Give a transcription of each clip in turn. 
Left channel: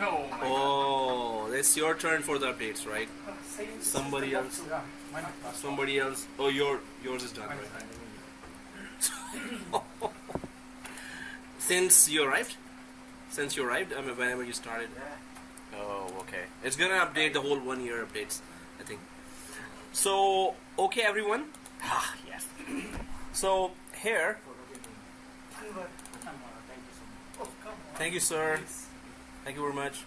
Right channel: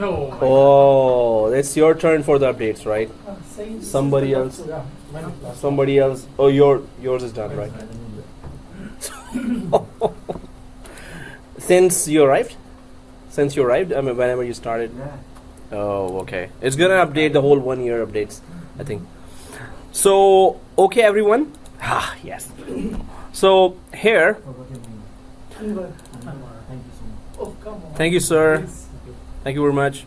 No. Oh, it's your turn for the updates, right? Somebody else. Yeah, why not? Somebody else. Oh, yours is done, right? Since you arrived? I mean, whenever you started. Yeah. Oh, okay. It's gonna update the whole 1 year updates, I think. So, okay, everyone. Ah, yes. So here, thank you, sir. Thank you very much.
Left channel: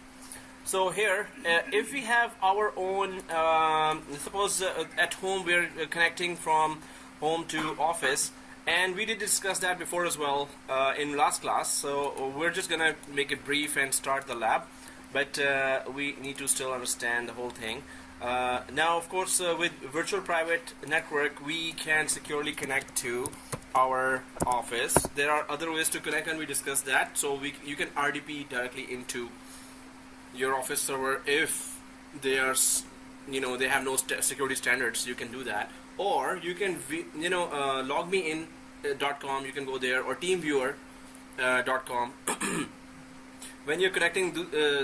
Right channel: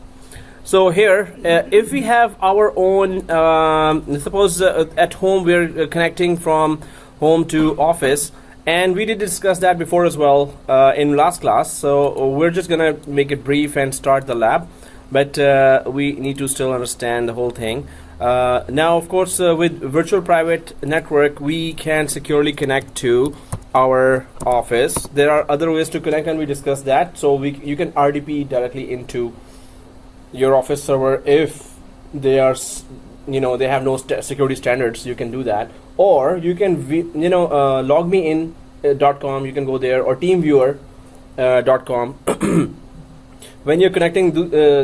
So here, if we have our own, suppose at home we're connecting from home to office, and we did discuss that before as well in last class. So we're just gonna make it brief and start the lab, but we need to still understand the whole thing. Now, of course, with virtual private network, we can securely connect to our office. There are other ways to connect, and we discussed that. So you can RDP directly into your office server if they are, they have no security standards. You can do that, or you can, logmein.com. You can go there, or teamviewer.com. When you're connecting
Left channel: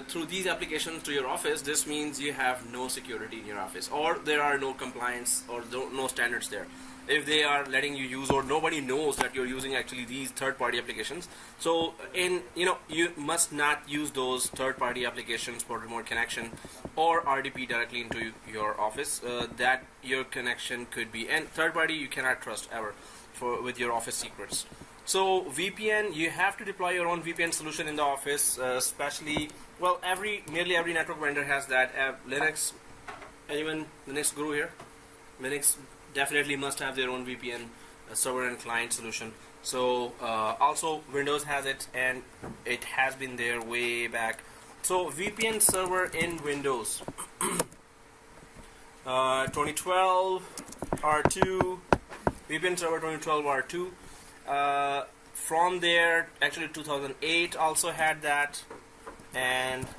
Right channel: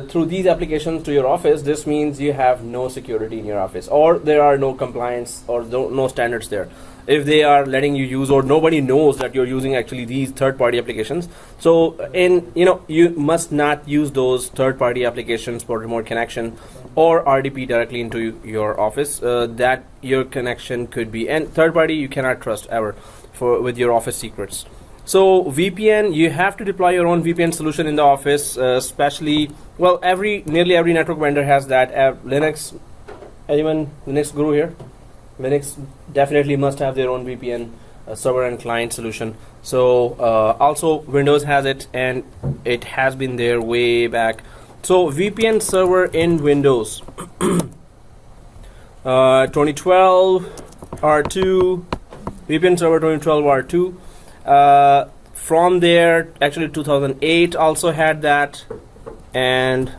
through these applications to your office, this means you have no security in your office, or there are no compliance or no standards there. If they are letting you use, or nobody knows that you're using actually these third-party applications, so you must not use those third-party applications for remote connection or RDP directly into your office. That your connection could be, and third-party you cannot trust ever with your office secrets. So VPN, you have to deploy your own VPN solution in the office, especially, well, nearly every network vendor has that. Linux, anyone Linux guru here? Linux definitely must have their own VPN server and client solution. So also Windows has it, and it has been there way back. So VPN server in Windows, 2012 R2, VPN server 2012 R2. From there, actually 2008 also had that, and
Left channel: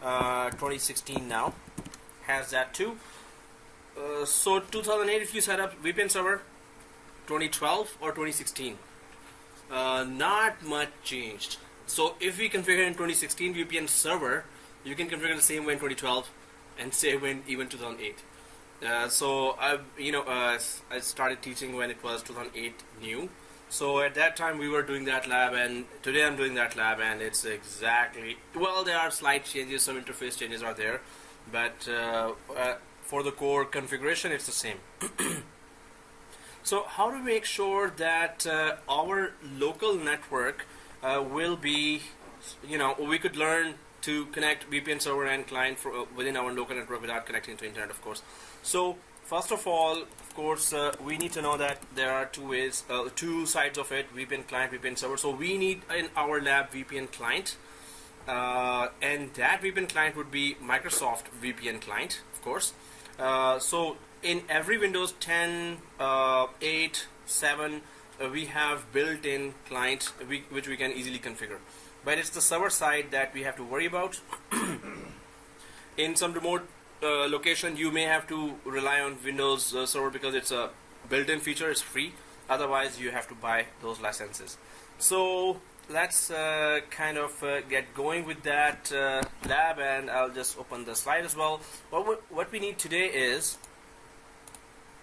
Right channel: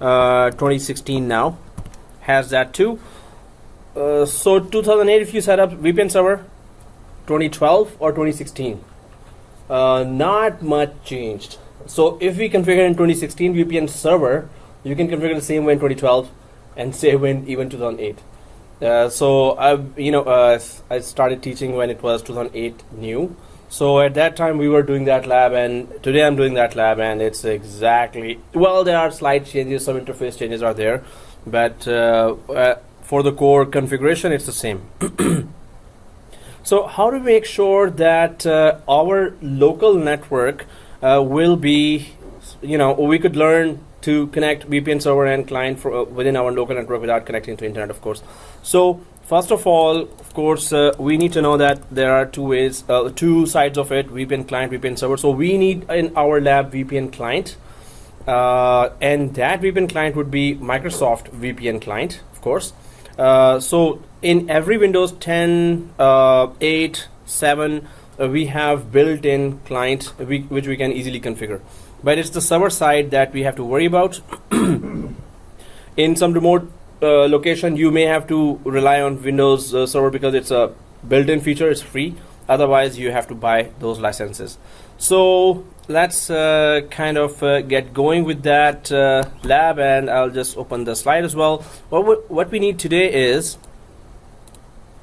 2016 now has that too. So 2008, if you set up VPN server, 2012 or 2016, not much changed. So if we configure in 2016 VPN server, you can configure the same way in 2012 and same way in even 2008. So I started teaching when it was 2008 new. So at that time we were doing that lab, and today I'm doing that lab, and it's exactly, well, there are slight changes, some interface changes are there, but for the core configuration it's the same. So how do we make sure that our local network will be, we could learn to connect VPN server and client within our local network without connecting to internet, of course. So first of all, of course, we need to know that there are two sides of it: VPN client, VPN server. So we need in our lab VPN client, and that VPN client would be Microsoft VPN client, of course. So in every Windows 10, 8, 7, we have built-in client which we can easily configure. But it's the server side that we have to worry about. In some remote location, you may have to rely on Windows server because it's a built-in feature, it's free. Otherwise, you have to buy those licenses. So let's get going with that lab, and I'll just open the slide as well. What we need today is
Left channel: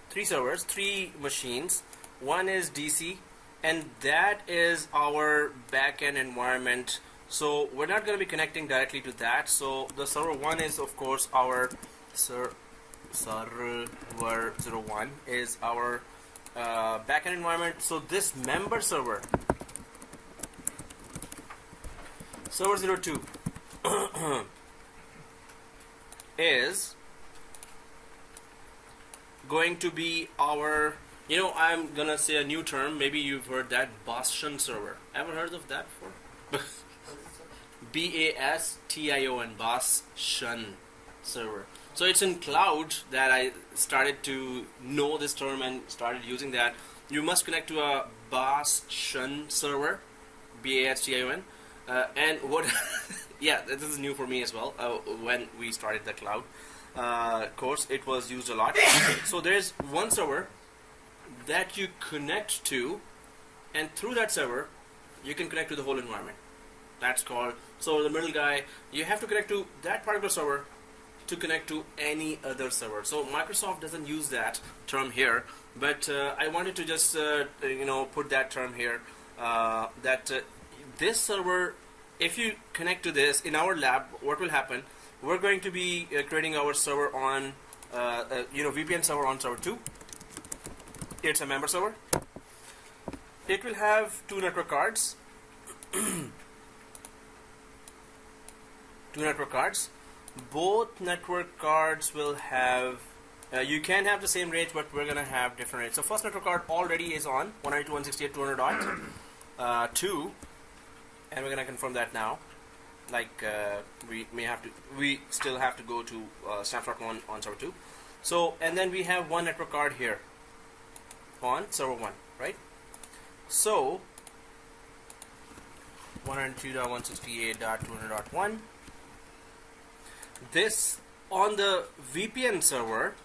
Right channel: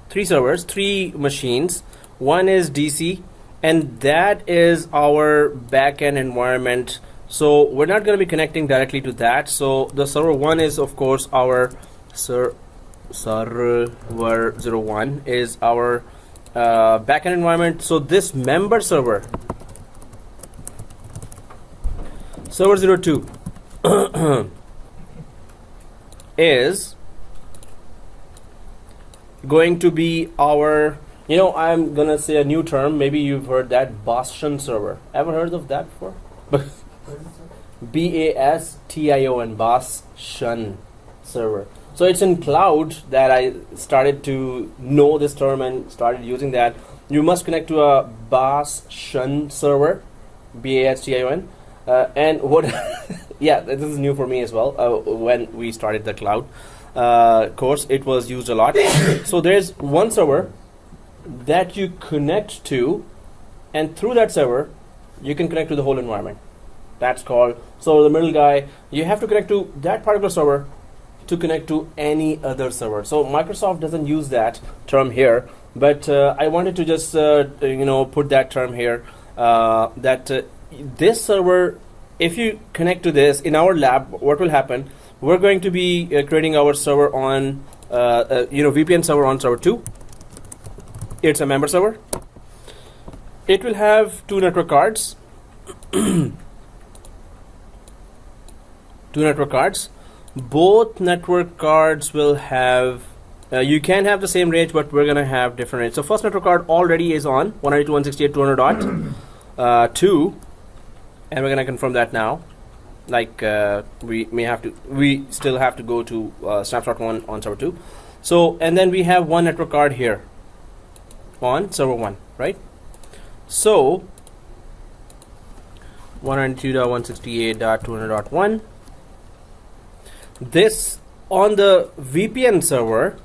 3 servers, 3 machines. One is DC, and that is our backend environment. So we're not going to be connecting directly to that. So the server 1 is, of course, our server 01 is our backend environment. So this member server 02 is going to be our, I'm gonna say a new term, maybe you've heard that, Bastion server. Ever heard of that before? BASTION, Bastion server. So it's in cloud that I started to know this term and started using that. You must connect to a Bastion server, BASTION, and what? Yeah, this is new for me as well. When we started the cloud course, it was used a lot. So there's one server that you connect to, and through that server you can connect to the whole environment. That's called, so the middle guy, you have to connect to that particular server to connect to any other server. So Microsoft doesn't use that term here, but I wanted to just put that term here, that this server, if you connect to this in our lab, what will happen? We're going to be creating our server on VPN server on server 2. It's a member server. It will have 2 network cards. 2 network cards. Both network cards will have, you can have the same range, but we're going to have different range. So first network card already is on 192.168.200.2, and we're going to confirm that now. Like we still have to go to snapshot 1 on server 2. So, and then we have one network card here on server 1, right? So 192.168.200.1. This, on the VPN server,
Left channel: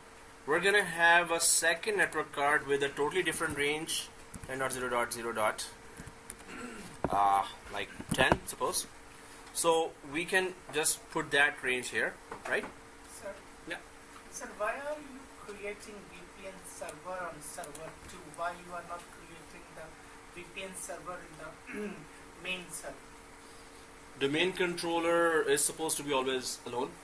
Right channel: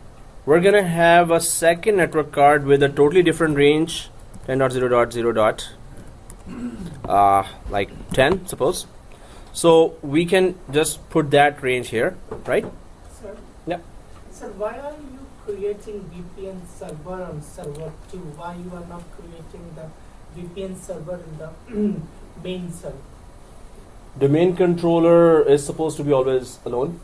we're going to have a second network card with a totally different range, 10.0.0. Like 10, suppose. So we can just put that range here, right? Sir? Yeah. Sir, why are you creating VPN server on server 2? Why you are not creating the VPN server in the main server? Domain controller is supposed to be always alone,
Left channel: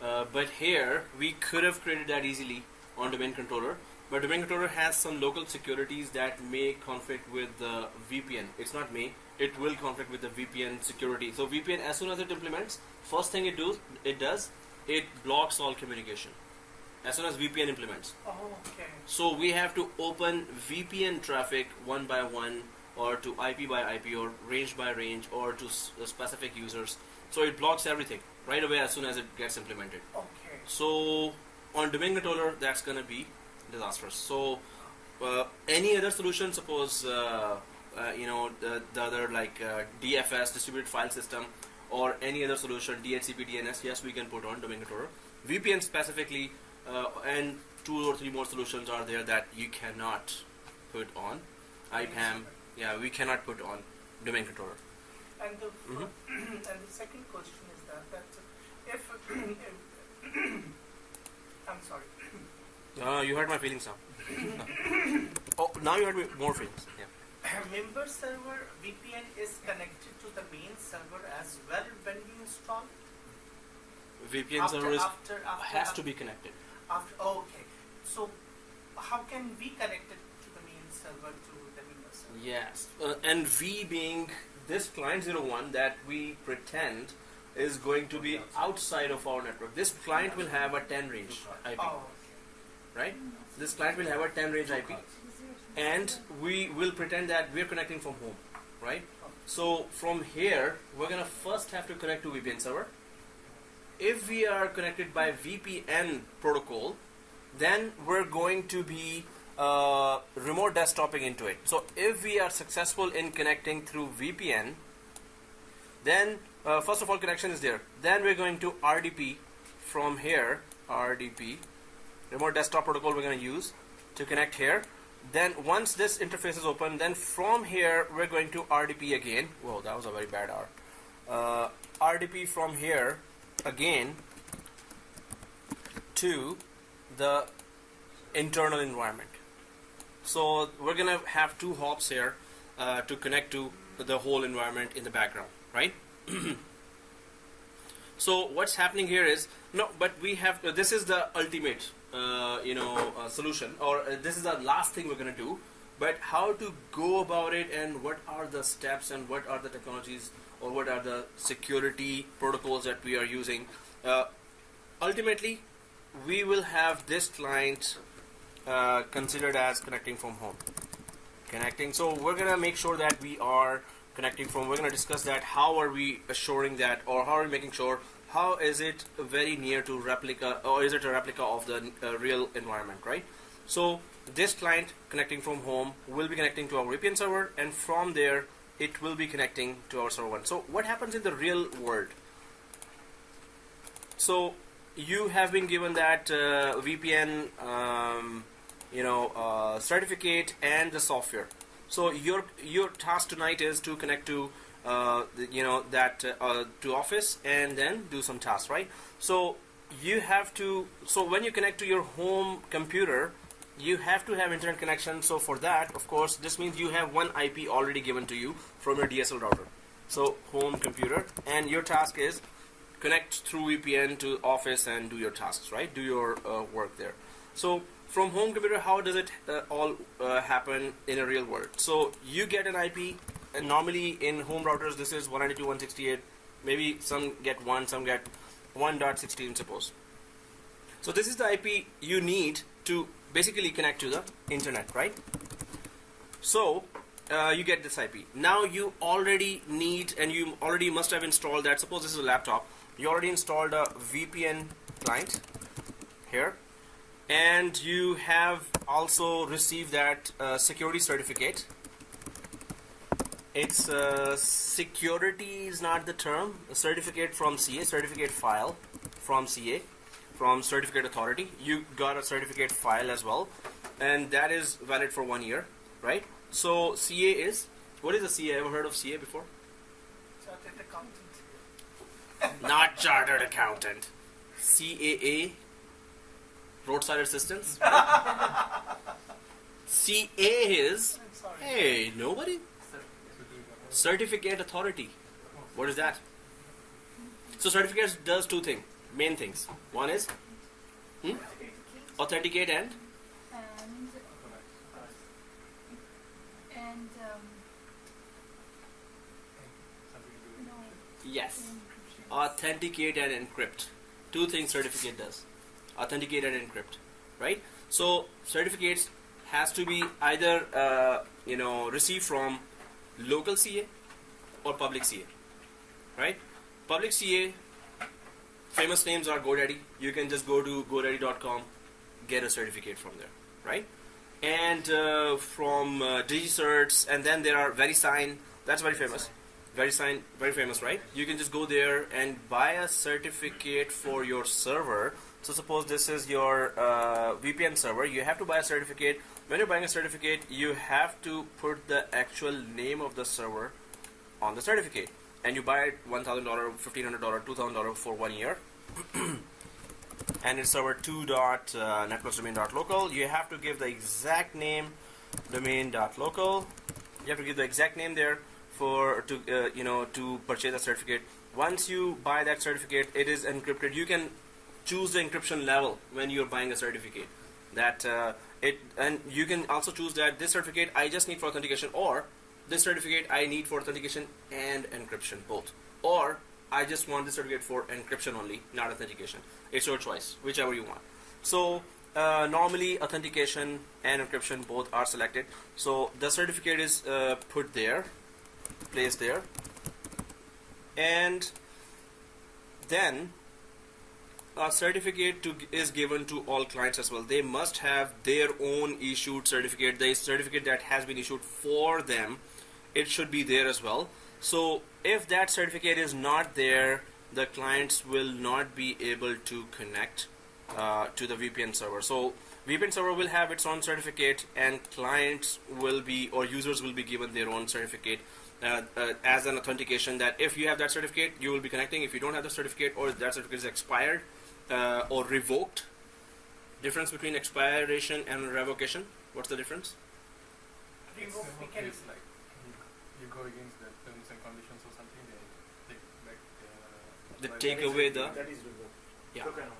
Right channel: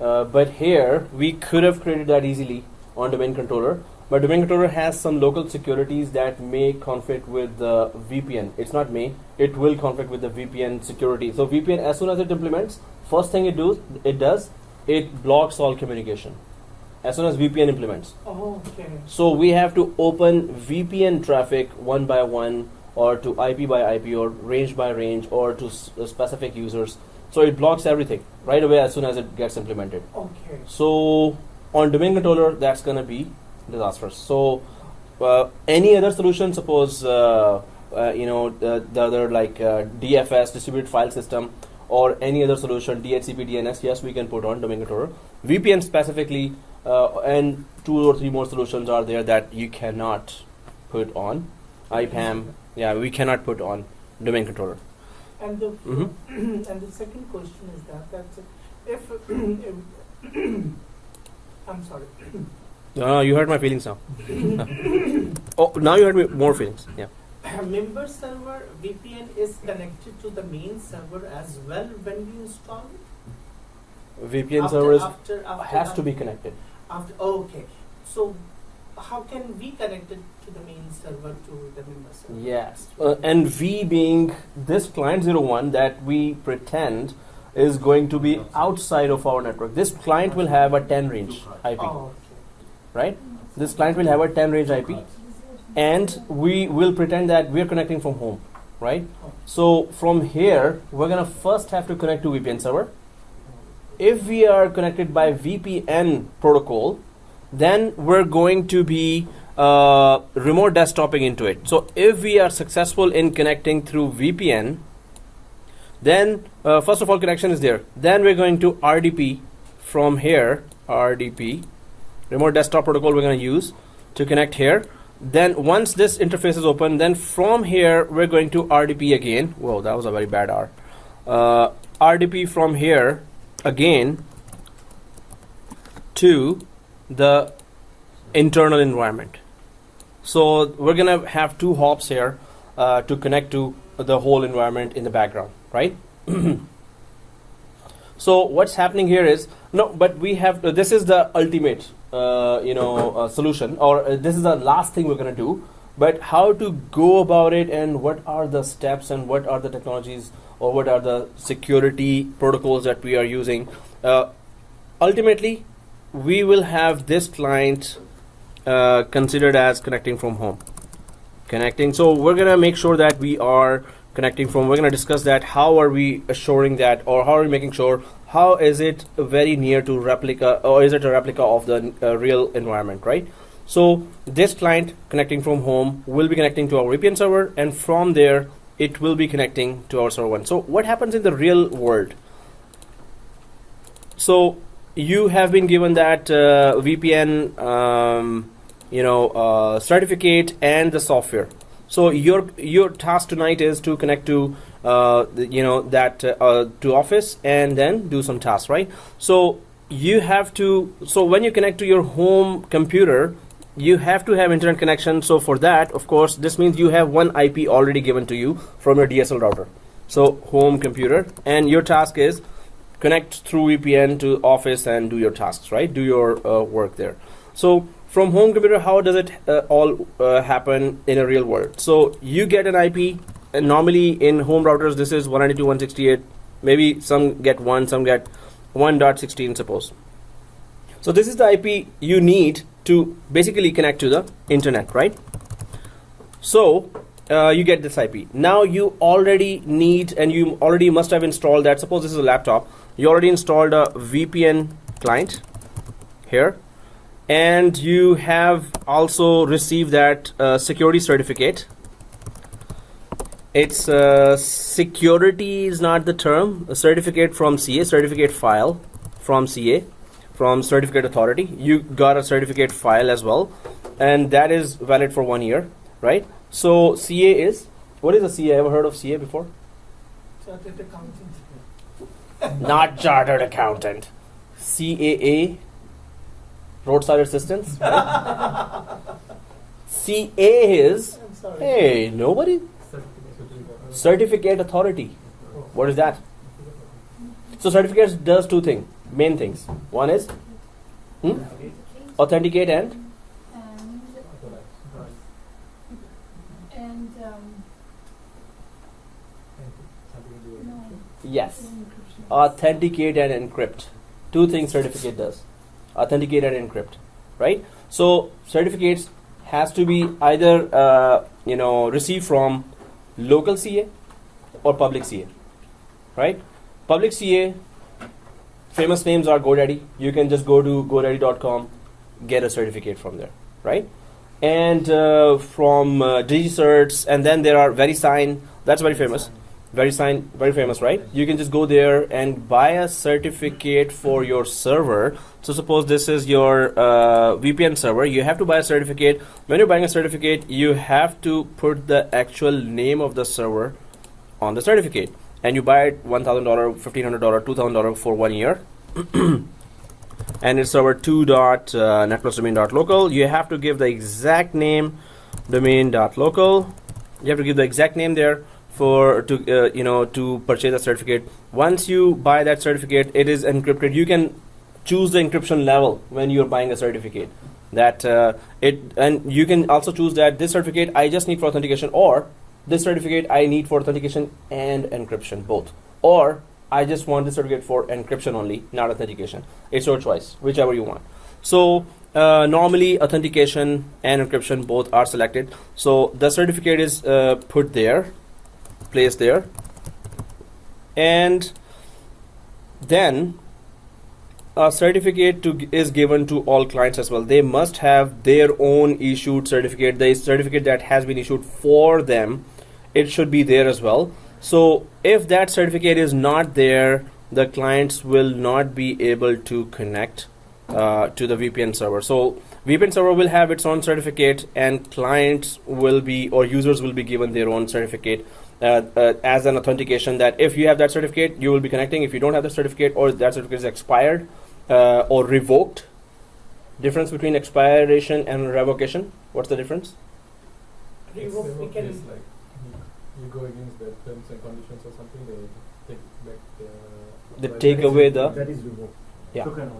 but here we could have created that easily on domain controller, but domain controller has some local securities that may conflict with the VPN. It's not may, it will conflict with the VPN security. So VPN, as soon as it implements, first thing it does, it blocks all communication as soon as VPN implements. Oh, okay. So we have to open VPN traffic one by one, or to IP by IP, or range by range, or to specific users. So it blocks everything right away as soon as it gets implemented. Okay. So on domain controller, that's going to be disastrous. So any other solution, suppose the other like DFS, distributed file system, or any other solution, DHCP, DNS, yes, we can put on domain controller. VPN specifically, and 2 or 3 more solutions are there that you cannot put on. IPAM, yeah, we cannot put on domain controller. And the and the second question is that if I'm sorry. No, you hurt my feelings now. Oh, now you hurt me more feelings. Yeah. Member server VPN is connected to the main server as well when you install it? VPN server has to be connected. Okay. So how can we connect it to the main server to the member server? Yes. And V being this client 01 that we pretend is going to be outside of our network. This client will have a 10 range IP. Oh, okay. Right? This client will have a 10 range IP, and we will pretend that we are connecting from home, right? So from here, we're going to first have to connect to VPN server. If we are connected by VPN protocol, then we're going to be remote desktoping into it. So if we are successful in connecting through VPN, then first of all, connection is there. Then we're going to RDP from here, RDP, remote desktop protocol we're going to use to connect here. Then once this interface is open, then from here we're going to RDP again. Whoa, that was a very bad R. RDP from here again to the internal environment. So we're going to have 2 hops here to connect to the whole environment in the background, right? So what's happening here is, but we have, this is the ultimate solution, or this is the last thing we're going to do. But how to go about it, and what are the steps, and what are the technologies, or what are the security protocols that we are using? Ultimately, we will have this client considered as connecting from home. So we're going to make sure that we are connecting from, we're going to discuss that, how are we assuring that, or how are we making sure, how is it very near to replica, or is it a replica of the real environment, right? So this client connecting from home will be connecting to our VPN server, and from there it will be connecting to our server 1. So what happens in the real world? So you have been given that VPN certificate and the software. So your task tonight is to connect to to Office and then do some tasks, right? So you have to. So when you connect to your home computer, you have to have internet connection. So for that, of course, this means you have one IP already given to you from your DSL router. So home computer, and your task is connect through VPN to Office and do your tasks, right? Do your work there. So from home computer, how does it all happen in a real world? So you get an IP, and normally in home routers, this is 192.168. Maybe some get 1, some get 1.16, suppose. So this is the IP you need to basically connect to the internet, right? So you get this IP. Now you already need, and you already must have installed that. Suppose this is a laptop. You already installed a VPN client here, and you have also received that security certificate. It's security is not the term. A certificate from CA, certificate file from CA, from certificate authority. You got a certificate file as well, and that is valid for 1 year, right? So CA is, what is a CA? Ever heard of CA before? Chartered accountant. Not chartered accountant. CAA, roadside assistance. CA is, I'm sorry. hey, nobody? Certificate authority. What is that? So certificates does two things, main things. One is authenticate and yes, authenticate and encrypt. Two things certificate does: authenticate and encrypt, right? So certificates has to be either received from local CA or public CA, right? Public CA, famous names are GoDaddy. You can just go to godaddy.com, get a certificate from there, right? And from DigiCerts, and then there are VeriSign. That's very famous. VeriSign, very famous, right? You can just go there and buy a certificate for your server. So suppose this is your VPN server. You have to buy a certificate. When you're buying a certificate, you have to put the actual name of the server on the certificate. And you buy it $1,000, $1,500, $2,000 for 1 year. And it's server 2.netplusdomain.local. You have to give the exact name, domain.local. You have to give the exact name there to purchase a certificate. Once you buy that certificate, it is encrypted. You can choose the encryption level when you're buying a certificate. And you can also choose that this certificate I just need for authentication, or this certificate I need for authentication and encryption both, or I just want this certificate for encryption only, not authentication. It's your choice, whichever you want. So normally authentication and encryption both are selected. So the certificate is put there, placed there, and then a certificate is given to all clients as well. They must have their own issued certificate. The certificate that has been issued for them, it should be there as well. So if that certificate is not there, the clients will not be able to connect to the VPN server. So VPN server will have its own certificate, and clients will be, or users will be given their own certificate as an authentication that if you have that certificate, you will be connecting. If you don't have the certificate, or that certificate is expired or revoked. Difference between expiration and revocation. What's the difference? Revoke, we can is like you go against the terms and conditions or something, they take back They take away the, that is revoked. yeah, Taken away.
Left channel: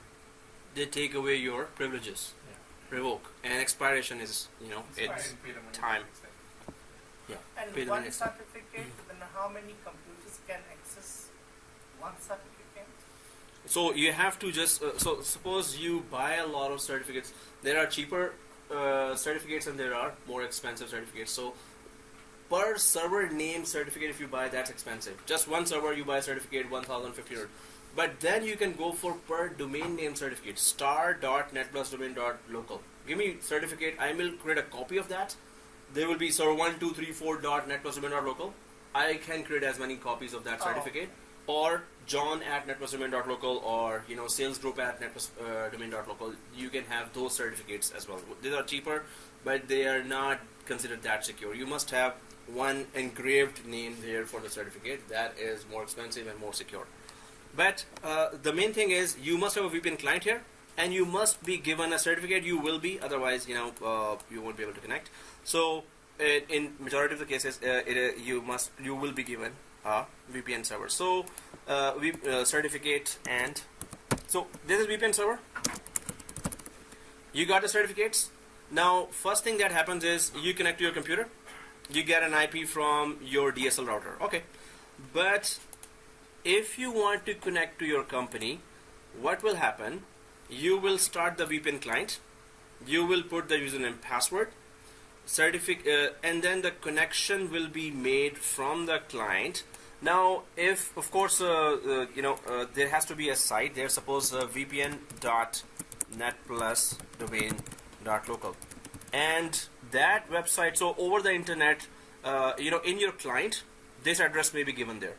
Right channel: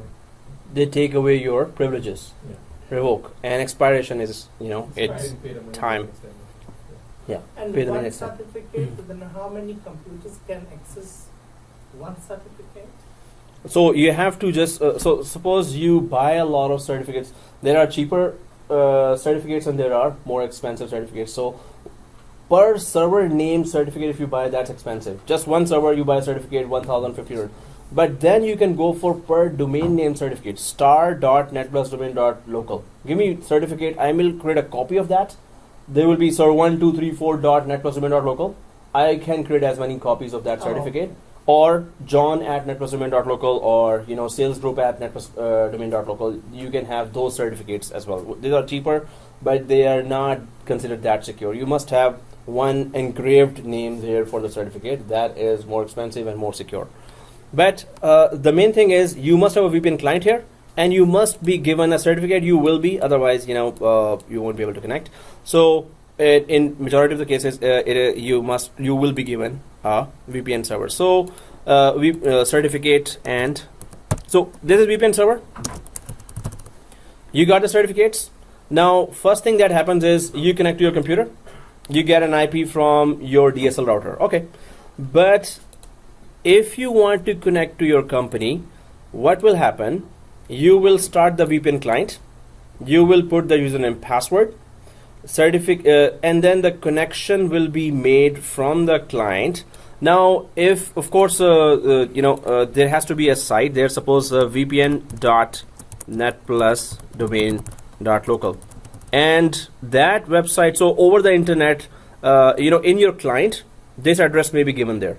they take away your privileges. Yeah. Revoke. And expiration is, I it's didn't pay the money time. next time. Yeah. And Pay the one next time. certificate, then how many computers can access one certificate? So you have to just so suppose you buy a lot of certificates. There are cheaper certificates and there are more expensive certificates. So per server name certificate, if you buy, that's expensive. Just one server, you buy a certificate, 1,000, 1,500. But then you can go for per domain name certificate, star.netplusdomain.local. Give me certificate. I will create a copy of that. There will be server 1,234.netplusdomain.local. I can create as many copies of that certificate. Or john@netplusdomain.local, or sales group at netplusdomain.local. You can have those certificates as well. These are cheaper, but they are not considered that secure. You must have one engraved name there for the certificate. That is more expensive and more secure. But the main thing is you must have a VPN client here, and you must be given a certificate. You will be, otherwise, you won't be able to connect. So in majority of the cases, you will be given a VPN server. So certificate, and so this is VPN server. You got the certificates. Now, first thing that happens is you connect to your computer. You get an IP from your DSL router. Okay, but if you want to connect to your company, what will happen? You will start the VPN client. You will put the username, password, and then the connection will be made from the client. Now, if of course there has to be a site there. Suppose vpn.netplus domain.local, and that website. So over the internet, in your client, this address may be given there.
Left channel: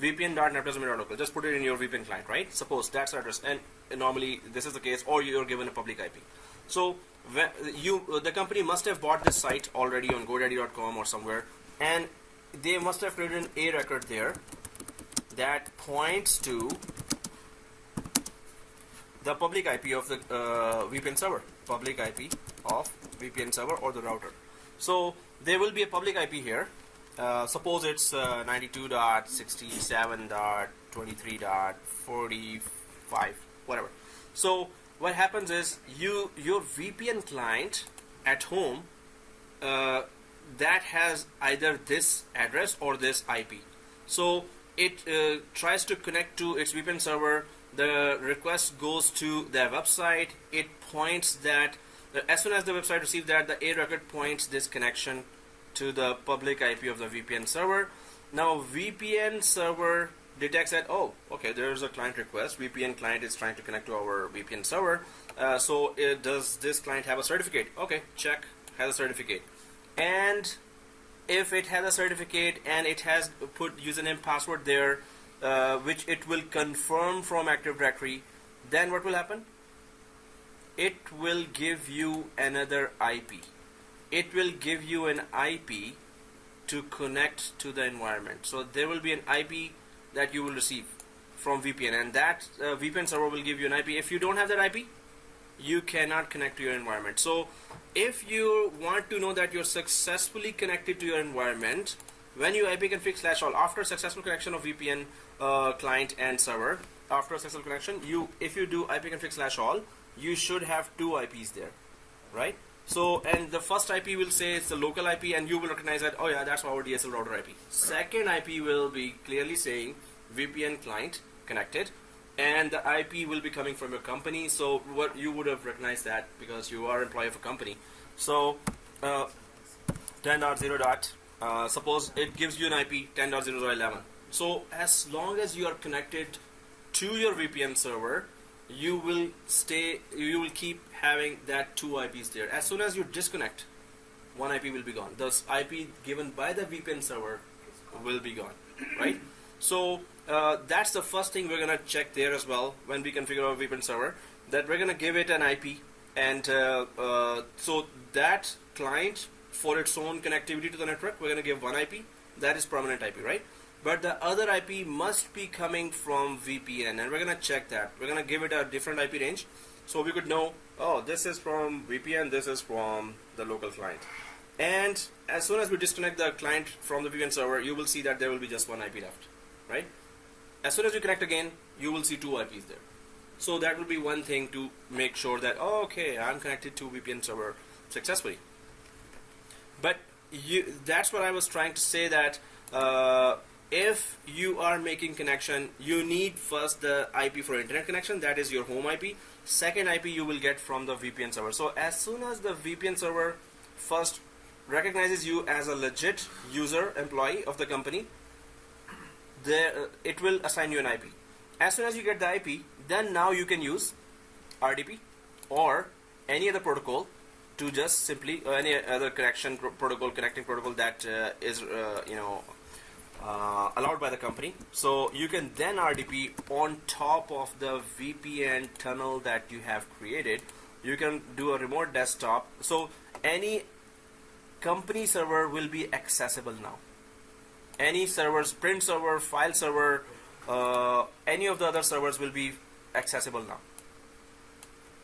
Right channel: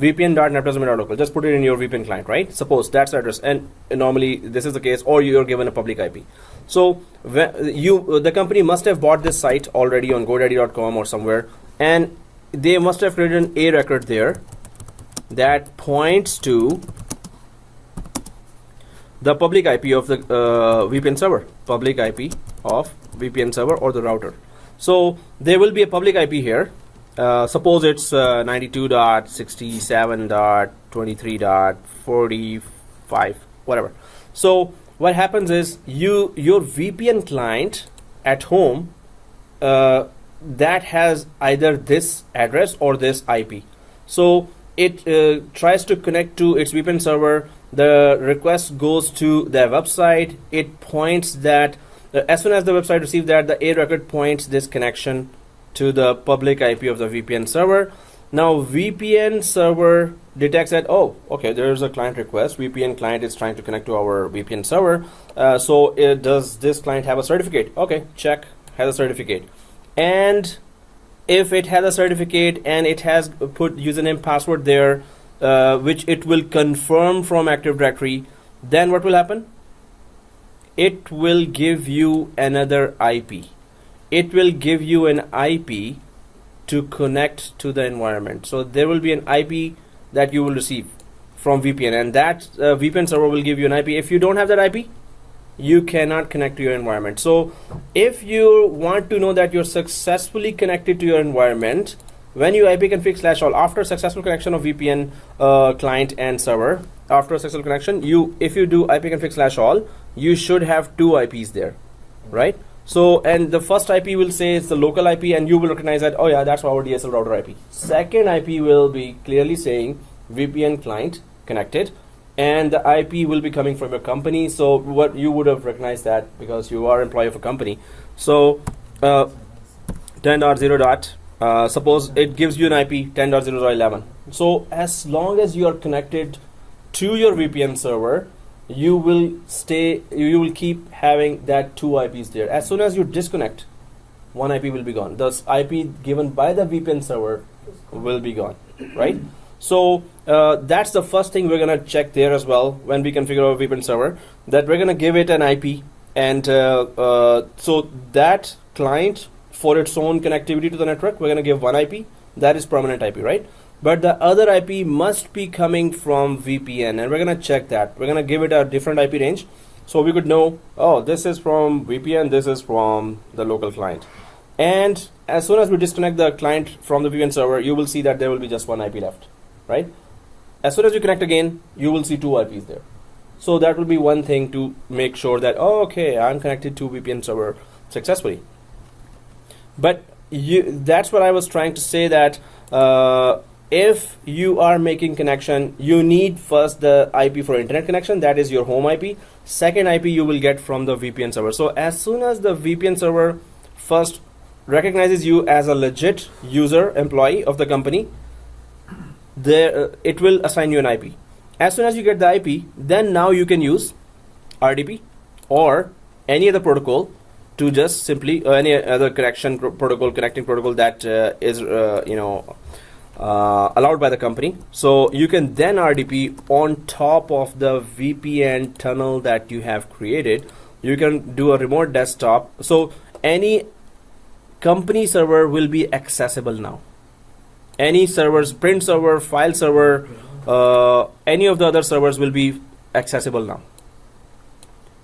vpn.netplus.local. Just put it in your VPN client, right? Suppose that's the address, and normally this is the case, or you are given a public IP. So the company must have bought this site already on GoDaddy.com or somewhere, and they must have created an A record there that points to the public IP of the VPN server, public IP of VPN server or the router. So there will be a public IP here. Suppose it's 92.67.23.45, whatever. So what happens is your VPN client at home that has either this address or this IP. So it tries to connect to its VPN server. The request goes to the website. It points that as soon as the website receives that, the A record points this connection to the public IP of the VPN server. Now VPN server detects that, oh, okay, there's a client request. VPN client is trying to connect to our VPN server. So does this client have a certificate? Okay, check, has a certificate. And if it has a certificate and it has put username, password there, which it will confirm from Active Directory, then what will happen? It will give you another IP. It will give you an IP to connect to the environment. So there will be an IP that you will receive from VPN, and that VPN server will give you an IP. If you don't have that IP, you cannot connect to your environment. So if you want to know that you're successfully connected to your environment, when you ipconfig/all, after successful connection of VPN client and server, after a successful connection, if you do ipconfig/all, you should have two IPs there, right? So, and the first IP will say it's the local IP, and you will recognize that, oh yeah, that's our DSL router IP. Second IP will be clearly saying VPN client connected, and the IP will be coming from your company. So what you would have recognized that because you are employee of a company. So 10.0. Suppose it gives you an IP 10.0.11. So as long as you are connected to your VPN server, you will keep having that two IPs there. As soon as you disconnect, one IP will be gone. The IP given by the VPN server will be gone, right? So that's the first thing we're gonna check there as well when we configure our VPN server, that we're gonna give it an IP, and so that client, for its own connectivity to the network, we're gonna give one IP. That is permanent IP, right? But the other IP must be coming from VPN, and we're gonna check that. We're gonna give it a different IP range, so we could know, oh, this is from VPN, this is from the local client. And as soon as we disconnect the client from the VPN server, you will see that there will be just one IP left, right? As soon as you connect again, you will see two IPs there. So that will be one thing to make sure that, oh, okay, I'm connected to VPN server successfully. But that's what I was trying to say, that if you are making connection, you need first the IP for internet connection, that is your home IP. Second IP you will get from the VPN server. So as soon as the VPN server first recognizes you as a legit user, employee of the company, it will assign you an IP. As soon as you get the IP, then now you can use RDP or any other protocol to just simply any other connecting protocol that is allowed by the company. So you can then RDP on top of the VPN tunnel that you have created. You can do a remote desktop. So any company server will be accessible now. Any servers, print server, file server, any of the other servers will be accessible now.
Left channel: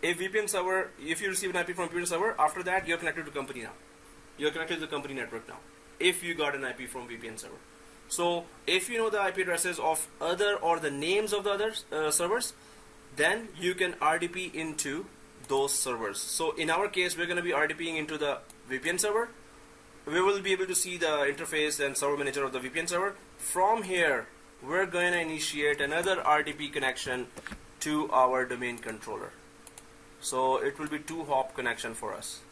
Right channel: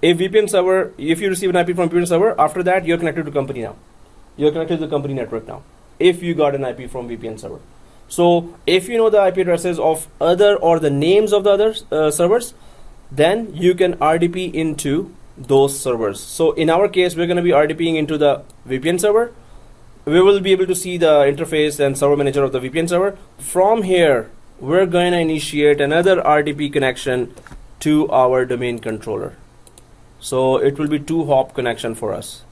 If VPN server, if you receive an IP from VPN server, after that you're connected to company now. You're connected to the company network now. If you got an IP from VPN server. So if you know the IP addresses of other or the names of the other servers, then you can RDP into those servers. So in our case, we're going to be RDPing into the VPN server. We will be able to see the interface and server manager of the VPN server. From here, we're going to initiate another RDP connection to our domain controller. So it will be 2-hop connection for us.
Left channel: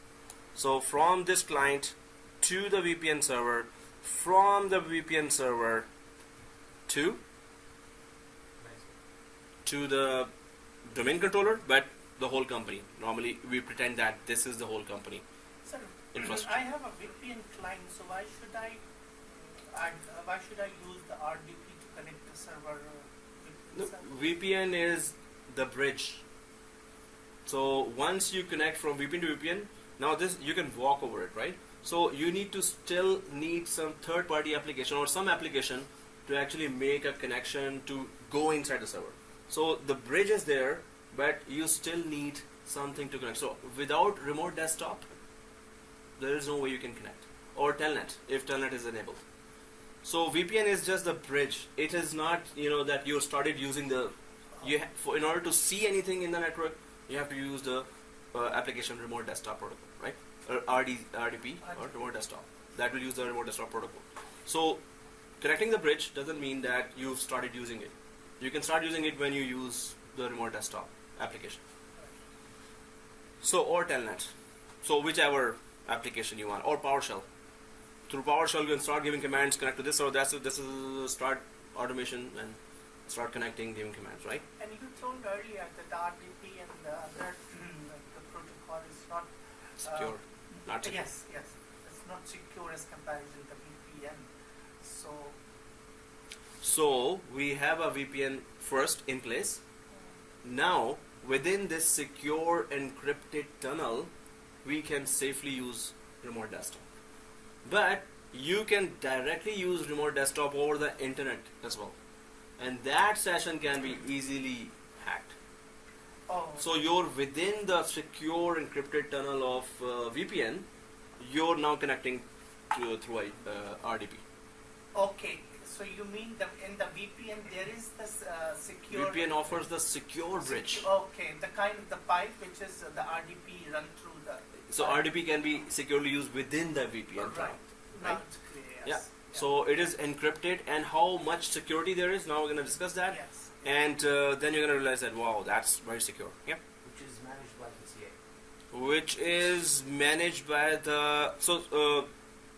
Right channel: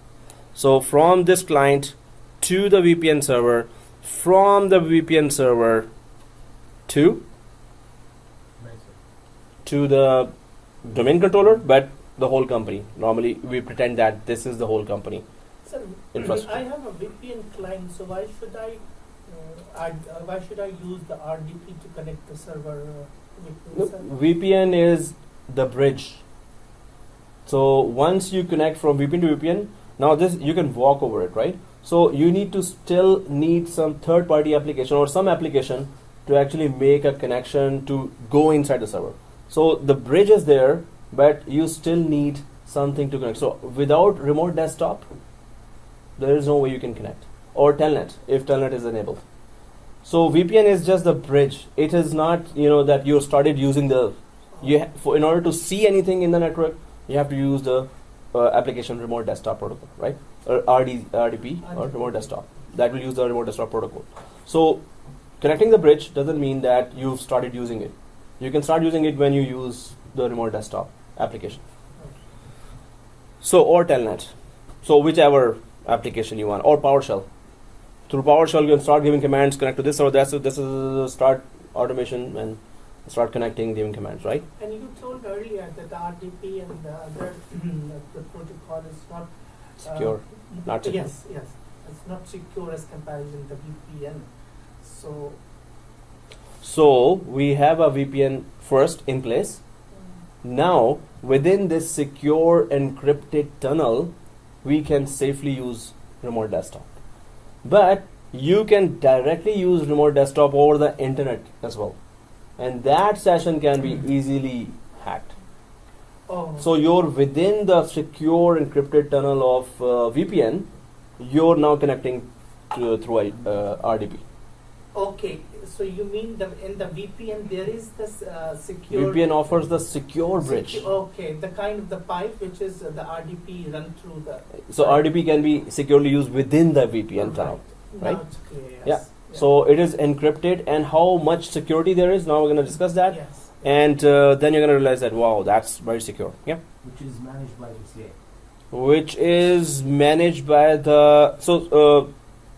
So from this client to the VPN server, from the VPN server to the domain controller, but the whole company. Normally we pretend that this is the whole company. Sir, I have a VPN client, so why should I use the RDP to connect the server with the server? VPN is the bridge. So once you connect from VPN to VPN, now this you can walk over it, right? So you need to still need some third-party application or some application to actually make a connection to go inside the server. So the bridge is there, but you still need something to connect. So without remote desktop, there is no way you can connect. Or telnet, if telnet is enabled. So VPN is just the bridge. It is not, that you started using the. In order to see anything in the network, you have to use the application remote desktop protocol, right? Or RDP or remote desktop. That will use the remote desktop protocol. So connecting the bridge doesn't mean that you've started using it. You can start using it when you use the remote desktop application. So or telnet. So whichever application you want, or PowerShell. Through PowerShell, you can start giving commands, connect to this or that. So this is start automation and start connecting, giving commands, right? And you told earlier that the RDP and the other the protocol is not secure. Not secure. Yes, it's not secure as comparison to VPN. So we have a VPN first in place. Now within this secure encrypted tunnel, we can safely use remote desktop. But you can directly use remote desktop over the internet as well. And that session can be easily hacked. Oh. So you're within the secure encrypted tunnel of VPN. You're now connecting through RDP. Okay, so you mean in the VPN there is this secure. VPN offers the secure bridge. Okay, the kind of the pipe which is the RDP run through the. So RDP can be securely used within the VPN tunnel. Right? Now it's clear. Yes. Yeah. So it is encrypted, and how much security there is. Now we're going to discuss that. Yes. And then you're going to realize that, wow, that's very secure. Yeah. Which is managed by the CA. Which is managed by the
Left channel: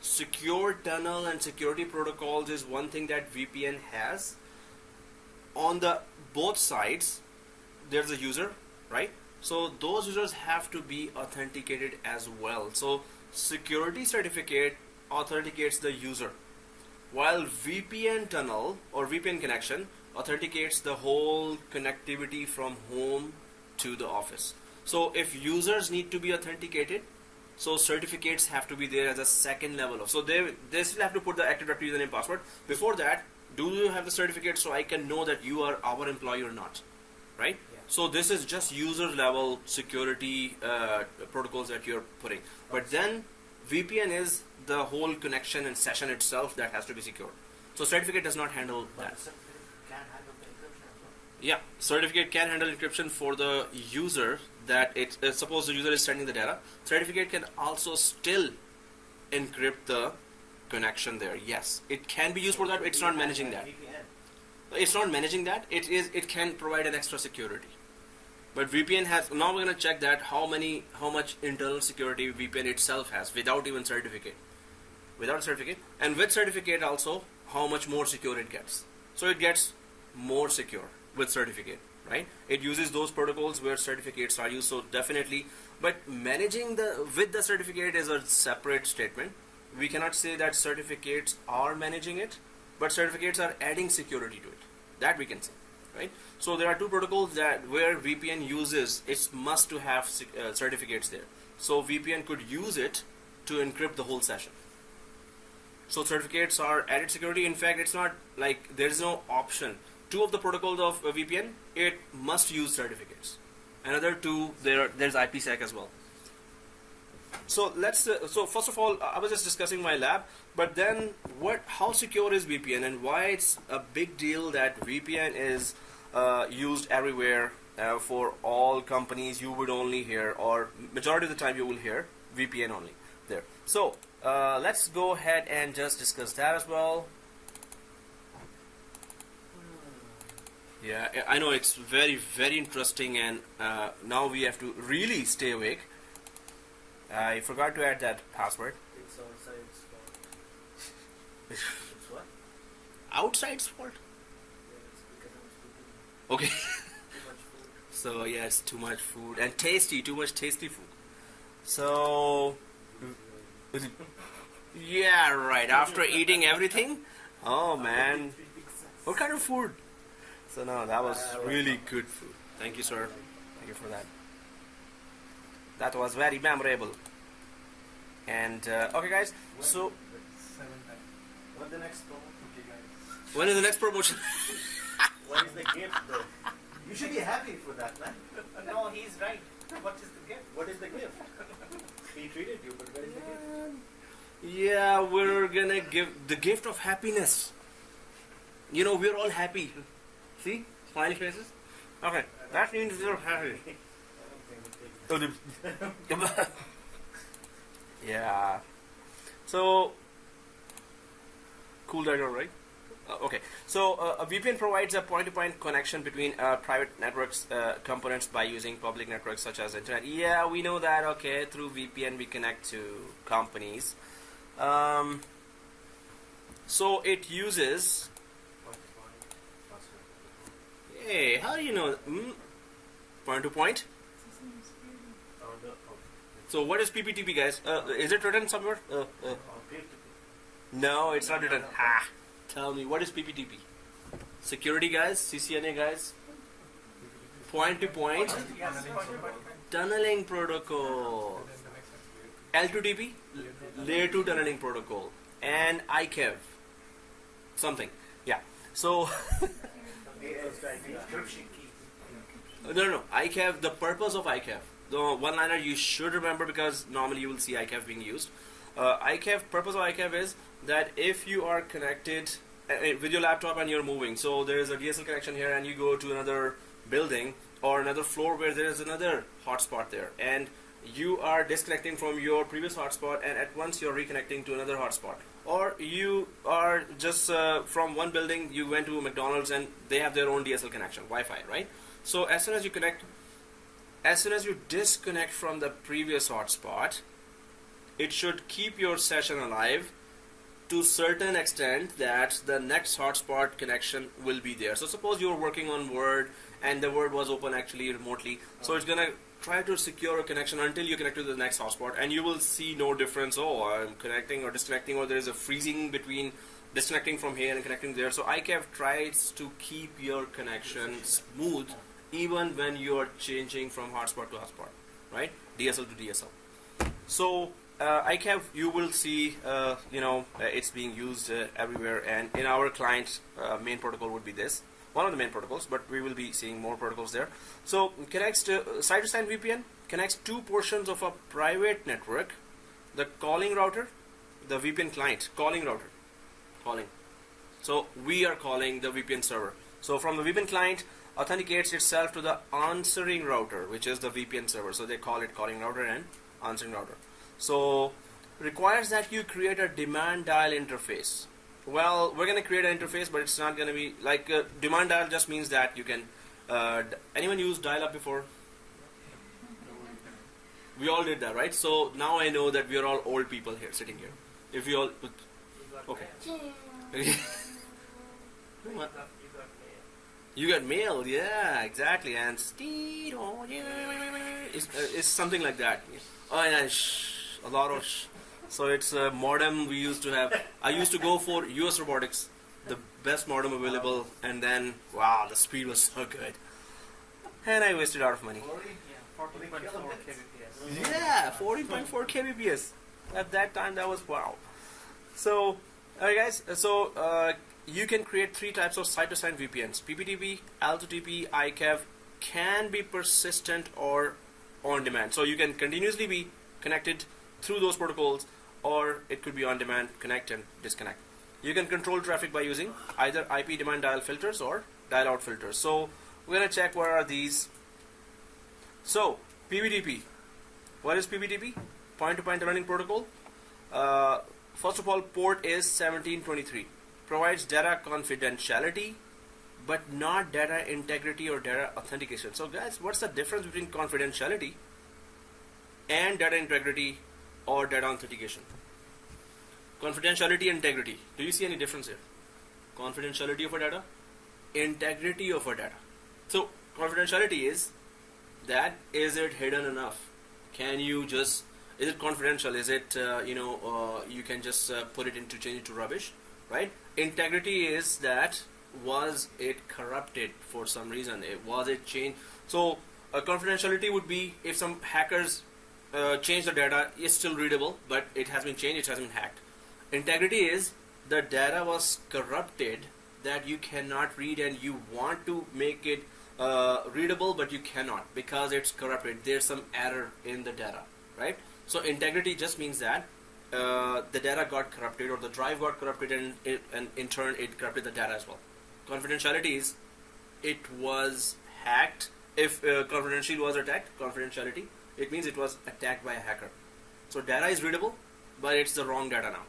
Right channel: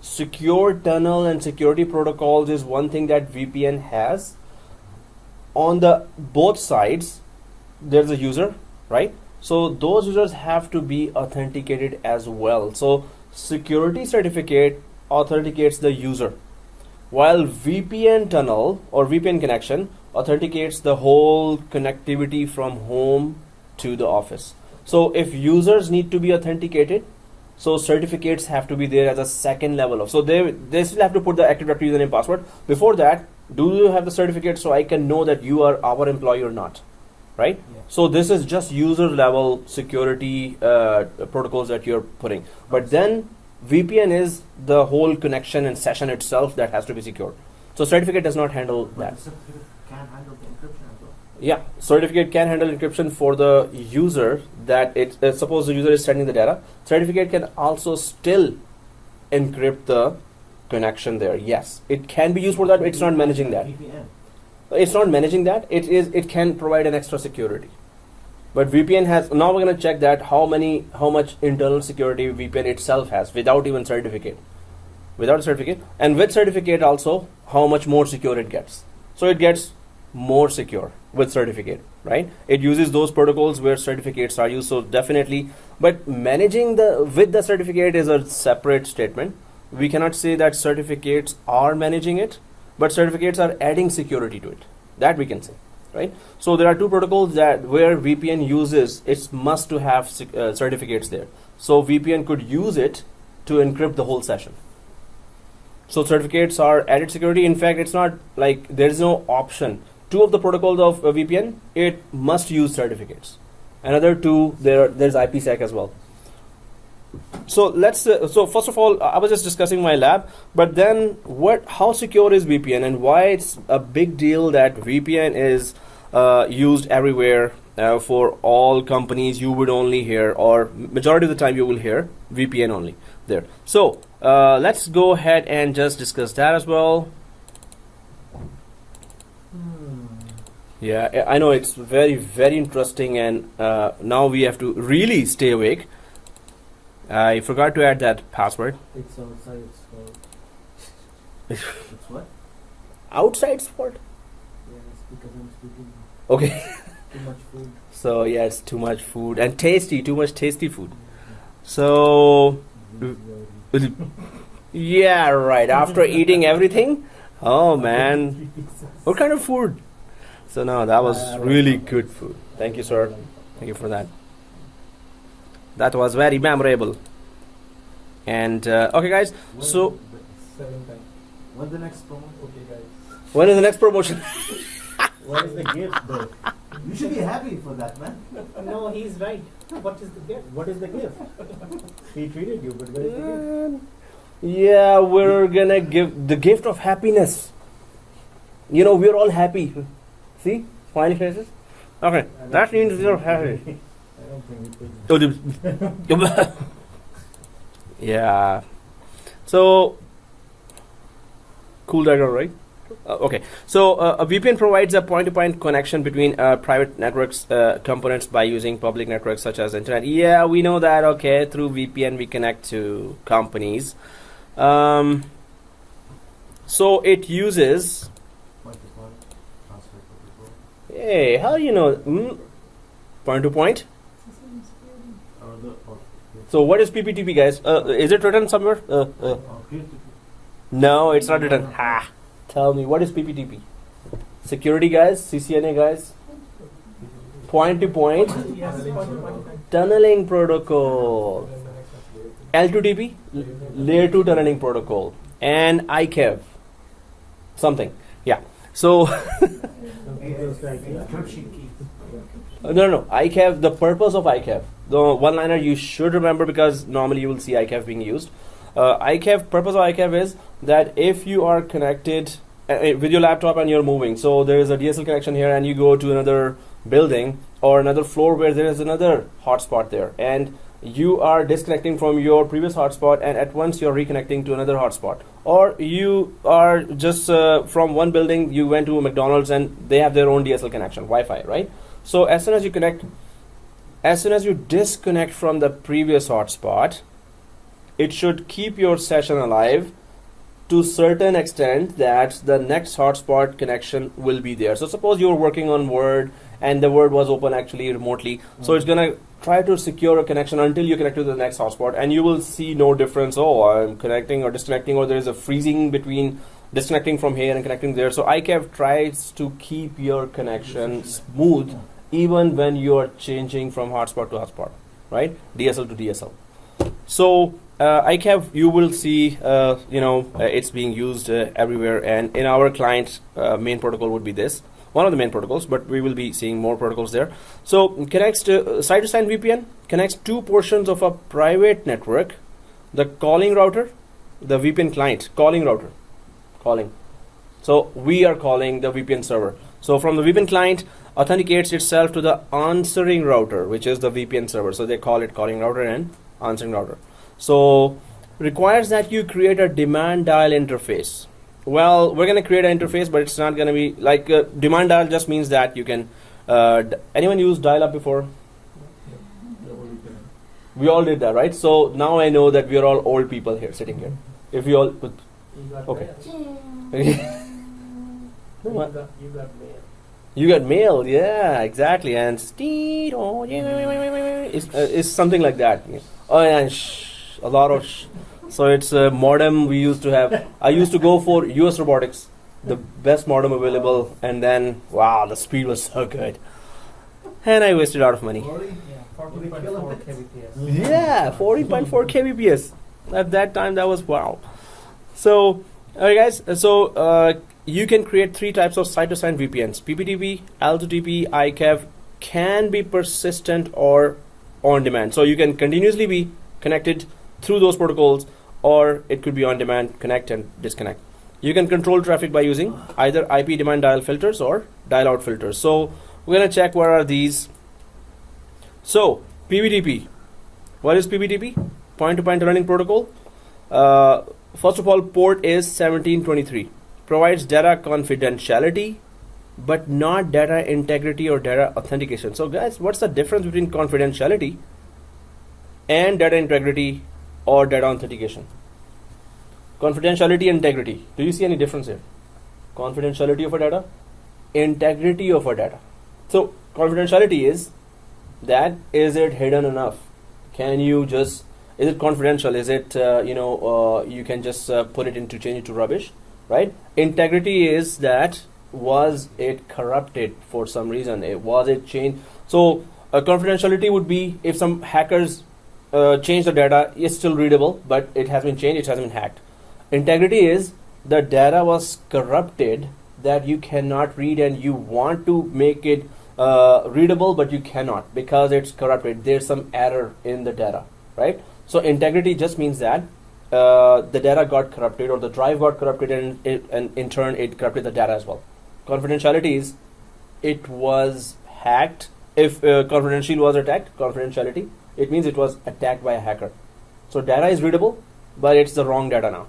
secure tunnel and security protocols is one thing that VPN has. On the both sides, there's a user, right? So those users have to be authenticated as well. So security certificate authenticates the user, while VPN tunnel or VPN connection authenticates the whole connectivity from home to the office. So if users need to be authenticated, so certificates have to be there as a second level of. So they still have to put the Active Directory username password. Before that, do you have the certificate so I can know that you are our employee or not, right? Yeah. So this is just user level security protocols that you're putting. But then VPN is the whole connection and session itself that has to be secured. So certificate does not handle that. The certificate can handle the encryption as well. Yeah, certificate can handle encryption for the user that suppose the user is sending the data. Certificate can also still encrypt the connection there. Yes, it can be used for that, but it's not managing that. VPN. It's not managing that. It can provide an extra security. But VPN has, now we're going to check that how much internal security VPN itself has without even certificate. Without certificate, and with certificate also, how much more secure it gets. So it gets more secure with certificate, right? It uses those protocols where certificates are used, so definitely. But managing with the certificate is a separate statement. We cannot say that certificates are managing it, but certificates are adding security to it. That we can say, right? So there are two protocols that where VPN uses, it's must to have certificates there. so VPN could use it to encrypt the whole session. So certificates are added security. In fact, it's not like there's no option. Two of the protocols of VPN, it must use certificates. Another two, there's IPsec as well. So let's. So first of all, I was just discussing my lab, but then how secure is VPN and why it's a big deal that VPN is used everywhere for all companies. You would only hear, or majority of the time, you will hear VPN only there. So let's go ahead and just discuss that as well. Yeah, I know it's very, very interesting, and now we have to really stay awake. I forgot to add that password. It's outside, it's what? Outside sport? Yeah, it's because I'm speaking Okay. too much food. So yeah, it's too much food and too much tasty food. So yeah, right. After eating everything, oh man, what kind of food? So no, that was really good food. Thank you, sir. Thank you for that. That was very memorable. And okay, guys. So 7 times. What's the next promo? Okay, guys. when is the next promotion? What is the gift though? You should be happy for that, man. No, he's right. What is the gift? What is the gift? He treated you, but where is the gift? Yeah, we're gonna give the gift of happiness. You know, we're all happy. See? Smiley faces? Okay, that means we're happy. I don't think it is. Yeah. So, cool diagram, right? Okay. So, a VPN provides a point-to-point connection between private networks components by using public networks such as internet. Yeah, we know that. Okay, through VPN we connect to companies. So it uses. Hey, how do you know? Point to point. So what is PPTP, guys? Is it written somewhere? No, it's not written. Ha! Tell me, what is PPTP? Security, guys? CCNA, guys? Point to point. Yes, Tunneling protocol. L2TP? Layer 2 tunneling protocol. And ICAV. Something. Yeah. So... Encryption key. No. ICAV, the purpose of ICAV. The one-liner you should remember because normally you will see ICAV being used. Purpose of ICAV is that if you are connected with your laptop and you're moving, so there is a DSL connection here and you go to another building or another floor where there is another hotspot there and you are disconnecting from your previous hotspot and at once you're reconnecting to another hotspot. Or you are just from one building, you went to a McDonald's and they have their own DSL connection, Wi-Fi, right? So as soon as you disconnect from the previous hotspot, it should keep your session alive to a certain extent that the next hotspot connection will be there. So suppose you're working on Word and the Word was open actually remotely. So it's going to try to secure a connection until you connect to the next hotspot and you will see no difference. Oh, I'm connecting or disconnecting, or there is a freezing between disconnecting from here and connecting there. So ICAV tries to keep your connection smooth even when you're changing from hotspot to hotspot, right? DSL to DSL. So ICAV, you will see, it's being used everywhere. And in our client, main protocol would be this. One of the main protocols, but we will be seeing more protocols there. So connects to side-to-side VPN, connects two portions of a private network, the calling router, the VPN client, calling router, calling. So we are calling the VPN server. So from the VPN client, authenticates itself to the answering router, which is the VPN server. So they call it calling router and answering router. So requires that you create a demand dial interface. Well, we're going to create an interface, but it's not going to be like demand dial just means that you can. Anyone use dial up before? We all did that, right? So now I know that we are all old people here sitting here. If we all. Okay. You got mail. You got mail, yeah, exactly. And it's something like that. Oh, and a lot of. So it's a modem we used to have. I used to go for US Robotics, the best modem available, and then wow, the speed was so good, and I wasted a lot of money. 40.4 kbps. Yeah, 40.4 kbps. At that time, that was wow. So, alright guys, so you can create three types of site-to-site VPNs. PPTP, L2TP, ICAV can be persistent or on demand. So you can continuously be connected through those protocols, or it could be on demand, connect and disconnect. You can control traffic by using either IP demand dial filters or dial out filters. So we're going to check what are these. So PPTP. What is PPTP? Point-to-point tunneling protocol. First of all, port is 1723. Provides data confidentiality, but not data integrity or data authentication. So guys, what's the difference between confidentiality and data integrity or data authentication? Confidentiality, integrity. Do you see any difference here? Confidentiality of a data, integrity of a data. So confidentiality is that, is it hidden enough? Can you just, is it confidential? Is it you can just put it into, change it to rubbish, right? Integrity is that, was it corrupted for some reason? Was it changed? So confidentiality would be if some hackers change the data, it's still readable, but it has been changed, it has been hacked. Integrity is the data was corrupted that you cannot read and you want to make it readable, but you cannot because it's corrupted. There's some error in the data, right? So integrity just means that the data got corrupted or the drive got corrupted, and in turn it corrupted the data as well. Confidentiality is it was hacked. If confidential was attacked, confidentiality, it means it was attacked by a hacker. So data is readable, but it's the wrong data now.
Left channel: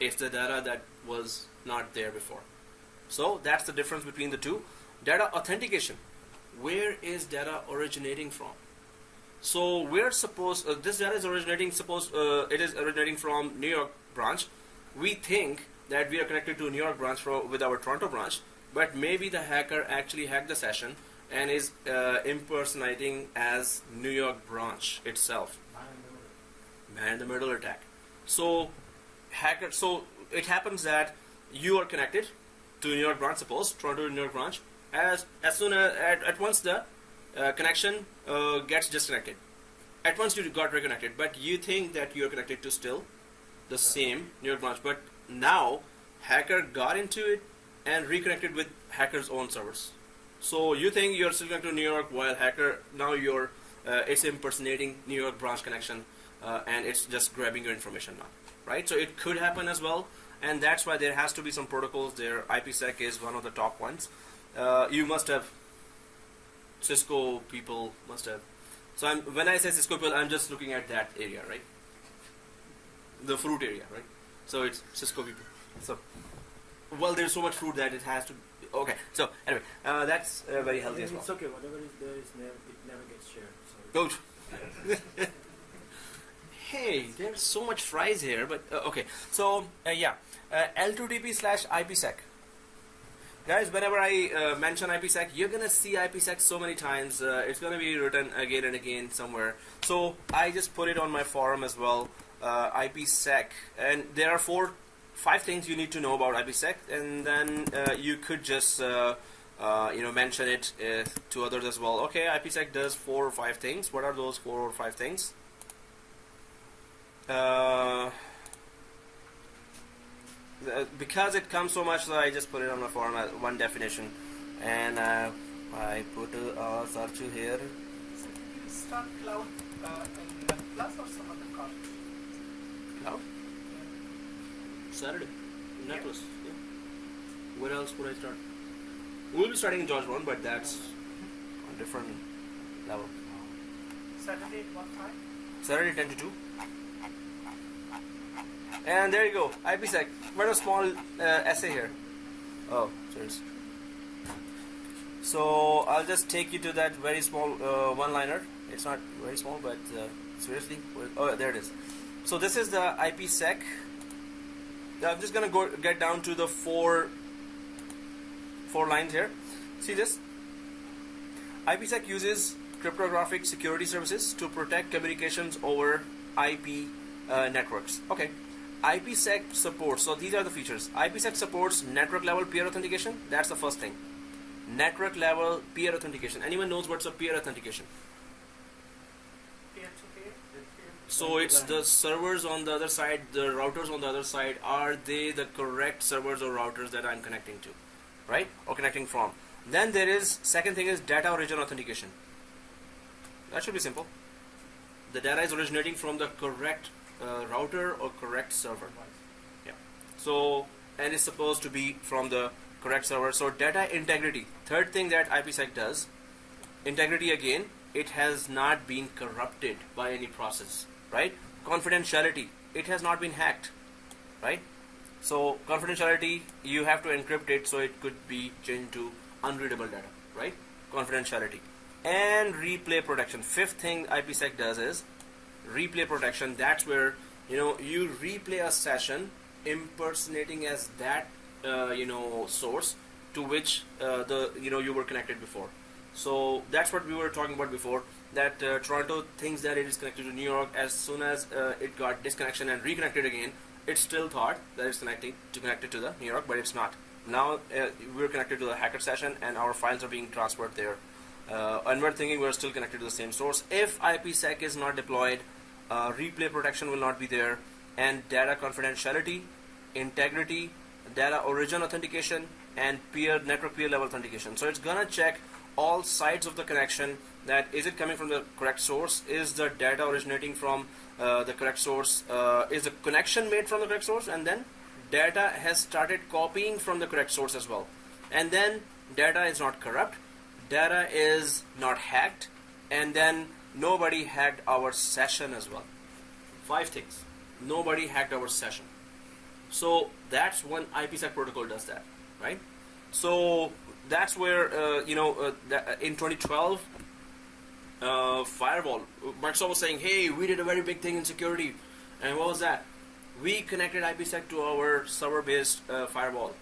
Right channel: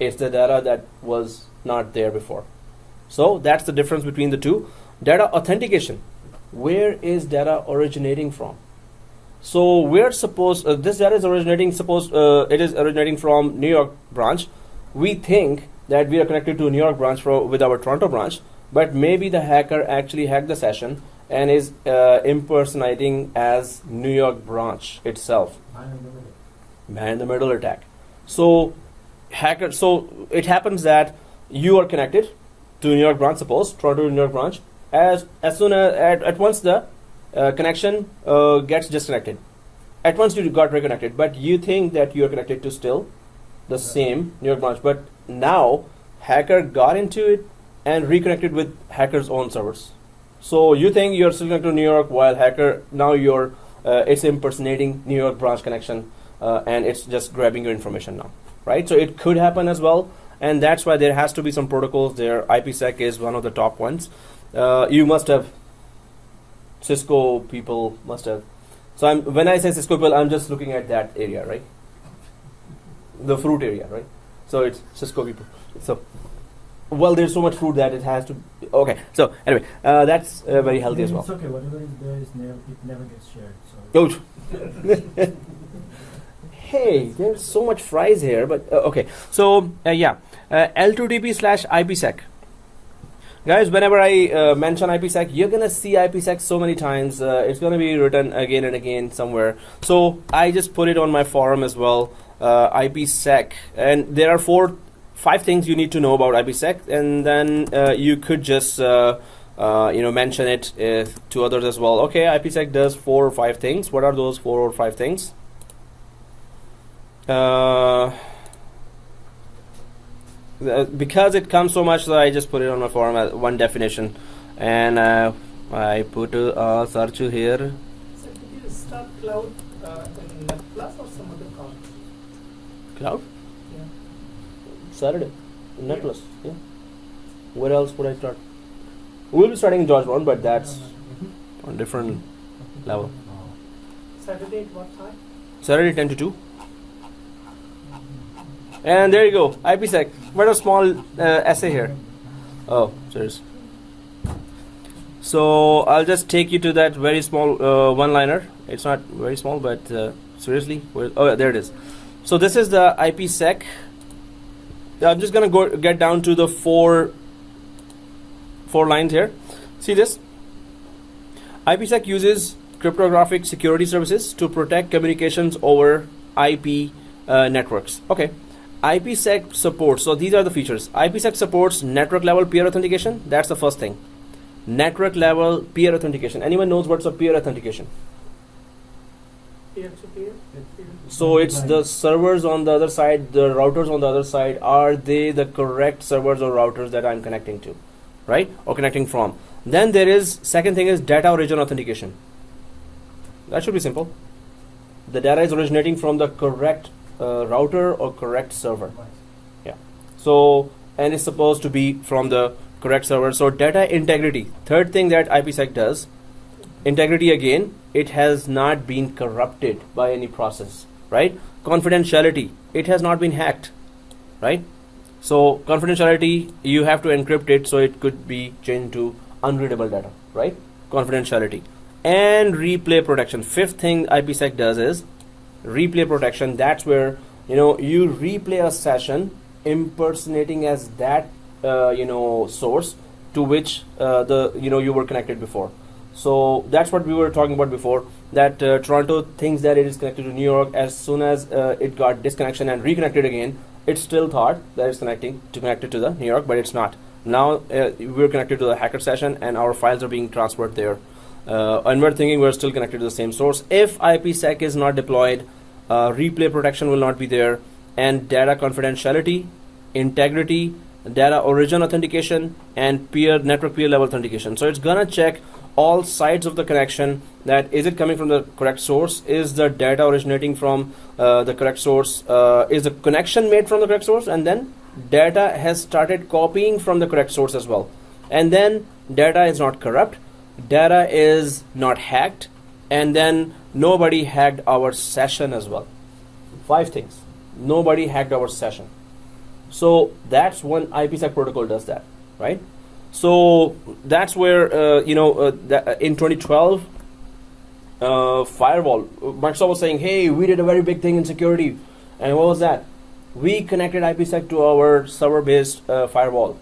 It's the data that was not there before. So that's the difference between the two. Data authentication. Where is data originating from? So we're supposed this data is originating. It is originating from New York branch. We think that we are connected to New York branch with our Toronto branch, but maybe the hacker actually hacked the session and is impersonating as New York branch itself. Man in the middle attack. So hacker. So it happens that you are connected to New York branch. Suppose Toronto New York branch. As soon as at once the connection gets disconnected. At once you got reconnected, but you think that you are connected to still the same New York branch. But now hacker got into it and reconnected with hacker's own servers. So you think you're still connected to New York, while hacker now you're it's impersonating New York branch connection, and it's just grabbing your information now, right? So it could happen as well, and that's why there has to be some protocols there. IPsec is one of the top ones. You must have Cisco people must have. So when I say Cisco people, I'm just looking at that area, right? The fruit area, right? So it's Cisco people. So, well, there's so much fruit that it has to. Okay. So anyway, that's very healthy as well. It's okay. Whatever is there is never gets shared. So. Oh. Hey, there's so much fries here, but okay. So yeah, L2TP/IPsec. Guys, whenever I mention IPsec, you're gonna see IPsec so many times. It's gonna be written again and again somewhere. So I just put it on my forum as well. IPsec, and there are 5 things you need to know about IPsec, and then you could just mention it to others as well. Okay, IPsec does 4 or 5 things. What are those 4 or 5 things? Because it comes so much, so I just put it on my forum as one definition, and I put a search here. So did you start cloud in Netplus or some other cloud? Cloud? Yeah. Saturday. Netplus. Yeah. Where else would I start? We'll be starting in Georgetown, but that's on different level. Saturday at what time? Saturday 10 to 2. And there you go, IPsec. What a small essay here. Oh, serious. So I'll just take you to that very small one-liner. It's not very small, but seriously, oh, there it is. So this is the IPsec. I'm just gonna get down to the four lines here. See this? IPsec uses cryptographic security services to protect communications over IP networks. Okay. IPsec supports, so these are the features. IPsec supports network level peer authentication. That's the first thing. Network level peer authentication. Anyone knows what's a peer authentication? peer-to-peer? So it's the servers on the other side, the routers on the other side, are they the correct servers or routers that I'm connecting to, right? Or connecting from. Then there is, second thing is data origin authentication. That should be simple. The data is originating from the correct router or correct server. Yeah. So, and it's supposed to be from the correct server. So data integrity. Third thing that IPsec does, integrity again, it has not been corrupted by any process, right? Confidentiality, it has not been hacked, right? So confidentiality, you have to encrypt it so it could be changed to unreadable data, right? Confidentiality. And replay protection. Fifth thing IPsec does is replay protection. That's where, you know, you replay a session impersonating as that source to which you were connected before. So that's what we were talking about before, that Toronto thinks that it is connected to New York. As soon as it got disconnection and reconnected again, it still thought that it's connected to the New York, but it's not. Now we're connected to the hacker session and our files are being transferred there. And we're thinking we're still connected to the same source. If IPsec is not deployed, replay protection will not be there, and data confidentiality, integrity, data origin authentication, and network peer level authentication. So it's gonna check all sides of the connection, that is it coming from the correct source, is the data originating from the correct source, is the connection made from the correct source, and then data has started copying from the correct source as well, and then data is not corrupt, data is not hacked, and then nobody hacked our session as well. 5 things. Nobody hacked our session. So that's when IPsec protocol does that, right? So that's where in 2012 firewall, Microsoft was saying, hey, we did a very big thing in security. And what was that? We connected IPsec to our server-based firewall.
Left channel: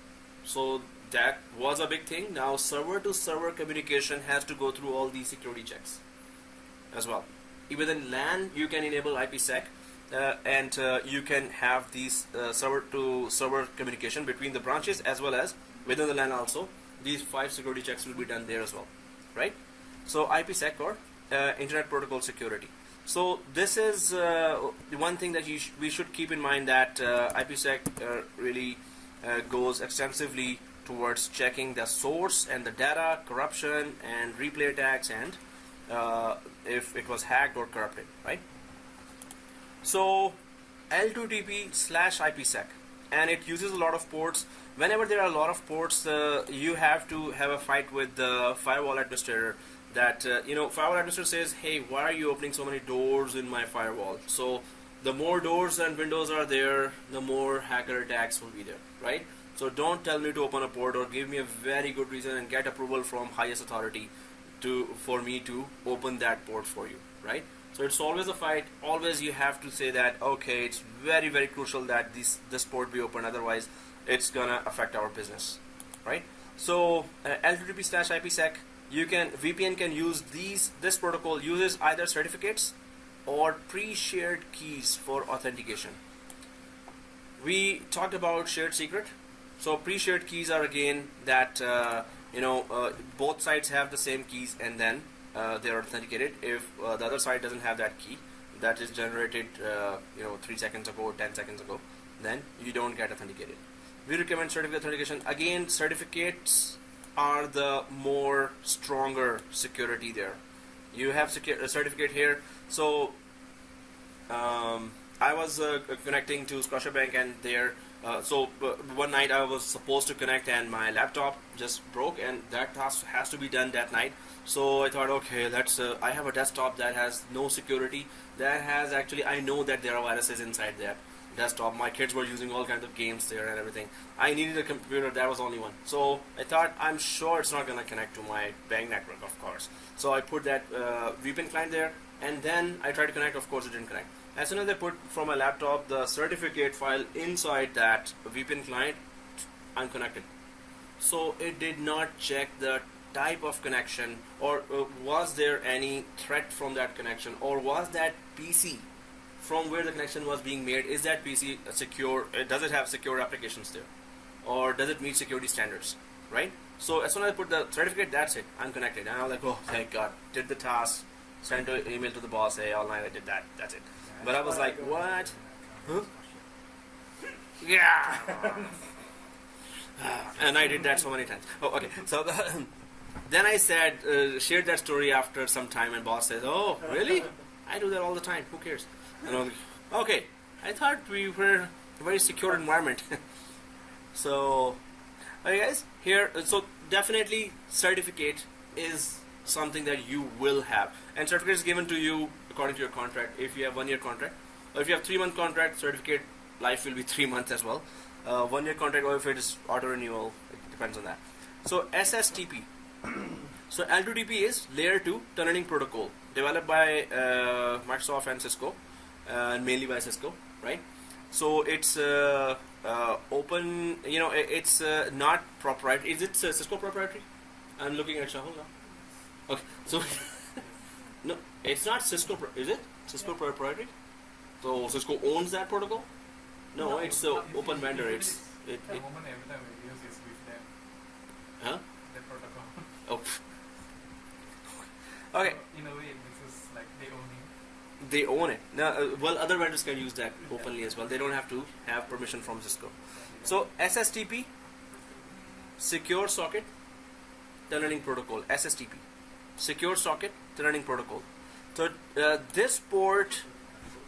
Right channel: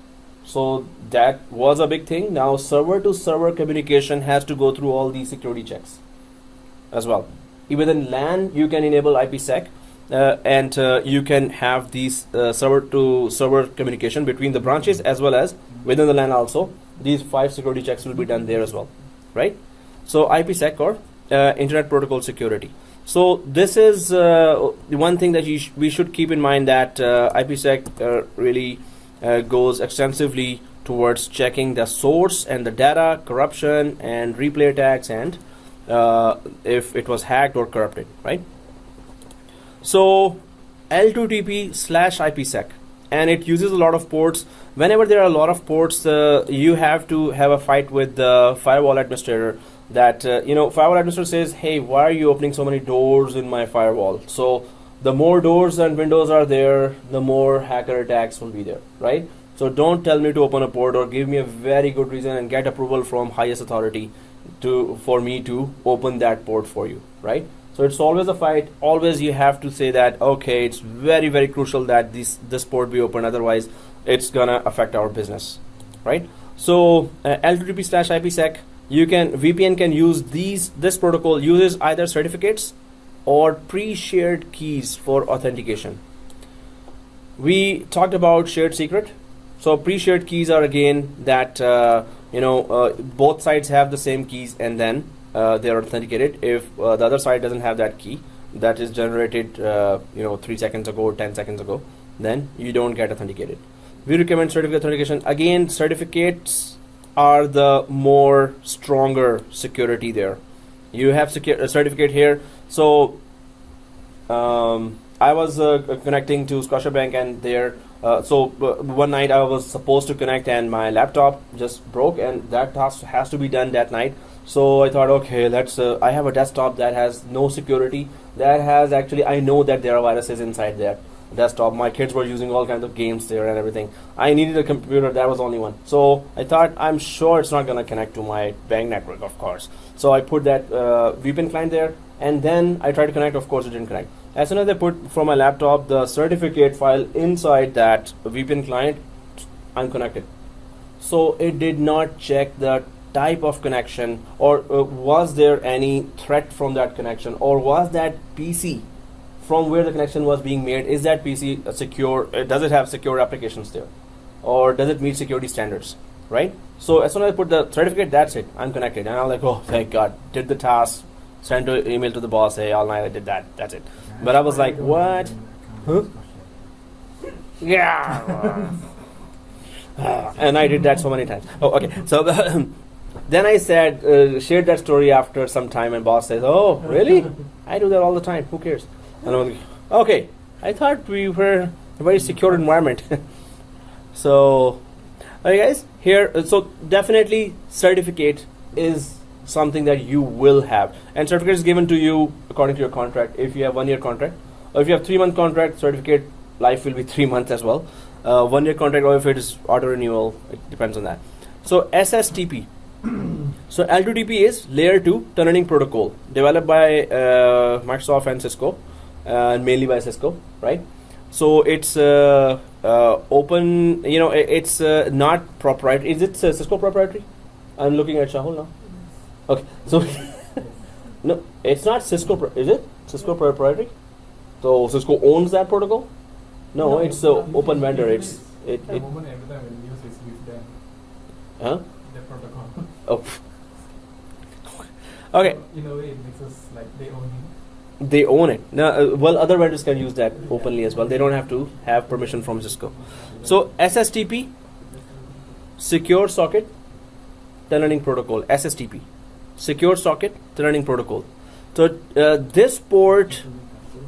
So that was a big thing. Now server-to-server communication has to go through all these security checks as well. Even in LAN, you can enable IPsec, and you can have these server-to-server communication between the branches as well as within the LAN also. These 5 security checks will be done there as well, right? So IPsec, or Internet Protocol Security. So this is one thing that we should keep in mind, that IPsec really goes extensively towards checking the source and the data, corruption and replay attacks, and if it was hacked or corrupted, right? So L2TP/IPsec, and it uses a lot of ports. Whenever there are a lot of ports, you have to have a fight with the firewall administrator. That firewall administrator says, hey, why are you opening so many doors in my firewall? So the more doors and windows are there, the more hacker attacks will be there, right? So don't tell me to open a port, or give me a very good reason and get approval from highest authority for me to open that port for you, right? So it's always a fight. Always you have to say that, okay, it's very, very crucial that this port be open, otherwise it's gonna affect our business, right? So L2TP/IPsec, VPN can use this protocol uses either certificates or pre-shared keys for authentication. We talked about shared secret. So pre-shared keys are again that both sides have the same keys, and then they are authenticated. If the other side doesn't have that key that is generated 3 seconds ago or 10 seconds ago, then you don't get authenticated. We recommend certificate authentication. Again, certificates are the more stronger security there. You have a certificate here. So I was connecting to Scotiabank, and there one night I was supposed to connect, and my laptop just broke, and that task has to be done that night. So I thought, okay, I have a desktop that has no security, that has actually, I know that there are viruses inside that desktop. My kids were using all kinds of games there and everything. I needed a computer, that was only one. So I thought, I'm sure it's not going to connect to my bank network, of course. So I put that VPN client there, and then I tried to connect. Of course it didn't connect. As soon as I put from my laptop the certificate file inside that VPN client, I'm connected. So it did not check the type of connection, or was there any threat from that connection, or was that PC from where the connection was being made, is that PC secure? Does it have secure applications there, or does it meet security standards, right? So as soon as I put the certificate, that's it, I'm connected, and I'm like, oh, thank God, did the task, sent an email to the boss, hey, all night I did that. That's it. But I was like, what? Huh? Yeah. And I did that so many times. Oh, okay. So then I said, shared that story after some time, and boss says, oh, really? I do that all the time. Who cares? And I'm like, okay. I thought we were a very secure environment. So, alright guys, here, so definitely certificate is something that you will have. And certificate is given to you according to your contract. If you have 1 year contract, or if you have 3-month contract, certificate life will be 3 months as well. 1 year contract, or if it is auto renewal, it depends on that. So SSTP. So L2TP is layer 2 tunneling protocol developed by Microsoft and Cisco, and mainly by Cisco, right? So it's open, it's not proprietary. Is it Cisco proprietary? I'm looking at Shahul now. Okay, so no, it's not Cisco. Is it Cisco proprietary? So Cisco owns that protocol? No, it's open vendor. The moment every time we use is with them. Huh? The protocol. Oh. Okay. In a way, it makes us like they own it. They own it. Now, well, other vendors can use that openly as well. They don't have to have permission from Cisco. So SSTP, Secure Socket Tunneling Protocol. SSTP, Secure Socket Tunneling Protocol. So this port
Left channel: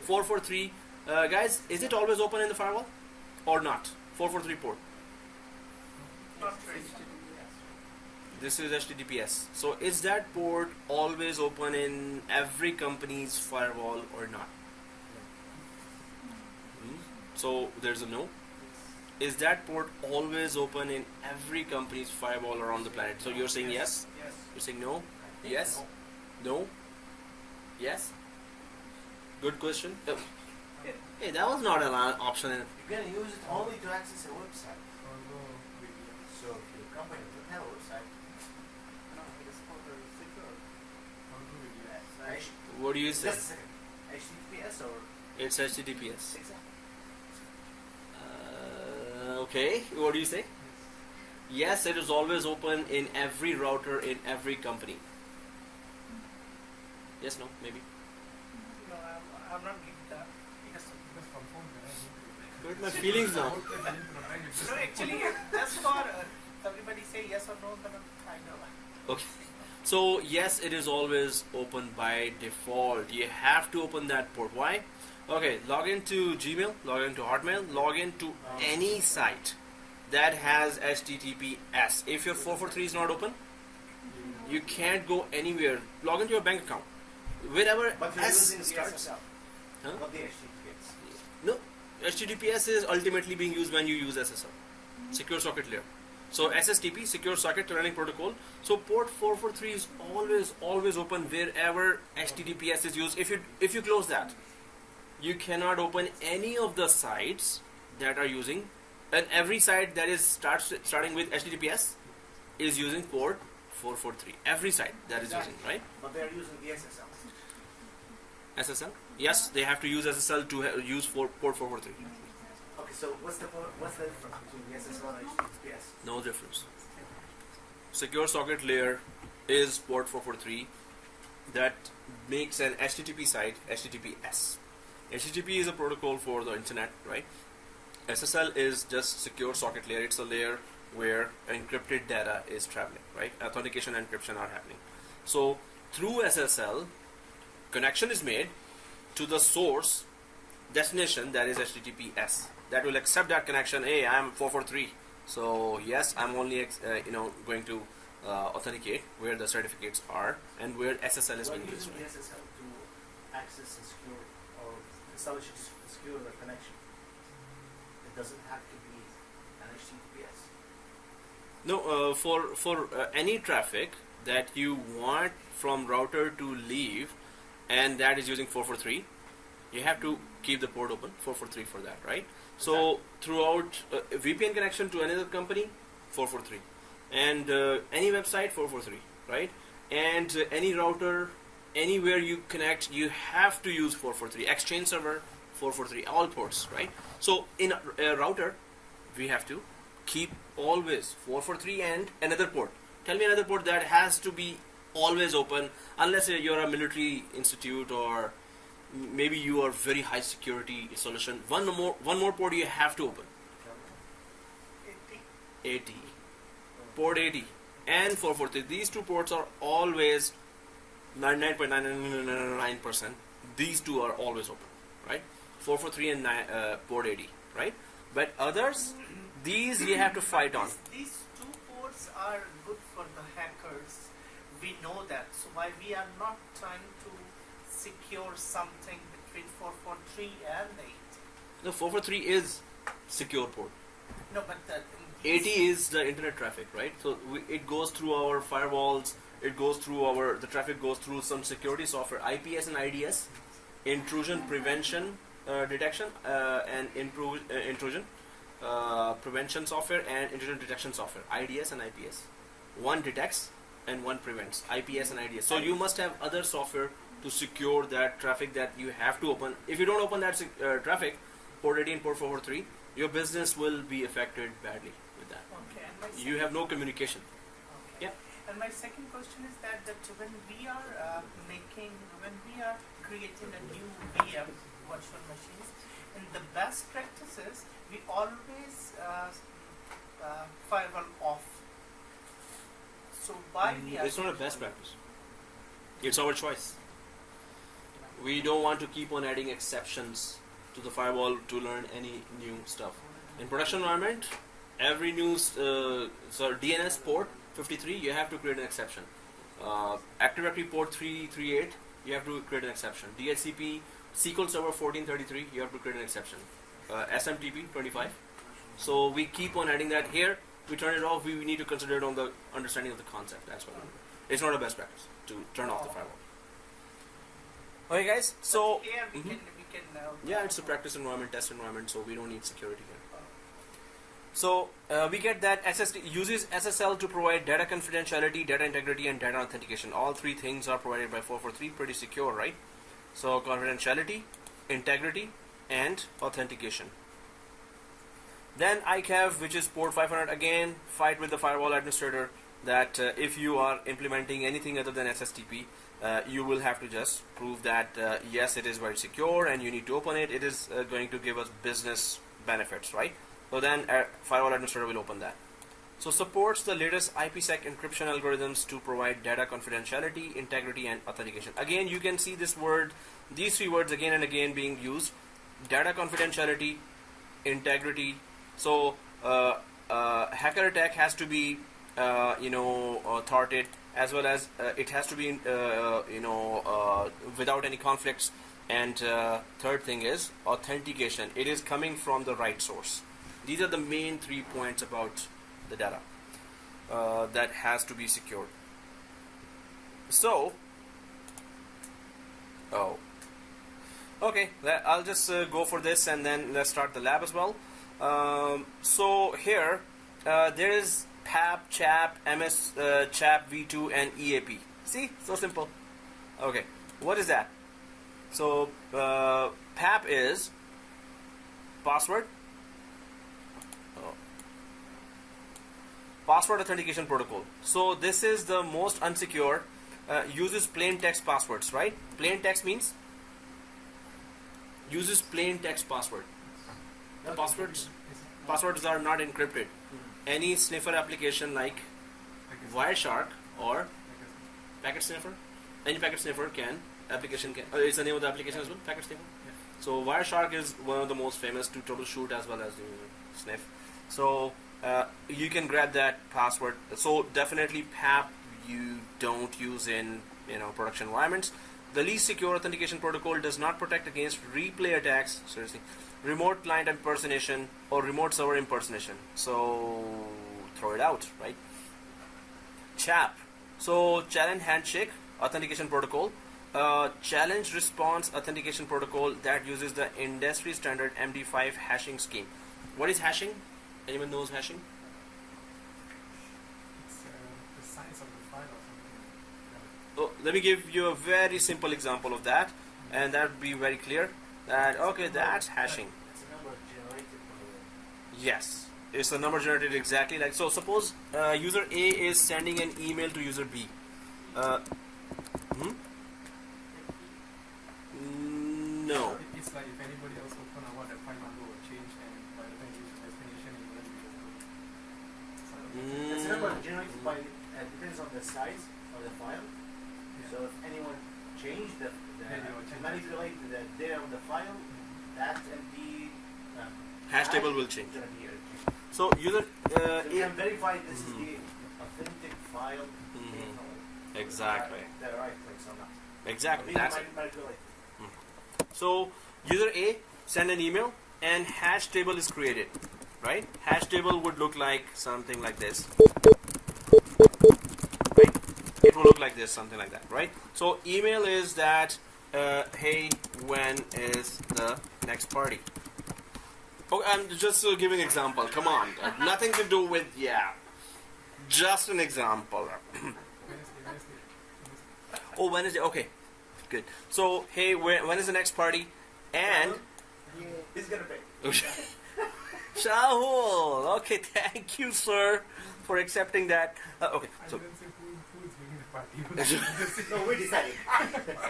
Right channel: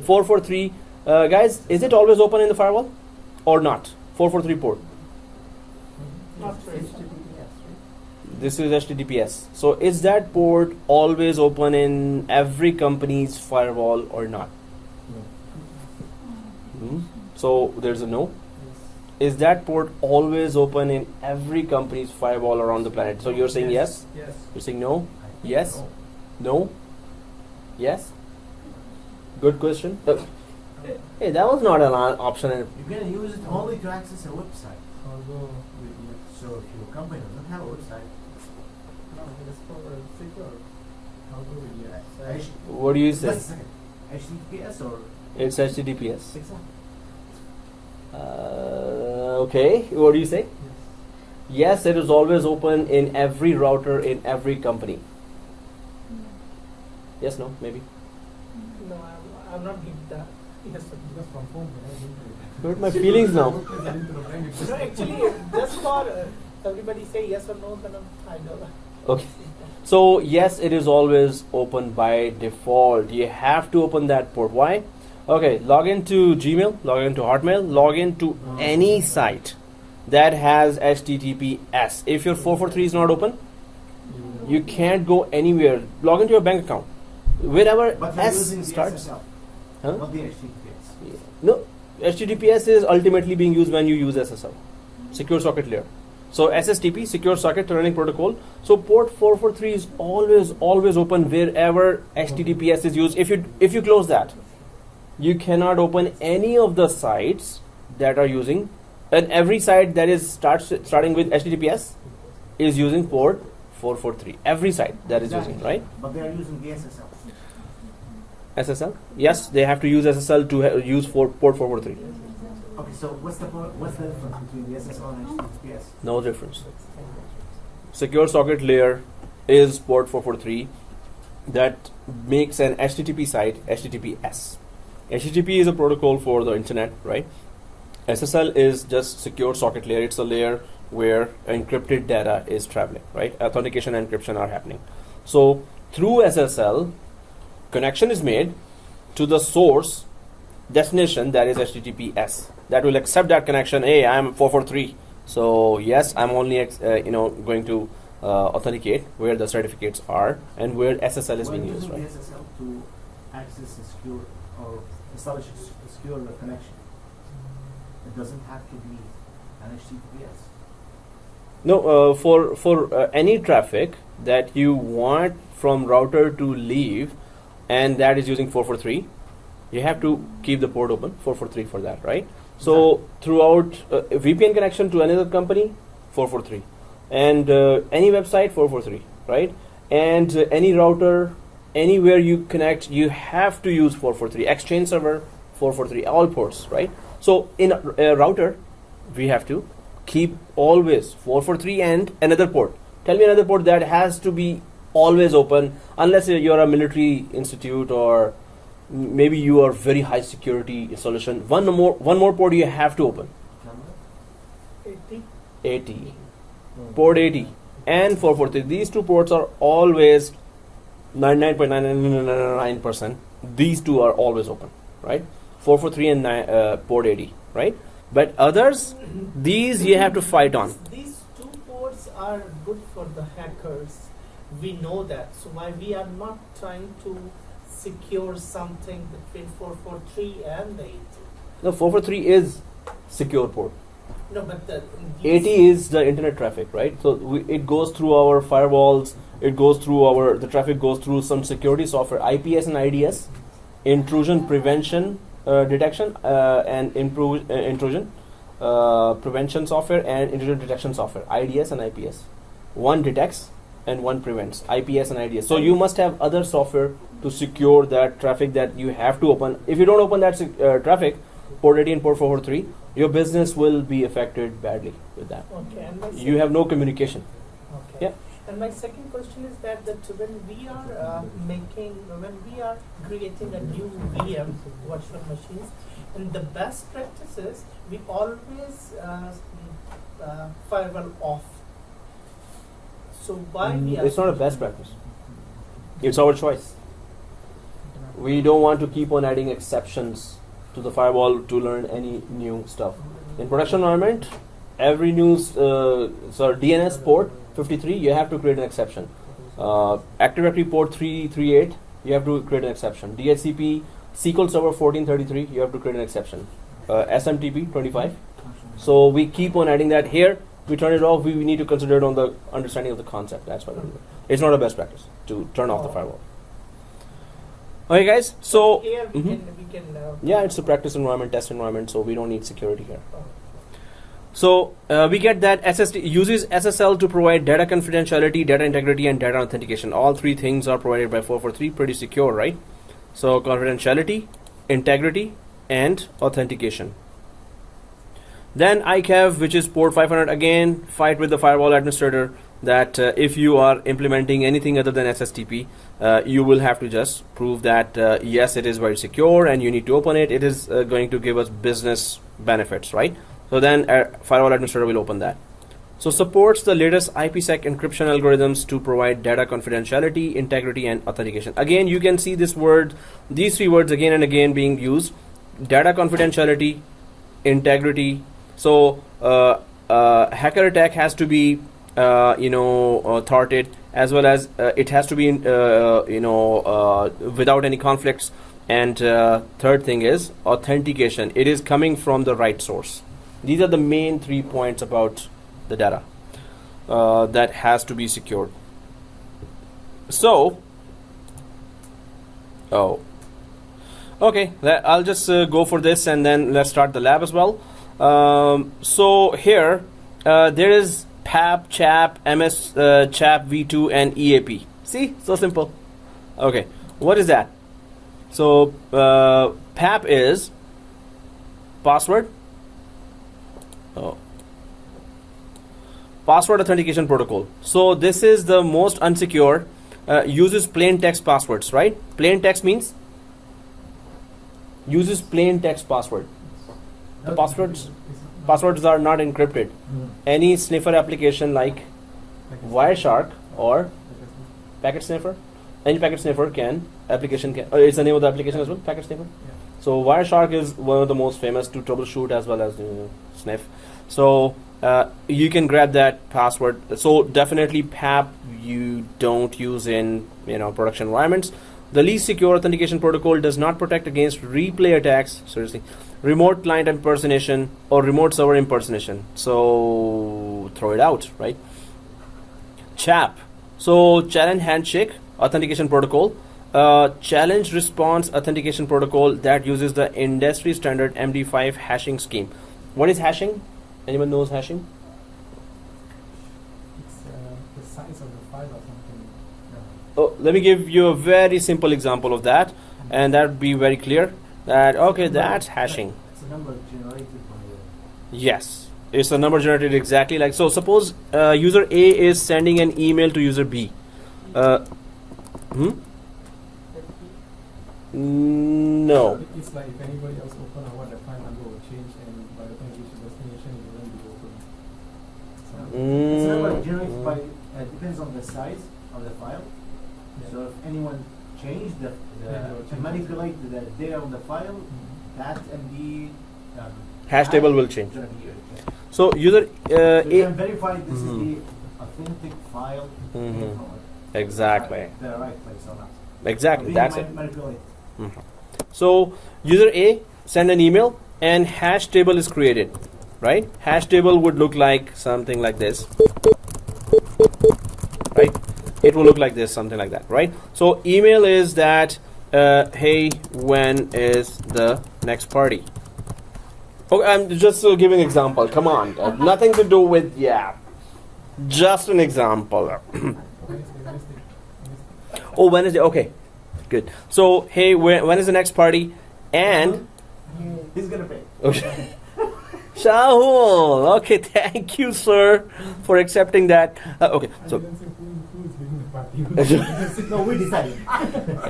443, guys, is it always open in the firewall or not? 443 port. Not very. This is HTTPS. So is that port always open in every company's firewall or not? So there's a no. Is that port always open in every company's firewall around the planet? So you're saying yes? Yes. You're saying no? Yes? No? Yes? Good question. Hey, that was not an option. You can use it only to access a website. Although, So if your company doesn't have a website, no, it's for secure. How do we do that? actually, What do you say? just a second. HTTPS or It's HTTPS. Okay, what do you say? Yes, it is always open in every router in every company. Yes, no, maybe. No, I'm not giving that. Yes, sir. Because from home, I didn't Hurt my feelings now. No, actually, just for everybody say yes or no, then I know. Okay. So yes, it is always open by default. You have to open that port. Why? Okay, log into Gmail, log into Hotmail, log into any site that has HTTPS. If your 443 is not open, you can't go anywhere. Log into your bank account. Wherever but you're S using the starts. SSL, Huh? not the HTTPS. No, HTTPS is ultimately being used when you use SSL, Secure Socket Layer. So SSTP, Secure Socket Tunneling Protocol. So port 443 is always open wherever HTTPS is used. If you close that, you cannot open any of the sites that are using, and every site that is starting with HTTPS is using port 443. Every site that is using, right? But they are using the SSL. SSL? Yes, they have to use SSL to use port 443. Okay, so what's the difference between the SSL and HTTPS? No difference. Secure Socket Layer is port 443 that makes an HTTP site HTTPS. HTTP is a protocol for the internet, right? SSL is just Secure Socket Layer. It's a layer where encrypted data is traveling, right? Authentication and encryption are happening. So through SSL, connection is made to the source destination, that is HTTPS. That will accept that connection. Hey, I'm 443. So yes, I'm only going to authenticate where the certificates are and where SSL is being used, When right? using the SSL to access a secure or establish a secure connection, it doesn't have to be an HTTPS. No, for any traffic that you want from router to leave, and that is using 443, you have to keep the port open 443 for that, right? So throughout a VPN connection to another company, 443, and any website 443, right? And any router, anywhere you connect, you have to use 443. Exchange server 443, all ports, right? So in a router, we have to keep always 443 and another port. Tell me another port that has to be always open unless you're a military institute or maybe you are very high security solution. One more port you have to open. 80. Port 80 and 443. These two ports are always 99.999%. These two are always open, right? 443 and port 80, right? But others, these you have to fight on. These two ports are good for the hackers. We know that. So why we are not trying to secure something between 443 and the 80? No, 443 is secure port. No, but the 80 is the internet traffic, right? So it goes through our firewalls. It goes through the traffic goes through some security software, IPS and IDS, intrusion prevention detection and intrusion prevention software and intrusion detection software, IDS and IPS. One detects and one prevents, IPS and IDS. So you must have other software to secure that traffic that you have to open. If you don't open that traffic, port 80 and port 443, your business will be affected badly with that. Okay, and You have no communication. Okay. Yeah. And my second question is that when we are creating a new VM virtual machines, in the best practices, we always firewall off. So why we are It's not a best practice. It's our choice. We don't want to keep on adding exceptions to the firewall to learn any new stuff. In production environment, every new DNS port 53, you have to create an exception. Active Directory port 338, you have to create an exception. DHCP SQL Server 1433, you have to create an exception. SMTP 25. So we keep on adding that here. We turn it off. We need to consider it on the understanding of the concept. That's why it's not a best practice to turn off the firewall. Okay, guys. So here we can yeah, it's a practice environment, test environment, so we don't need security here. So we get that SSD uses SSL to provide data confidentiality, data integrity, and data authentication. All three things are provided by 443, pretty secure, right? So confidentiality, integrity, and authentication. Then ICAV, which is port 500, again, fight with the firewall administrator that if you are implementing anything other than SSTP, you will have to just prove that yes, it is very secure and you need to open it. It is going to give us business benefits, right? So then firewall administrator will open that. So supports the latest IPsec encryption algorithms to provide data confidentiality, integrity, and authentication. Again, you can see these three words again and again being used. Data confidentiality, integrity. So hacker attack has to be thwarted, as well as it has to be without any conflicts. And third thing is authentication. It is coming from the right source. These are the main 3 points about the data that has to be secured. So, okay, I'll just go for this and then let's start the lab as well. So here there is PAP, CHAP, MS, CHAP, V2, and EAP. See, so simple. Okay, what is that? So PAP is password. Password authentication protocol. So this is the most unsecure. Uses plain text passwords, right? Plain text means uses plain text password. The passwords are not encrypted. Any sniffer application like Wireshark or Packet Sniffer, any packet sniffer application can. It's the name of the application as well, Packet Sniffer. So Wireshark is one of the most famous to troubleshoot as well as sniff. So you can grab that password. So definitely PAP you don't use in production environments. The least secure authentication protocol does not protect against replay attacks. Seriously. Remote client impersonation or remote server impersonation. So throw it out, right? CHAP. So challenge handshake authentication protocol. Challenge response authentication protocol that uses the industry standard MD5 hashing scheme. What is hashing? Anyone knows hashing? It's the size of the file or something. Oh, let me give you a very simple example of that, and that would be very clear. That's hashing. It's a number generated from the. Yes, it's a number generated exactly like so. Suppose user A is sending an email to user B. Hmm? No. It's like if anybody else open a one, that file number will change, and by the time you reach the destination, it wouldn't be open. So, It's not Mm. generated by, depends on the size of the file. yeah. So if anyone changed Then it will to change. manipulate the data on the file, that MD Hash table will change. Gonna be changed. So user So you can verify this Mhm. is the authentic file. Mhm. from Exactly. The right place or not. Exactly. We That's can it. manipulate. So user A send an email and hash table is created, right? Hash table would look like something like this, right? It will look like this, something like that, right? So email is that, hey, when is the next party? Okay, I'm just giving an example. Come on, nothing to do with just an example. Wednesday. Oh, Wednesday. Okay, good. So hey, when is the next party? And He's gonna pay. okay. Shahul, okay, thank you, sir, for accepting that. Okay, I so didn't say who is bringing the party. No, we decided.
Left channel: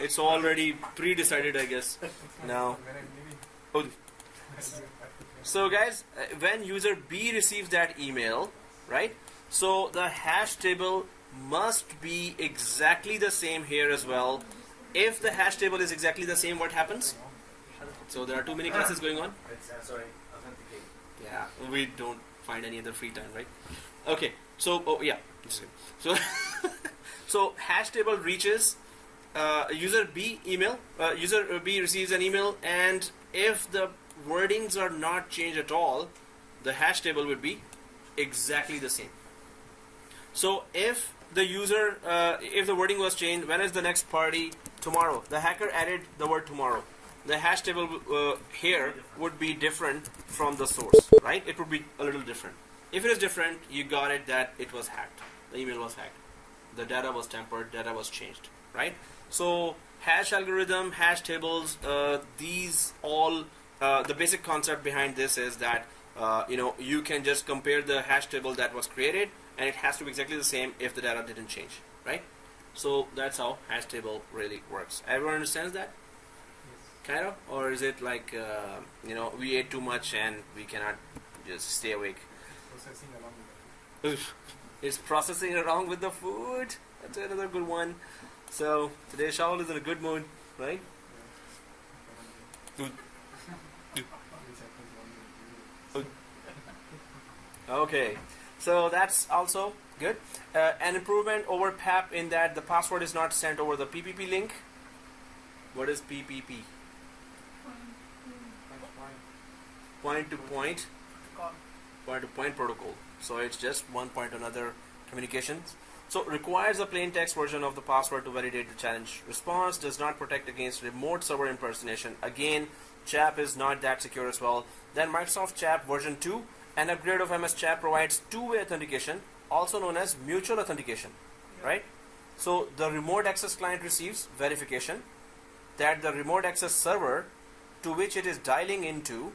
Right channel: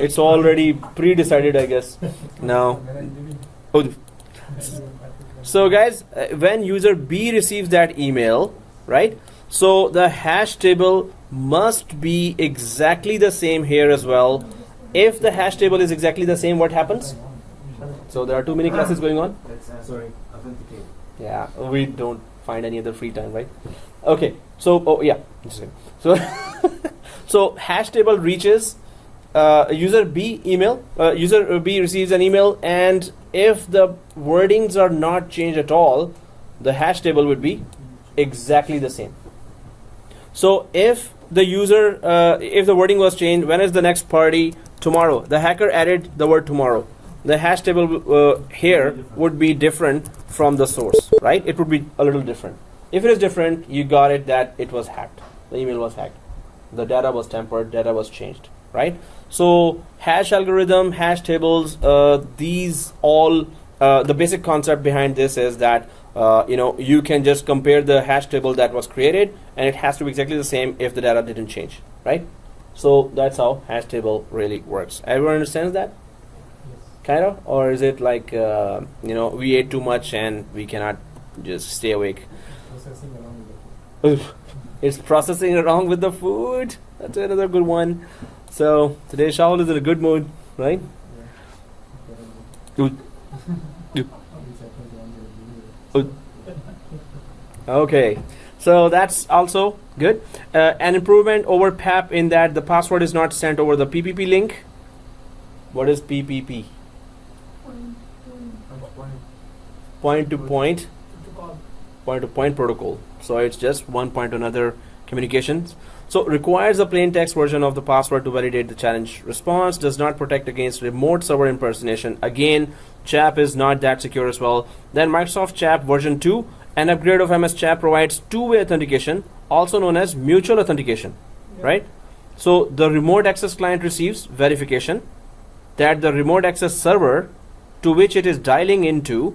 it's already pre-decided, I guess. Now, When I'm leaving, oh, I'm leaving party. so guys, when user B receives that email, right? So the hash table must be exactly the same here as well. If the hash table is exactly the same, what happens? So there are too many classes going on. Let's sorry, authenticate. Yeah, we don't find any other free time, right? Okay, so just a second. So so hash table reaches user B email. User B receives an email, and if the wordings are not changed at all, the hash table would be exactly the same. So if the user, if the wording was changed, when is the next party? Tomorrow. The hacker added the word tomorrow. The hash table here would be different from the source, right? It would be a little different. If it is different, you got it that it was hacked. The email was hacked. The data was tampered, data was changed, right? So hash algorithm, hash tables, these all, the basic concept behind this is that you can just compare the hash table that was created, and it has to be exactly the same if the data didn't change, right? So that's how hash table really works. Everyone understands that? Kind of? Or is it like, we ate too much and we cannot just stay awake? Processing along with the It's processing along with the food. That's another good one. So today Shahul is in a good mood, right? yeah. Dude. Okay, so that's also good. An improvement over PAP in that the password is not sent over the PPP link. What is PPP? Point to point, point to point protocol. So it's just one point to another communications. So requires a plain text version of the password to validate the challenge response. Does not protect against remote server impersonation. Again, CHAP is not that secure as well. Then Microsoft CHAP version 2. An upgrade of MS CHAP provides two-way authentication, also known as mutual authentication, right? So the remote access client receives verification that the remote access server to which it is dialing into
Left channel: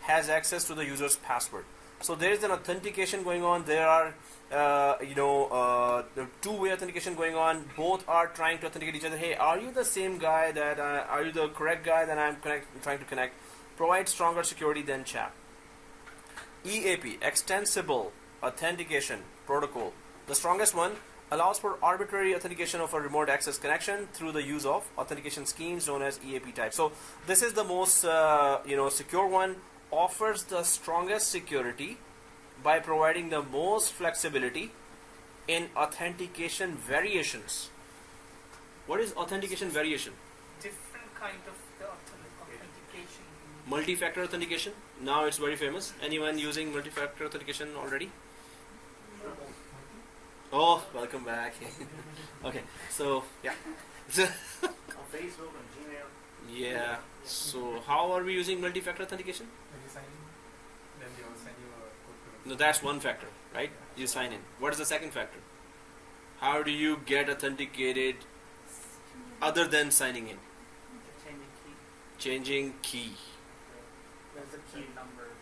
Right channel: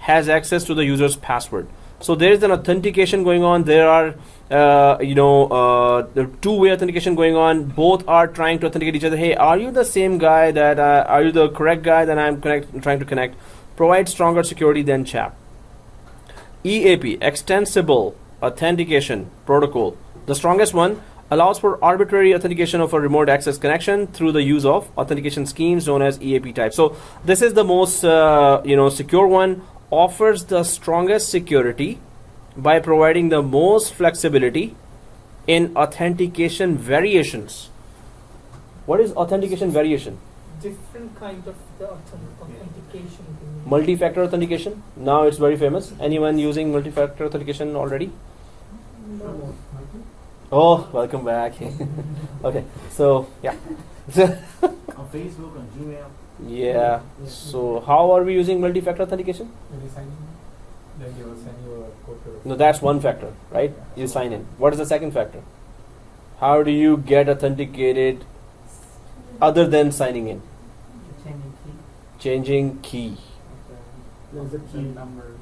has access to the user's password. So there is an authentication going on. There are, the two-way authentication going on. Both are trying to authenticate each other. Hey, are you the same guy that, are you the correct guy that I'm trying to connect? Provides stronger security than CHAP. EAP, Extensible Authentication Protocol. The strongest one allows for arbitrary authentication of a remote access connection through the use of authentication schemes known as EAP type. So this is the most, secure one. Offers the strongest security by providing the most flexibility in authentication variations. What is authentication variation? Different kind of the authentication. Multi-factor authentication. Now it's very famous. Anyone using multi-factor authentication already? No. Oh, welcome back. Okay, so yeah. On Facebook, on Gmail. Yeah. So how are we using multi-factor authentication? When you sign in, then they will send you a code to No, that's one factor, right? You sign in. What is the second factor? How do you get authenticated other than signing in? Changing key. The key numbers.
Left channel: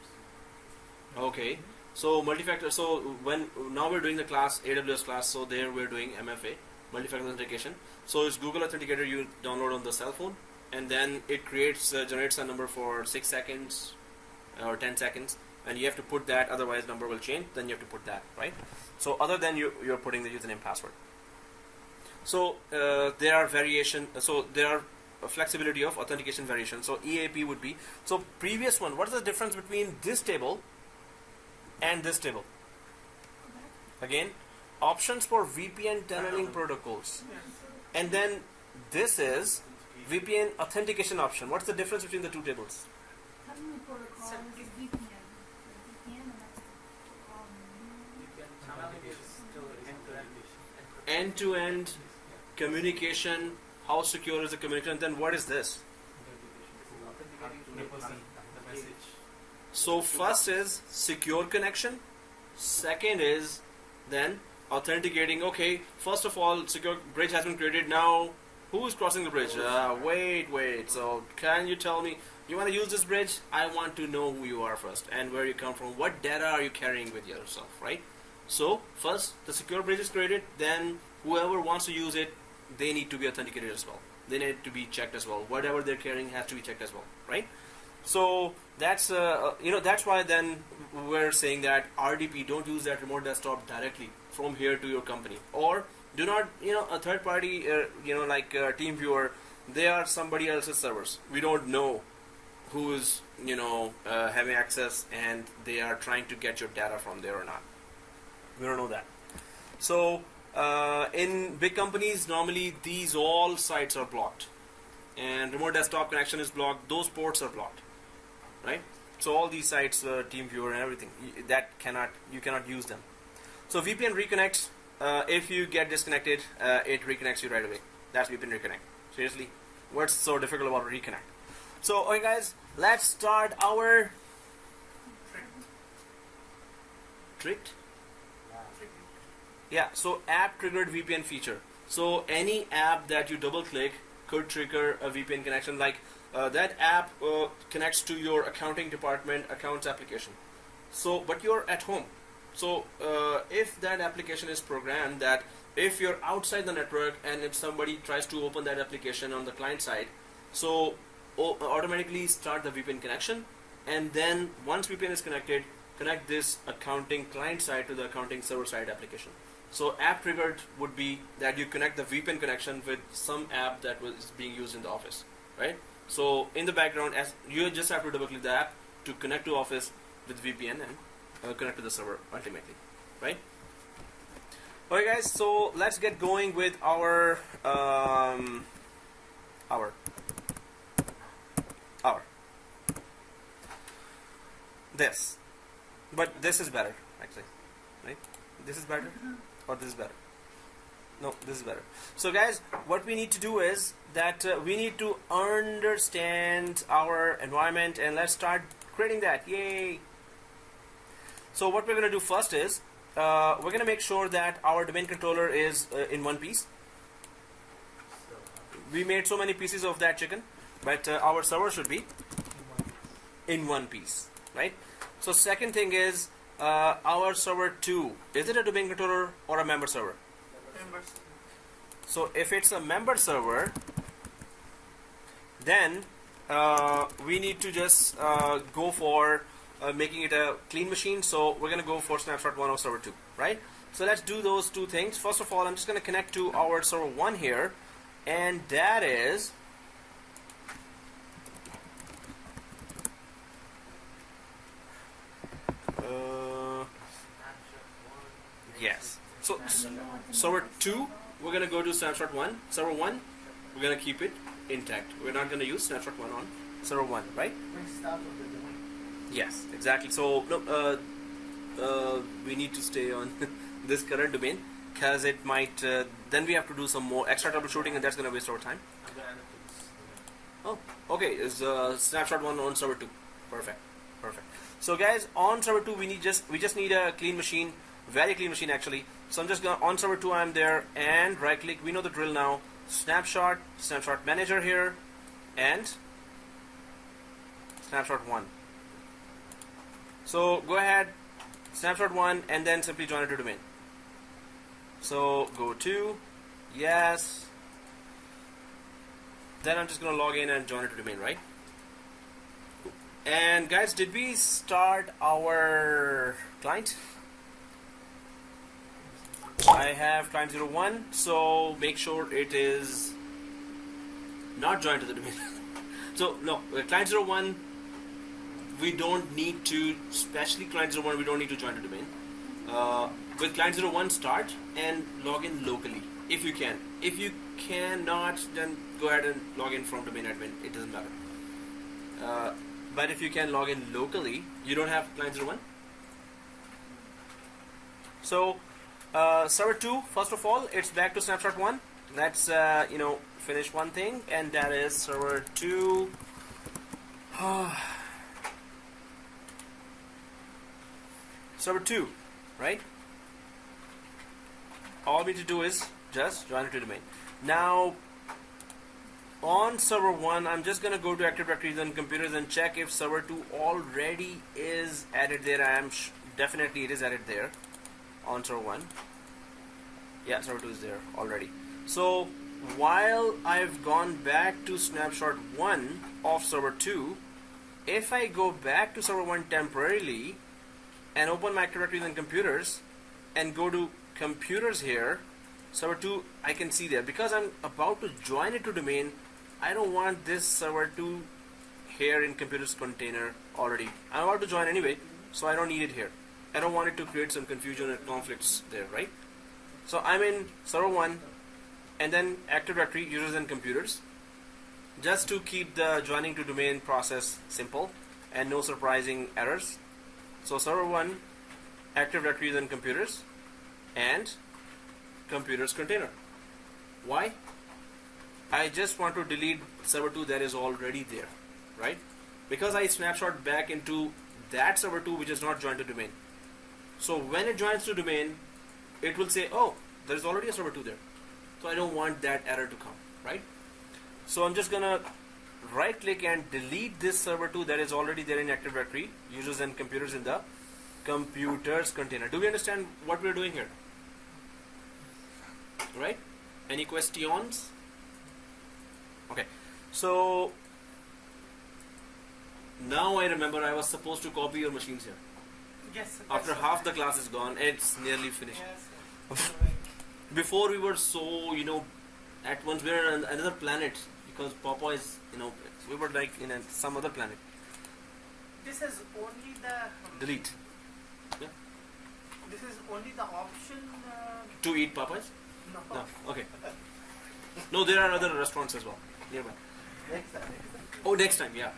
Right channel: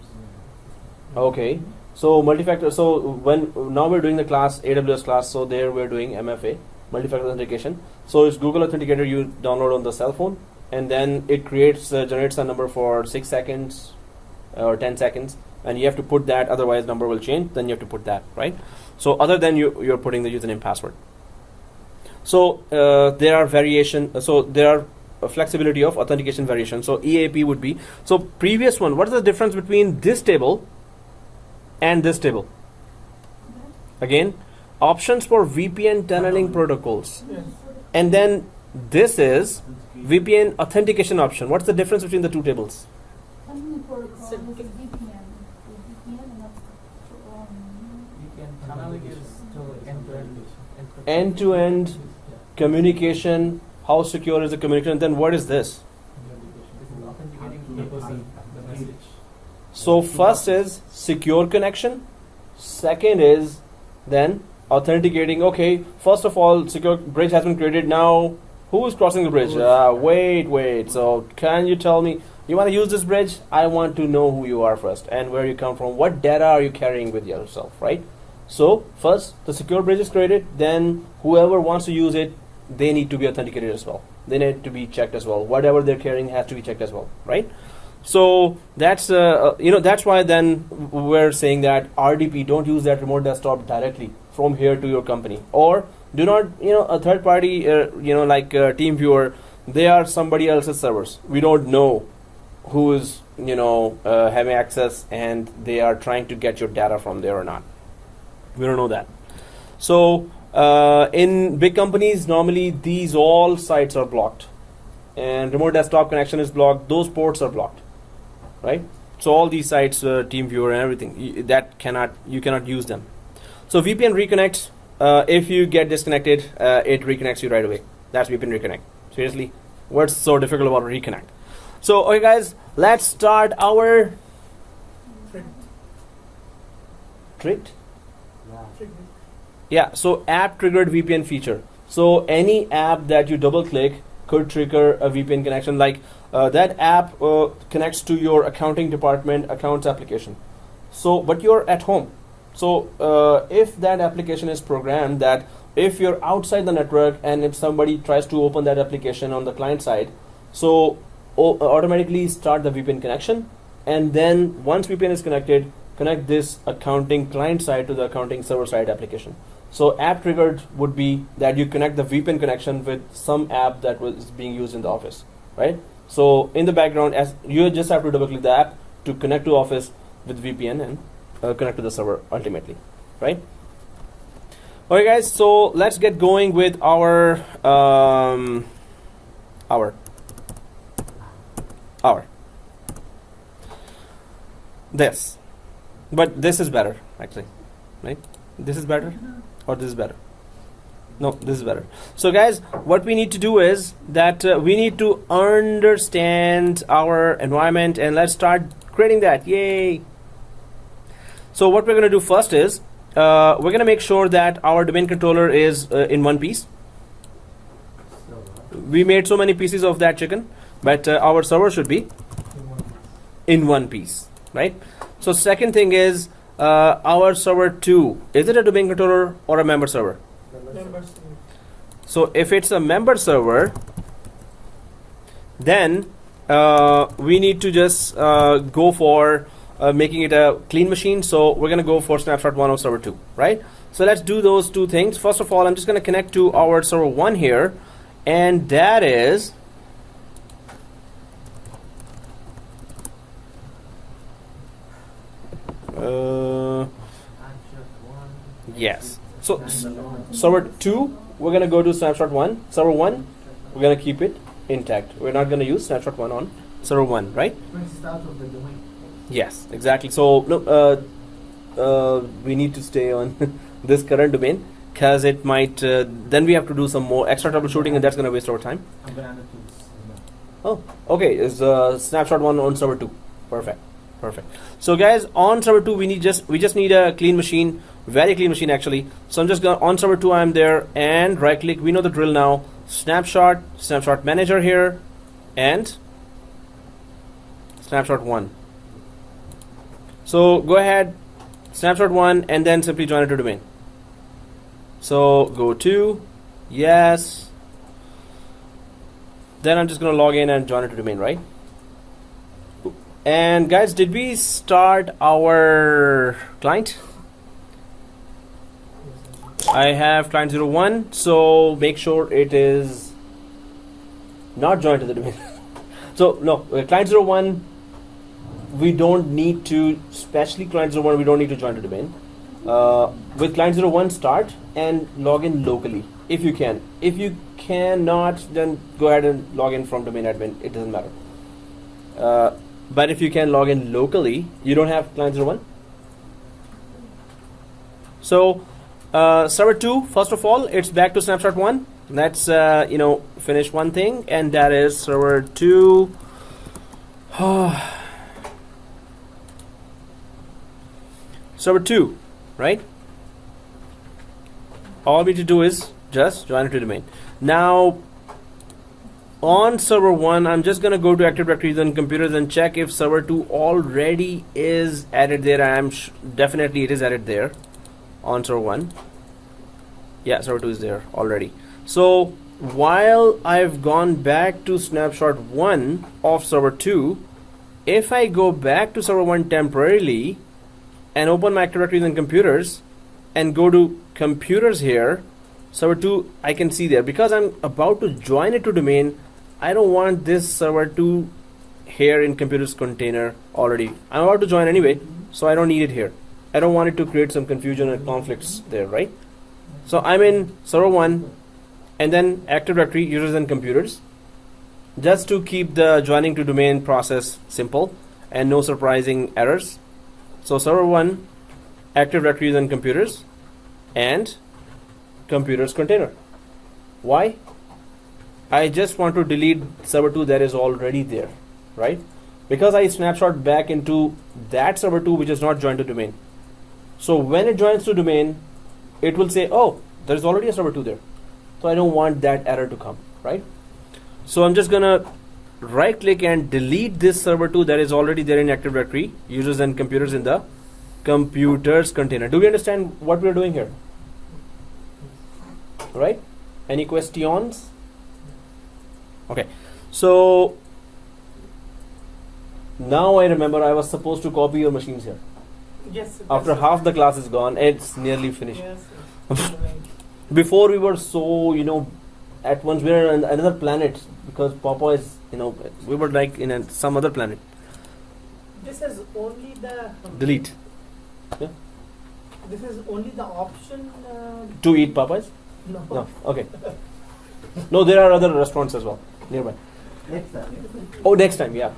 Okay. So multi-factor. So now we're doing the class AWS class. So there we're doing MFA. multi-factor authentication. So it's Google Authenticator you download on the cell phone, and then it generates a number for 6 seconds or 10 seconds, and you have to put that, otherwise number will change, then you have to put that, right? So other than you're putting the username password. So there are a flexibility of authentication variation. So EAP would be, so previous one, what is the difference between this table and this table? Again, options for VPN tunneling protocols. Yes. And then this is VPN authentication option. What's the difference between the two tables? Tunneling protocol So is if- VPN. VPN and that's Tunneling is to end-to-end. End-to-end communication. How secure is the communication? Then what is this? Authenticating to the message. So first is secure connection. Second is then authenticating. Okay, first of all, secure bridge has been created. Now, who is crossing the bridge? Wait. So can you tell me, you want to use this bridge? I want to know who you are first and where you come from. What data are you carrying with yourself, right? So first, the secure bridge is created. Then whoever wants to use it, they need to be authenticated as well. They need to be checked as well. Whatever they're carrying has to be checked as well, right? So that's that's why then we're saying that RDP, don't use that remote desktop directly from here to your company, or do not a third party like TeamViewer. They are somebody else's servers. We don't know who is having access, and they are trying to get your data from there or not. We don't know that. So in big companies, normally these all sites are blocked, and remote desktop connection is blocked. Those ports are blocked, right? So all these sites, TeamViewer and everything, you cannot use them. So VPN reconnects. If you get disconnected, it reconnects you right away. That's VPN reconnect. Seriously, what's so difficult about reconnect? So okay, guys, let's start our tricked. Yeah, so app triggered VPN feature. So any app that you double click could trigger a VPN connection. Like that app connects to your accounting department accounts application. So, but you're at home. So if that application is programmed that if you're outside the network and if somebody tries to open that application on the client side, so automatically start the VPN connection, and then once VPN is connected, connect this accounting client side to the accounting server side application. So app triggered would be that you connect the VPN connection with some app that was being used in the office, right? So in the background, as you just have to double click the app to connect to Office with VPN and connect to the server ultimately, right? Okay, guys. So let's get going with our this, but this is better actually, right? This is better, or this is better? No, this is better. So guys, what we need to do is that we need to understand our environment, and let's start creating that. Yay! So what we're going to do first is we're going to make sure that our domain controller is in one piece. We made so many pieces of that chicken, but our server should be in one piece, right? So second thing is our server 2. Is it a domain controller or a member server? Members. So if it's a member server, then we need to just go for making it a clean machine. So we're going to go for snapshot 1 of server 2, right? So let's do those two things. First of all, I'm just going to connect to our server 1 here, and that is yes. So server 2, we're going to go to snapshot 1. Server 1, we're going to keep it intact. We're not going to use snapshot 1 on server 1, right? Brings it out of the domain. Yes, exactly. So we need to stay on this current domain, because it might then we have to do some more extra troubleshooting, and that's going to waste our time. I'm gonna add it to this. Oh, okay. Is snapshot 1 on server 2? Perfect. So guys, on server 2 we just need a clean machine, very clean machine actually. So I'm just going on server 2. I'm there, and right click. We know the drill now. Snapshot manager here, and snapshot 1. So go ahead, snapshot 1, and then simply join it to domain. So go to Yes. Then I'm just going to log in and join it to domain, right? And guys, did we start our client? I have client 01, so make sure it is not joined to the domain. So no, client 01, we don't need to, especially client 01, we don't need to join the domain. With client 01, start and log in locally if you can. If you cannot, then go ahead and log in from domain admin. It doesn't matter. But if you can log in locally, you don't have client 01. So server 2, first of all, it's back to snapshot 1. Let's finish one thing, and that is server 2. Server 2, right? All we need to do is just join it to domain. Now, on server 1, I'm just going to go to Active Directories and computers and check if server 2 already is added there. Definitely it is added there on server 1. Yeah, server 2 is there already. So while I've gone back to snapshot 1 of server 2, if I go back to server 1 temporarily and open my Active Directories and computers and go to computers here, server 2 I can see there. Because I'm about to join it to domain, I don't want this server 2 here in computers container already. I'm about to join anyway, so I don't need it here. I don't want it to create some confusion and conflicts there, right? So I'm in server 1 and then Active Directory, users and computers, just to keep the joining to domain process simple and no surprising errors. So server 1, Active Directories and computers, and computers container. Why? I just want to delete server 2 that is already there, right? Because I snapshot back into that server 2 which is not joined to domain. So when it joins to domain, it will say, oh, there's already a server 2 there. So I don't want that error to come, right? So I'm just gonna right click and delete this server 2 that is already there in Active Directory, users and computers in the computers container. Do we understand what we're doing here? Right? Any questions? Okay, so now I remember I was supposed to copy your machines here. Yes. After half the class is gone, it's nearly finished. Yes. Right. Before we were so, at once we were on another planet because Papa is, we were like in some other planet. This is only the Delete. Yeah. This is only the option. To eat Popeyes? No. No. Okay. No, there are other restaurants as well nearby. Next time. Oh, next time, yeah.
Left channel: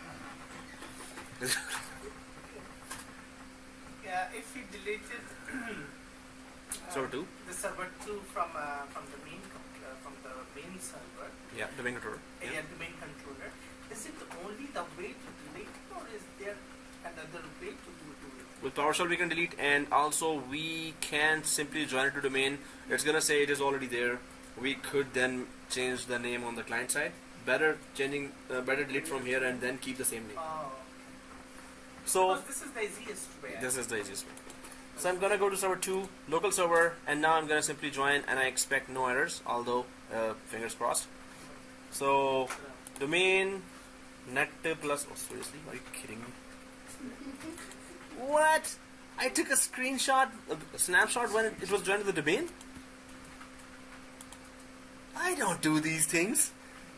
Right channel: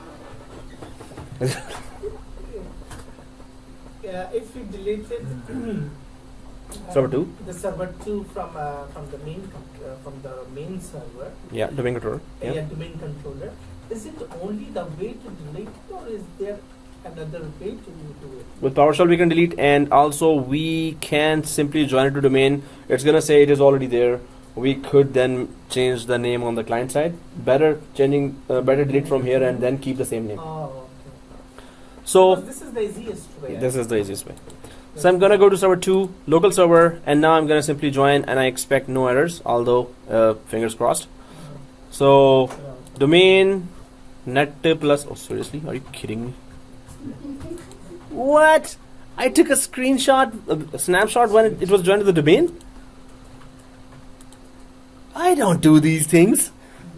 Yeah, if we deleted Server 2? the server 2 from the main server, Yeah, domain controller. Yeah. domain controller, is it only the way to delete it, or is there another way to do it? With PowerShell we can delete, and also we can simply join it to domain. It's gonna say it is already there. We could then change the name on the client side. Better delete from here and then keep the same name. Oh, okay. So Because this is the easiest way. this is the easiest way. So I'm gonna go to server 2, local server, and now I'm gonna simply join, and I expect no errors, although fingers crossed. So domain Netplus. Oh, seriously? Are you kidding me? What? I took a screenshot, a snapshot when it was joined to the domain? I don't do these things.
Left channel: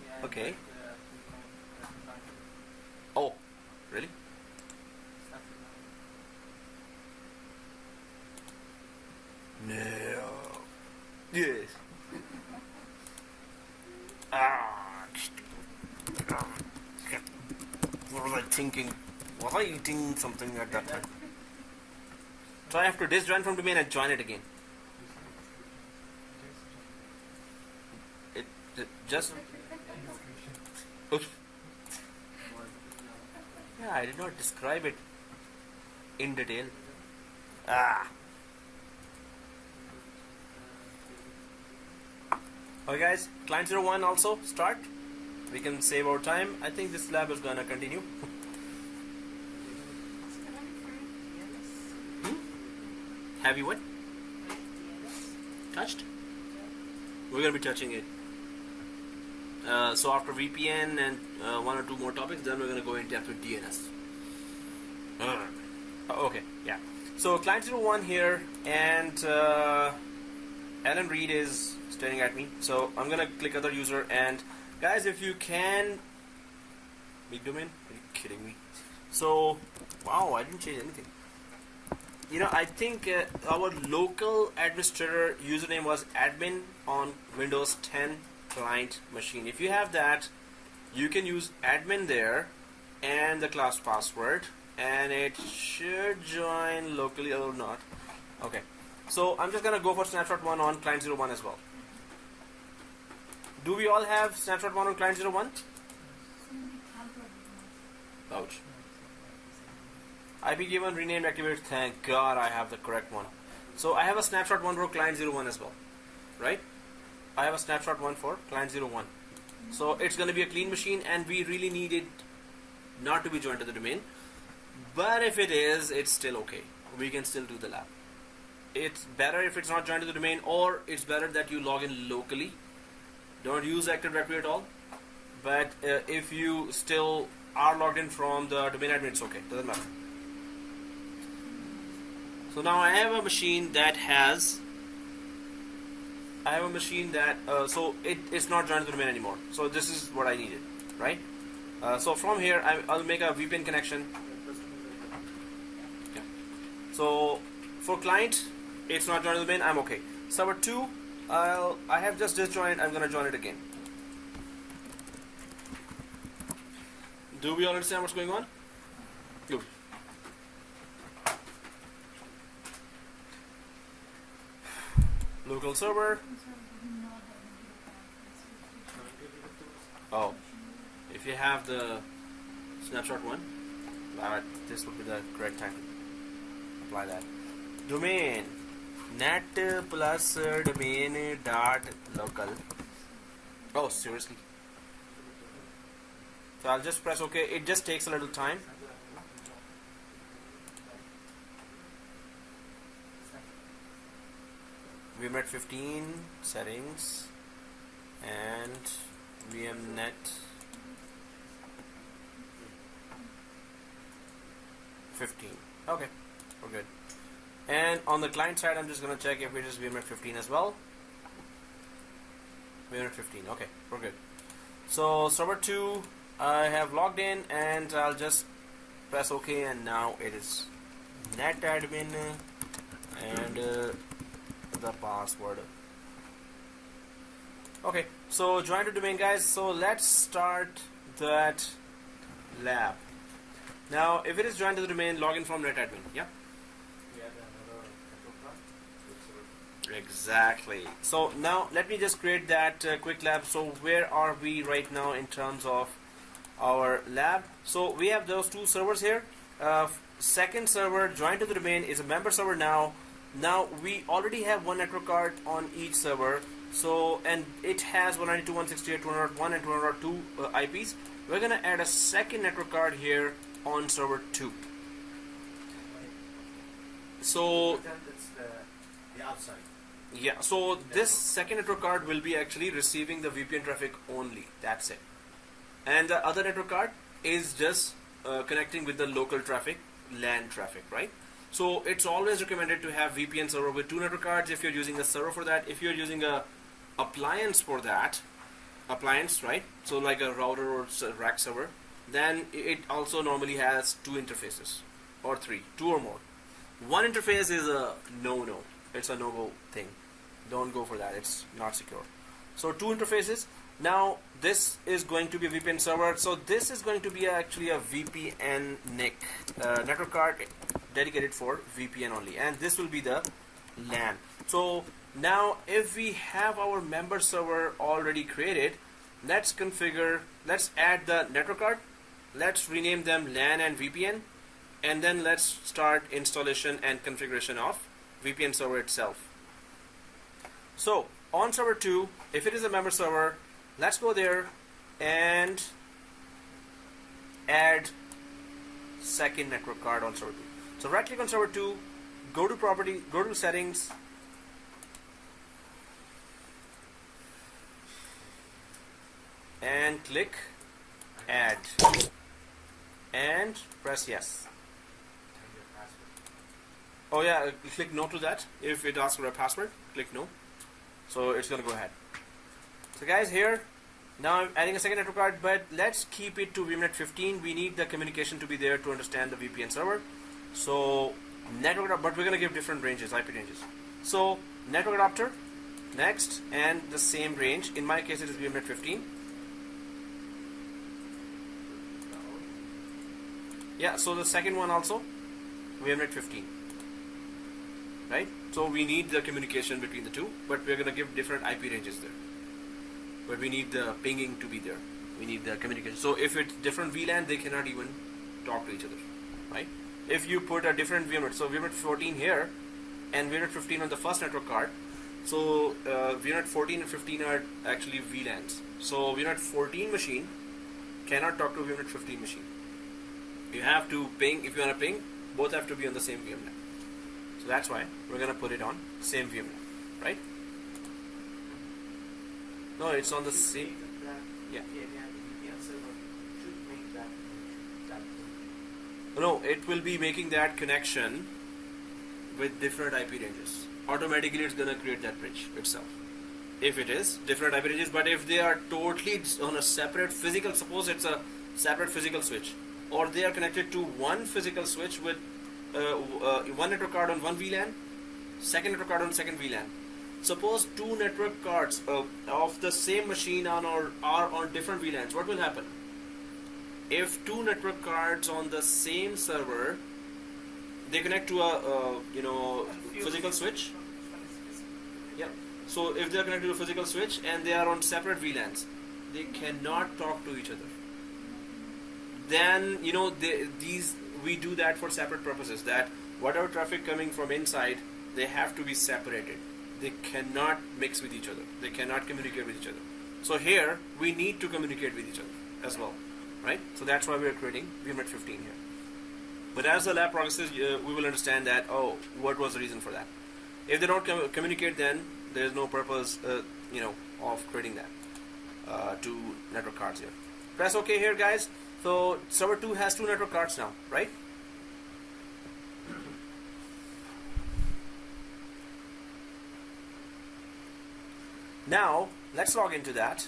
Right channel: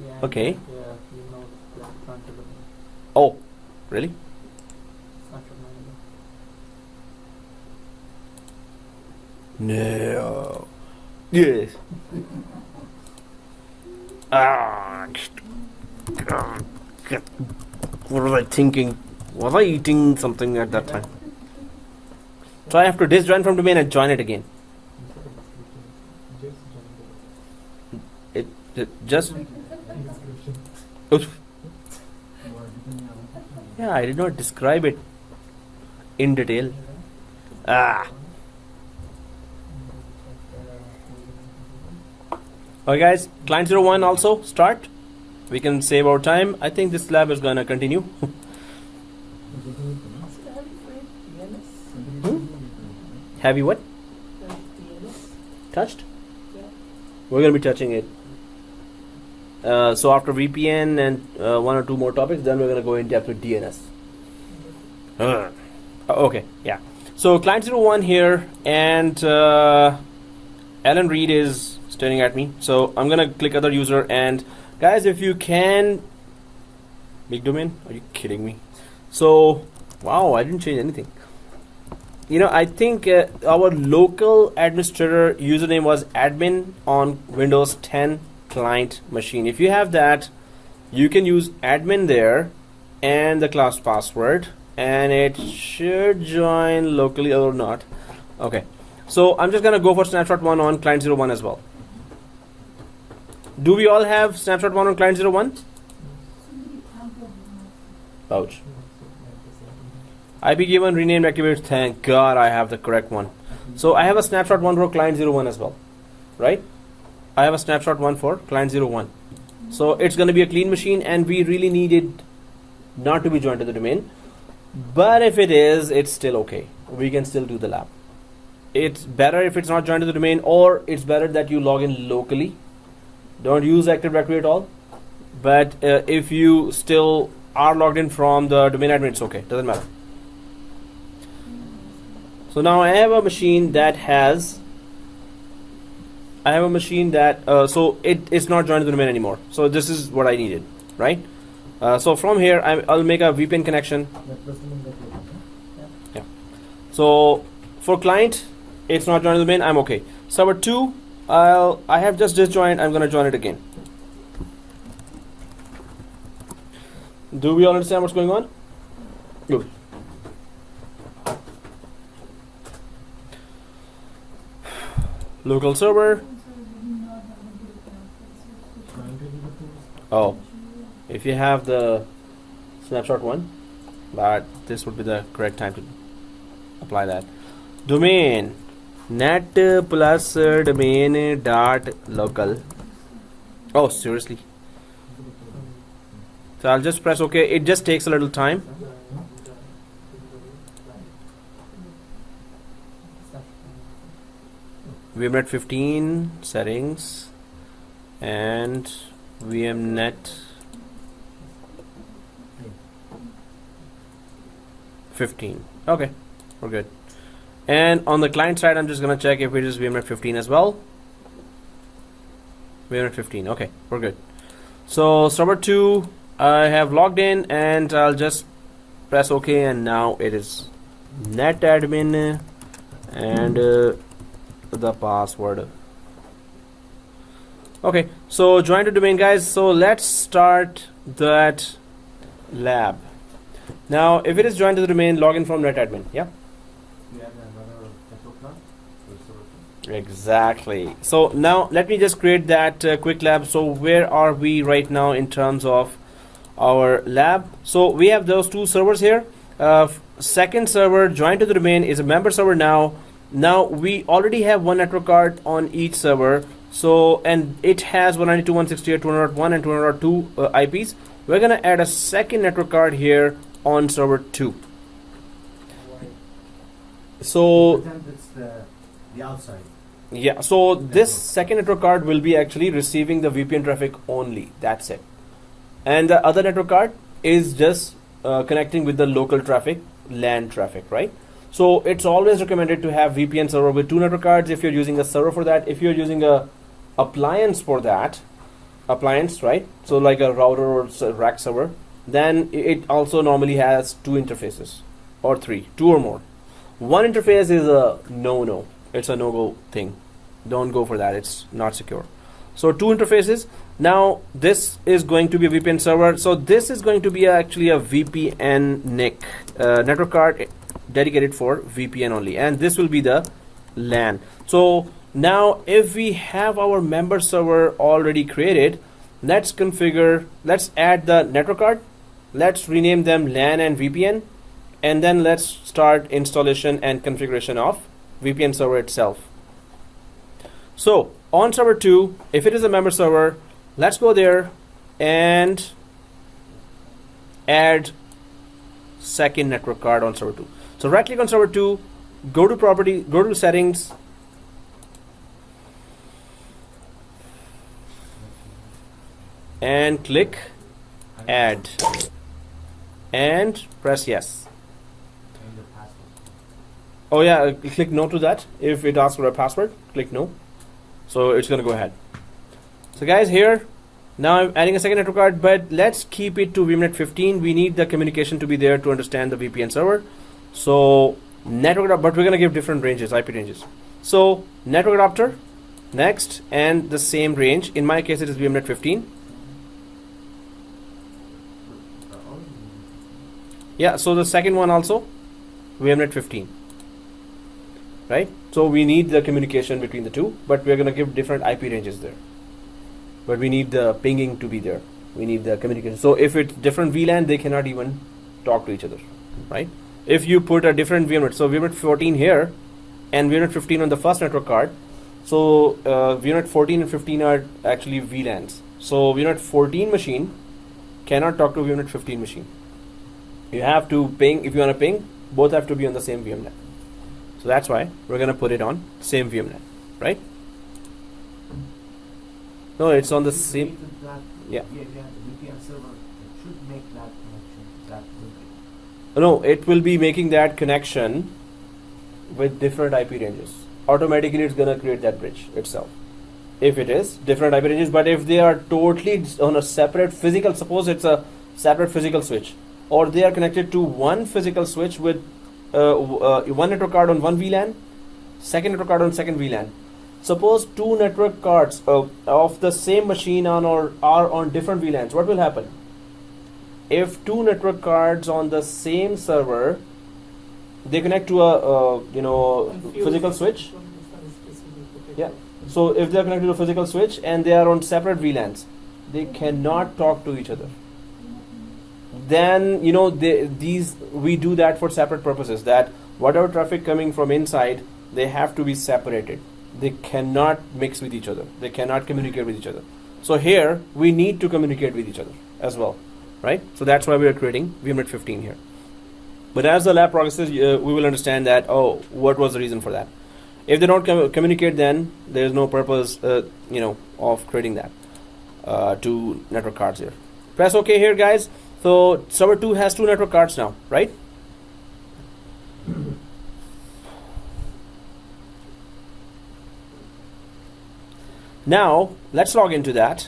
Yeah. Okay. Yeah, you know, yeah, can't do it. Oh, really? After No. Yes. What was I thinking? Was I eating something at that time? So I have to disjoin from domain and join it again. It just. Oops. Yeah, I did not describe it in detail. Okay guys, client 01 also start. We can save our time. I think this lab is gonna continue. Have you what? Touched? We're going to be touching it. So after VPN and one or two more topics, then we're going to go in depth with DNS. Okay, yeah. So client 01 here, and Alan Reed is staring at me. So I'm going to click other user, and guys, if you can, big domain, are you kidding me? So, wow, I didn't change anything. You know, I think our local administrator username was admin on Windows 10 client machine. If you have that, you can use admin there and the class password, and it should join locally or not. Okay, so I'm just gonna go for snapshot 1 on client 01 as well. Do we all have snapshot 1 on client 01? Ouch. IP given, renamed, activated. Thank God I have the correct one. So I have a snapshot 1 for client 01 as well, right? I have a snapshot 1 for client 01. So it's going to be a clean machine, and we really need it not to be joined to the domain. But if it is, it's still okay. We can still do the lab. It's better if it's not joined to the domain, or it's better that you log in locally. Don't use Active Directory at all. But if you still are logged in from the domain admin, it's okay. Doesn't matter. So now I have a machine that has, so it's not joined to the domain anymore. So this is what I needed, right? So from here, I'll make a VPN connection. Yeah. So for client, it's not joined to the domain. I'm okay. Server 2, I have just disjoined. I'm going to join it again. Do we all understand what's going on? Good. Local server. Oh, if you have the snapshot 1, but this would be the correct time to apply that. Domain Netplus domain dot local. Oh, seriously? So I'll just press OK. It just takes a little time. VMnet 15 settings and VMnet 15. Okay, we're good. And on the client side, I'm just gonna check if it is VMnet 15 as well. VMnet 15. Okay, we're good. So server 2, I have logged in, and I'll just press OK, and now it is netadmin and the password. Okay, so join the domain, guys. So let's start that lab. Now, if it is joined to the domain, log in from netadmin. Yeah. We had another network plan. Exactly. So now let me just create that quick lab. So where are we right now in terms of our lab? So we have those two servers here. Second server joined to the domain is a member server now. Now we already have one network card on each server. So, and it has 192.168.200.1 and 200.2 IPs. We're gonna add a second network card here on server 2. So Pretend it's the outside. yeah, so this second network card will be actually receiving the VPN traffic only. That's it. And the other network card is just connecting with the local traffic, LAN traffic, right? So it's always recommended to have VPN server with 2 network cards if you're using a server for that. If you're using a appliance for that, right? So like a router or rack server, then it also normally has 2 interfaces or 3, 2 or more. One interface is a no-no. It's a no-go thing. Don't go for that. It's not secure. So 2 interfaces. Now this is going to be a VPN server. So this is going to be actually a VPN NIC network card dedicated for VPN only, and this will be the LAN. So now if we have our member server already created, let's add the network card, let's rename them LAN and VPN, and then let's start installation and configuration of VPN server itself. So on server 2, if it is a member server, let's go there and add second network card on server 2. So right click on server 2, go to property, go to settings, and click add and press yes. Change the password. Oh yeah, click no to that. If it asks for a password, click no. So it's going to go ahead. So guys, here now I'm adding a second network card, but let's keep it to VMnet 15. We need the communication to be there to understand the VPN server. So network, but we're going to give different ranges, IP ranges. So network adapter next, and the same range. In my case, it is VMnet 15. Yeah, so the second one also VMnet 15, right? So we need the communication between the two, but we're going to give different IP ranges there. But we need the pinging to be there. We need the communication. So if it's different VLAN, they cannot even talk to each other, right? If you put a different VMnet, so VMnet 14 here and VMnet 15 on the first network card, so VMnet 14 and 15 are actually VLANs. So VMnet 14 machine cannot talk to VMnet 15 machine. You have to ping, if you want to ping, both have to be on the same VMnet. So that's why we're going to put it on same VMnet, right? No, it's on the same. Yeah. VPN server should make that connection that way. No, it will be making that connection with different IP ranges. Automatically, it's going to create that bridge itself. If it is different IP ranges, but if they are totally on a separate physical, suppose it's a separate physical switch, or they are connected to one physical switch with one network card on one VLAN, second network card on second VLAN. Suppose two network cards of the same machine are on different VLANs. What will happen? If two network cards on the same server, they connect to a physical switch. Yeah. So if they are connected to a physical switch and they are on separate VLANs, they cannot talk to each other. Then we do that for separate purposes. That whatever traffic coming from inside, they have to be separated. They cannot mix with each other. They cannot communicate with each other. So here we need to communicate with each other as well, right? So that's why we are creating VMnet 15 here. But as the lab progresses, we will understand that what was the reason for that. If they don't communicate, then there is no purpose, of creating that two network cards here. Press OK here, guys. So server 2 has two network cards now, right? Now let's log into that.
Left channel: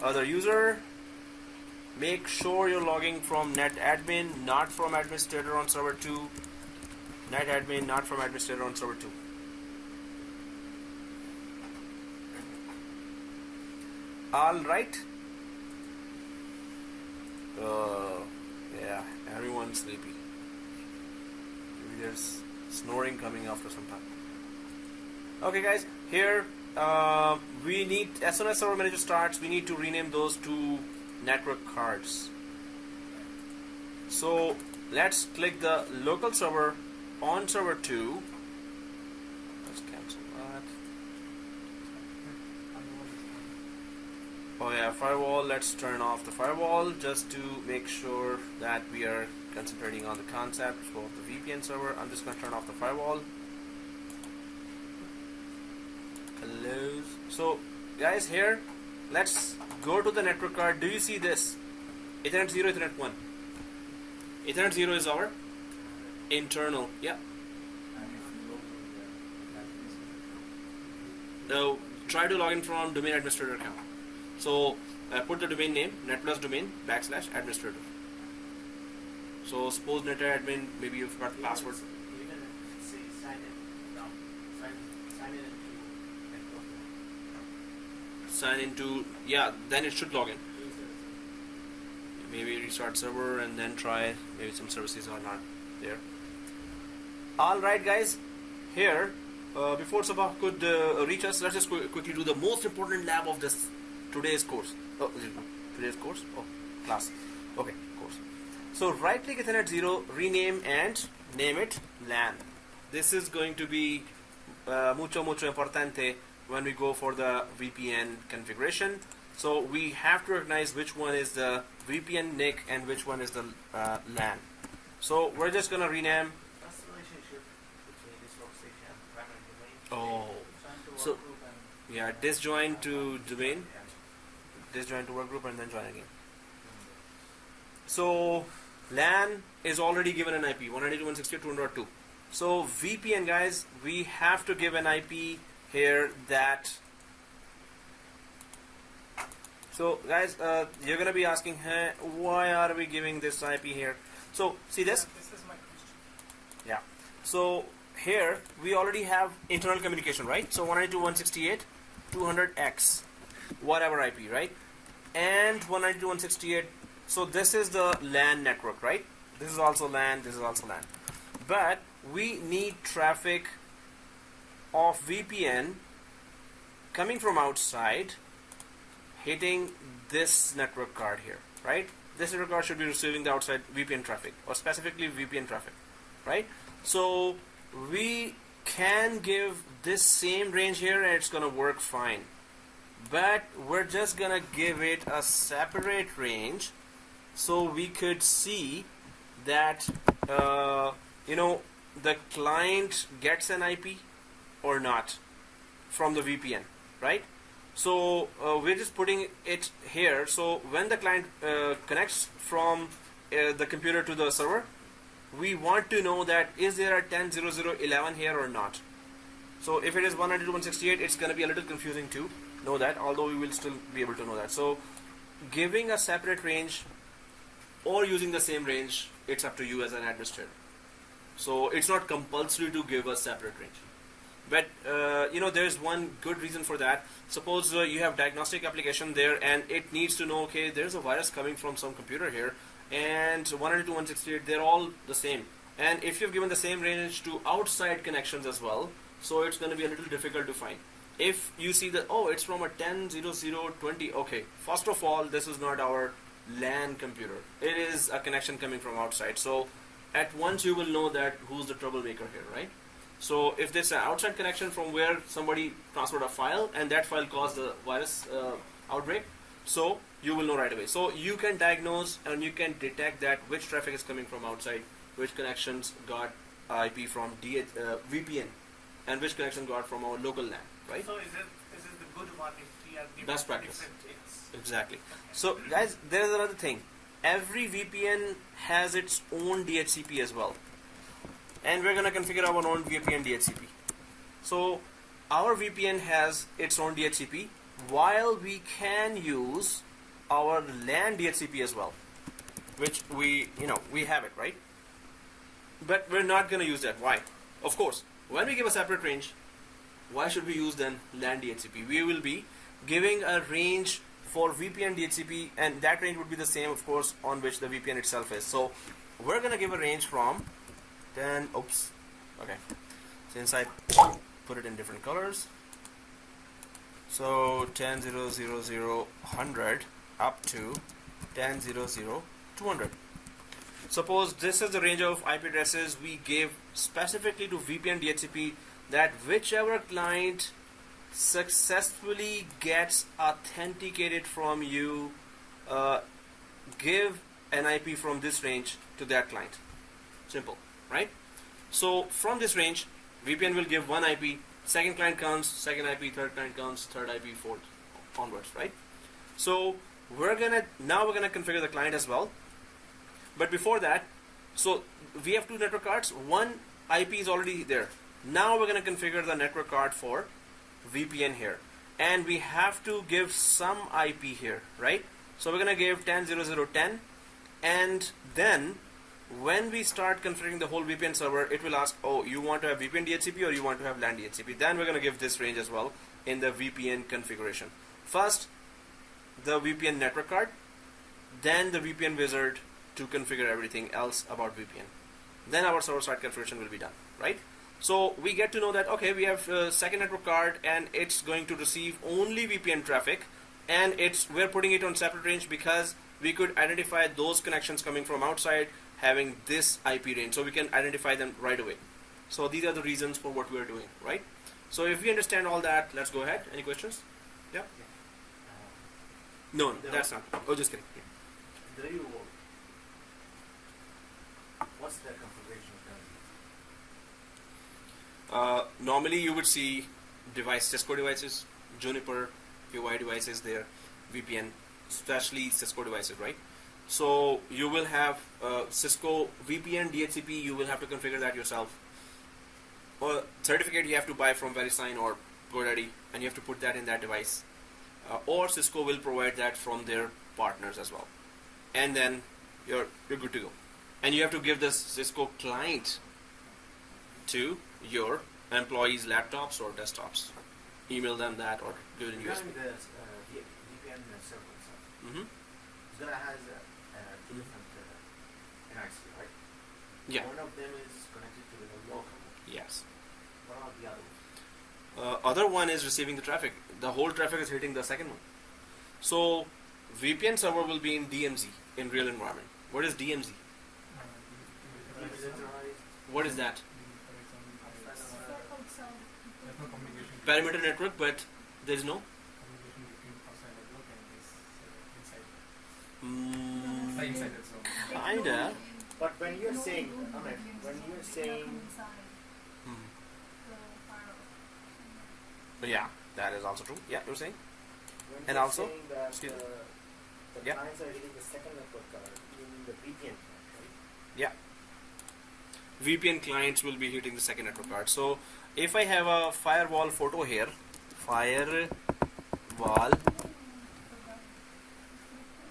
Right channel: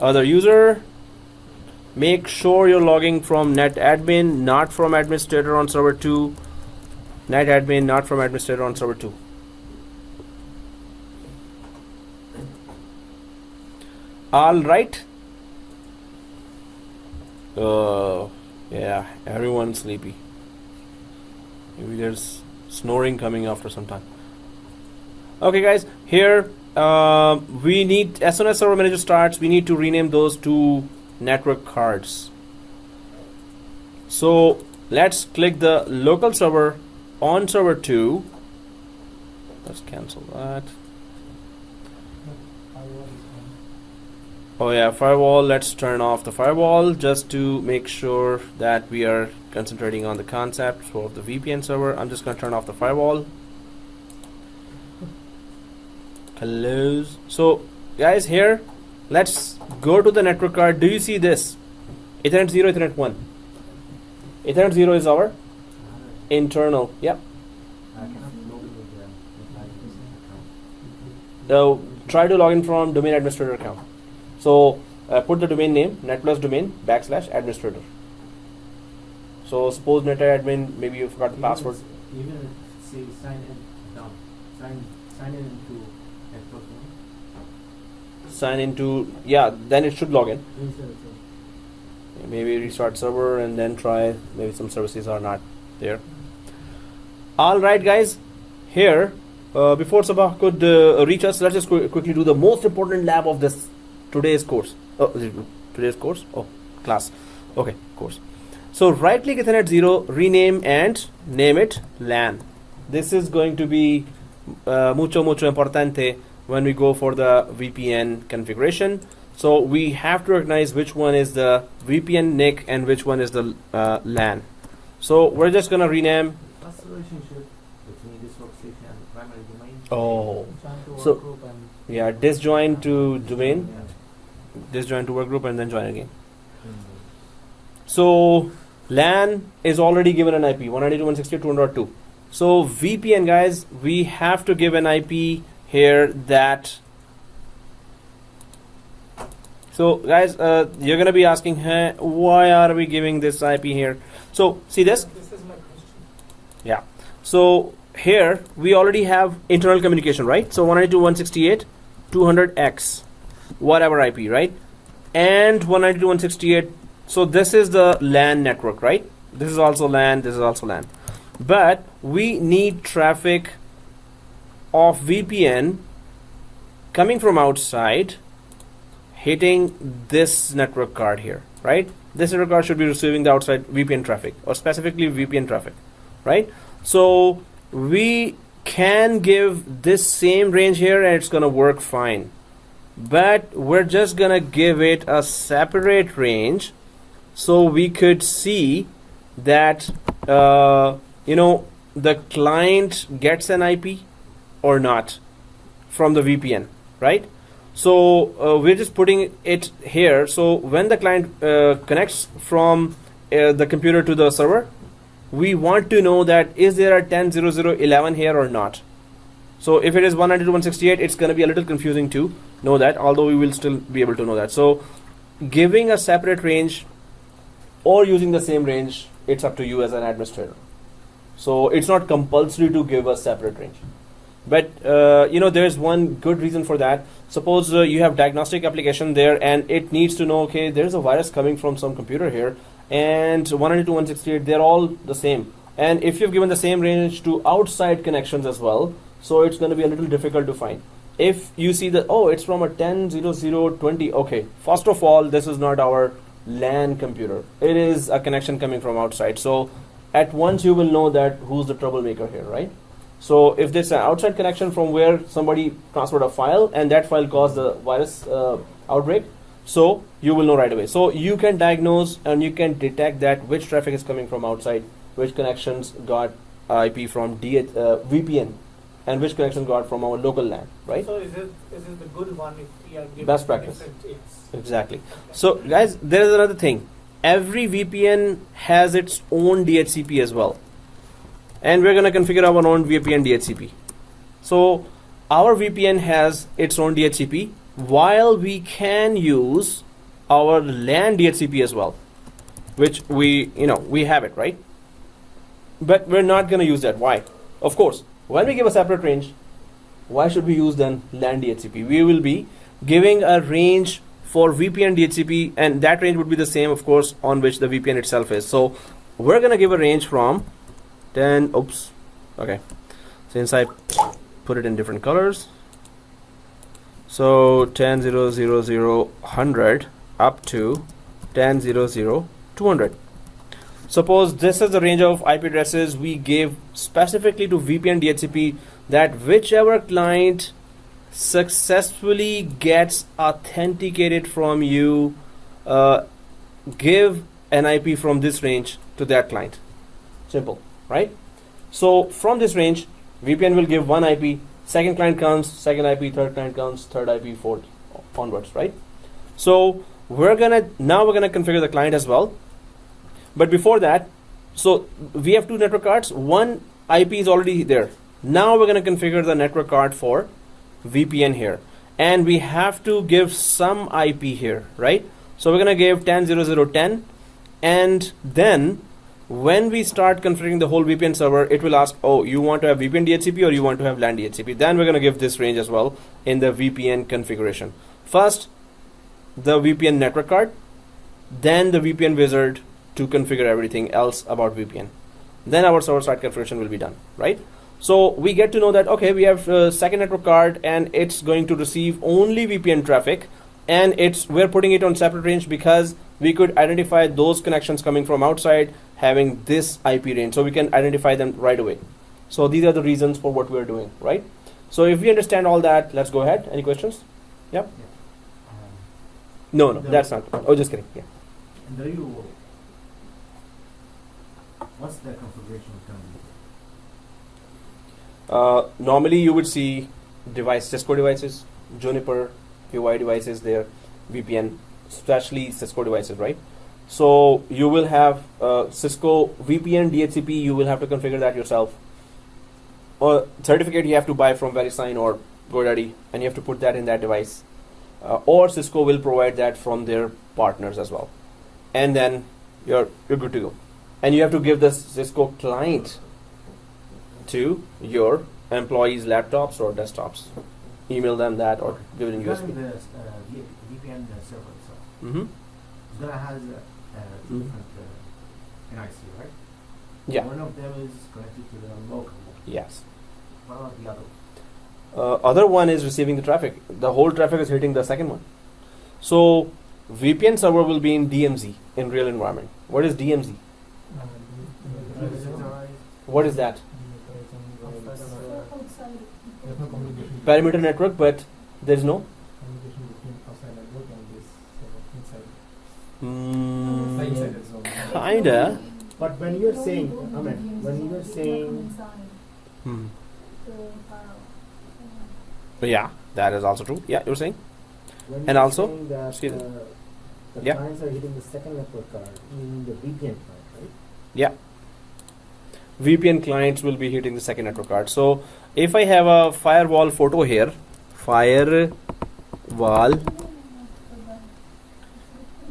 Other user. Make sure you're logging from netadmin, not from administrator on server 2. Netadmin, not from administrator on server 2. All right. Yeah, everyone's sleepy. Maybe there's snoring coming after some time. Okay, guys, here we need, as soon as server manager starts, we need to rename those two network cards. So let's click the local server on server 2. Let's cancel that. Oh yeah, firewall. Let's turn off the firewall just to make sure that we are concentrating on the concept of the VPN server. I'm just going to turn off the firewall. Close. So guys, here let's go to the network card. Do you see this? Ethernet 0, Ethernet 1. Ethernet 0 is our internal. Yep. So try to log in from domain administrator account. So put the domain name Netplus domain /administrator. So suppose netadmin, maybe you forgot the password. Even if say sign in down, sign in into Netplus. Sign into, yeah, then it should log in. Maybe restart server and then try. Maybe some services are not there. All right, guys. Here, before Sabah could reach us, let's just quickly do the most important lab of this today's course. Today's course? Oh, class. Okay, course. So right click Ethernet 0, rename and name it LAN. This is going to be mucho importante when we go for the VPN configuration. So we have to recognize which one is the VPN NIC and which one is the LAN. So we're just going to rename. What's the relationship between this workstation and the primary domain? Oh, Trying to So- work group and yeah, disjoin to domain, Yeah. disjoin to workgroup, and then join again. Mm. So LAN is already given an IP 192.168.2.2. So VPN, guys, we have to give an IP here that. So guys, you're gonna be asking, hey, why are we giving this IP here? So see this. This is my question. Yeah. So here we already have internal communication, right? So 192.168.200x, whatever IP, right? And 192.168. So this is the LAN network, right? This is also LAN. This is also LAN. But we need traffic of VPN coming from outside, hitting this network card here, right? This network card should be receiving the outside VPN traffic, or specifically VPN traffic, right? So we can give this same range here and it's gonna work fine, but we're just gonna give it a separate range so we could see that the client gets an IP or not from the VPN, right? So we're just putting it here. So when the client connects from the computer to the server, we want to know that is there a 10.0.0.11 here or not. So if it is 192.168, it's going to be a little confusing to know that, although we will still be able to know that. So giving a separate range or using the same range, it's up to you as an administrator. So it's not compulsory to give a separate range. But there's one good reason for that. Suppose you have diagnostic application there and it needs to know, okay, there's a virus coming from some computer here, and 192.168, they're all the same. And if you've given the same range to outside connections as well, so it's going to be a little difficult to find. If you see that, oh, it's from a 10.0.0.20, okay, first of all, this is not our LAN computer. It is a connection coming from outside. So at once you will know that who's the troublemaker here, right? So if there's an outside connection from where somebody transferred a file and that file caused the virus outbreak, so you will know right away. So you can diagnose and you can detect that which traffic is coming from outside, which connections got IP from VPN, and which connection got from our local LAN, right? So is it the good one if we are giving Best practice. different tips? Exactly. So guys, there is another thing. Every VPN has its own DHCP as well. And we're going to configure our own VPN DHCP. So our VPN has its own DHCP, while we can use our LAN DHCP as well, which we have it, right? But we're not going to use that. Why? Of course, when we give a separate range, why should we use then LAN DHCP? We will be giving a range for VPN DHCP, and that range would be the same, of course, on which the VPN itself is. So we're going to give a range from 10, since I put it in different colors, so 10.0.0.0.100 up to 10.0.0.200. Suppose this is the range of IP addresses we gave specifically to VPN DHCP, that whichever client successfully gets authenticated from you, give an IP from this range to that client. Simple. Right? So from this range, VPN will give one IP, second client counts, second IP, third client counts, third IP, fourth onwards, right? So we're gonna configure the client as well. But before that, so we have two network cards, one IP is already there. Now we're gonna configure the network card for VPN here. And we have to give some IP here, right? So we're gonna give 10.0.0.10, and then when we start configuring the whole VPN server, it will ask, oh, you want to have VPN DHCP or you want to have LAN DHCP? Then we're going to give this range as well in the VPN configuration. First, the VPN network card, then the VPN wizard to configure everything else about VPN. Then our server-side configuration will be done, right? So we get to know that, okay, we have a second network card and it's going to receive only VPN traffic, and we're putting it on separate range because we could identify those connections coming from outside having this IP range, so we can identify them right away. So these are the reasons for what we're doing, right? So if we understand all that, let's go ahead. Any questions? Yeah? No, that's not. Oh, just kidding. Yeah. What's the configuration Normally you would see Cisco devices, Juniper, PY devices there, VPN, especially Cisco devices, right? So you will have Cisco VPN DHCP. You will have to configure that yourself. Or certificate you have to buy from VeriSign or GoDaddy, and you have to put that in that device. Or Cisco will provide that from their partners as well, and then you're good to go. And you have to give the Cisco client to your employees' laptops or desktops. Email them that or give it in Regarding USB. the VPN server itself, Mm-hmm. it's gonna have different NIC, right? Yeah. One of them is connected to the local. Yes. What about the other? Other one is receiving the traffic. The whole traffic is hitting the second one. So VPN server will be in DMZ, in real environment. What is DMZ? What is that? Outside. There's no communication. Perimeter network, but there is no. Communication between outside network and this inside. Inside the zone. Kinda. But when you're saying, I mean, when you're saying, Hmm. The firewall. Yeah, that is also true. Yeah, you were saying? when And you're also- saying that excuse me. the Yeah. clients are hitting the second network card, you mean the VPN card, right? Yeah. VPN clients will be hitting the second network card. So if I have a firewall photo here, firewall.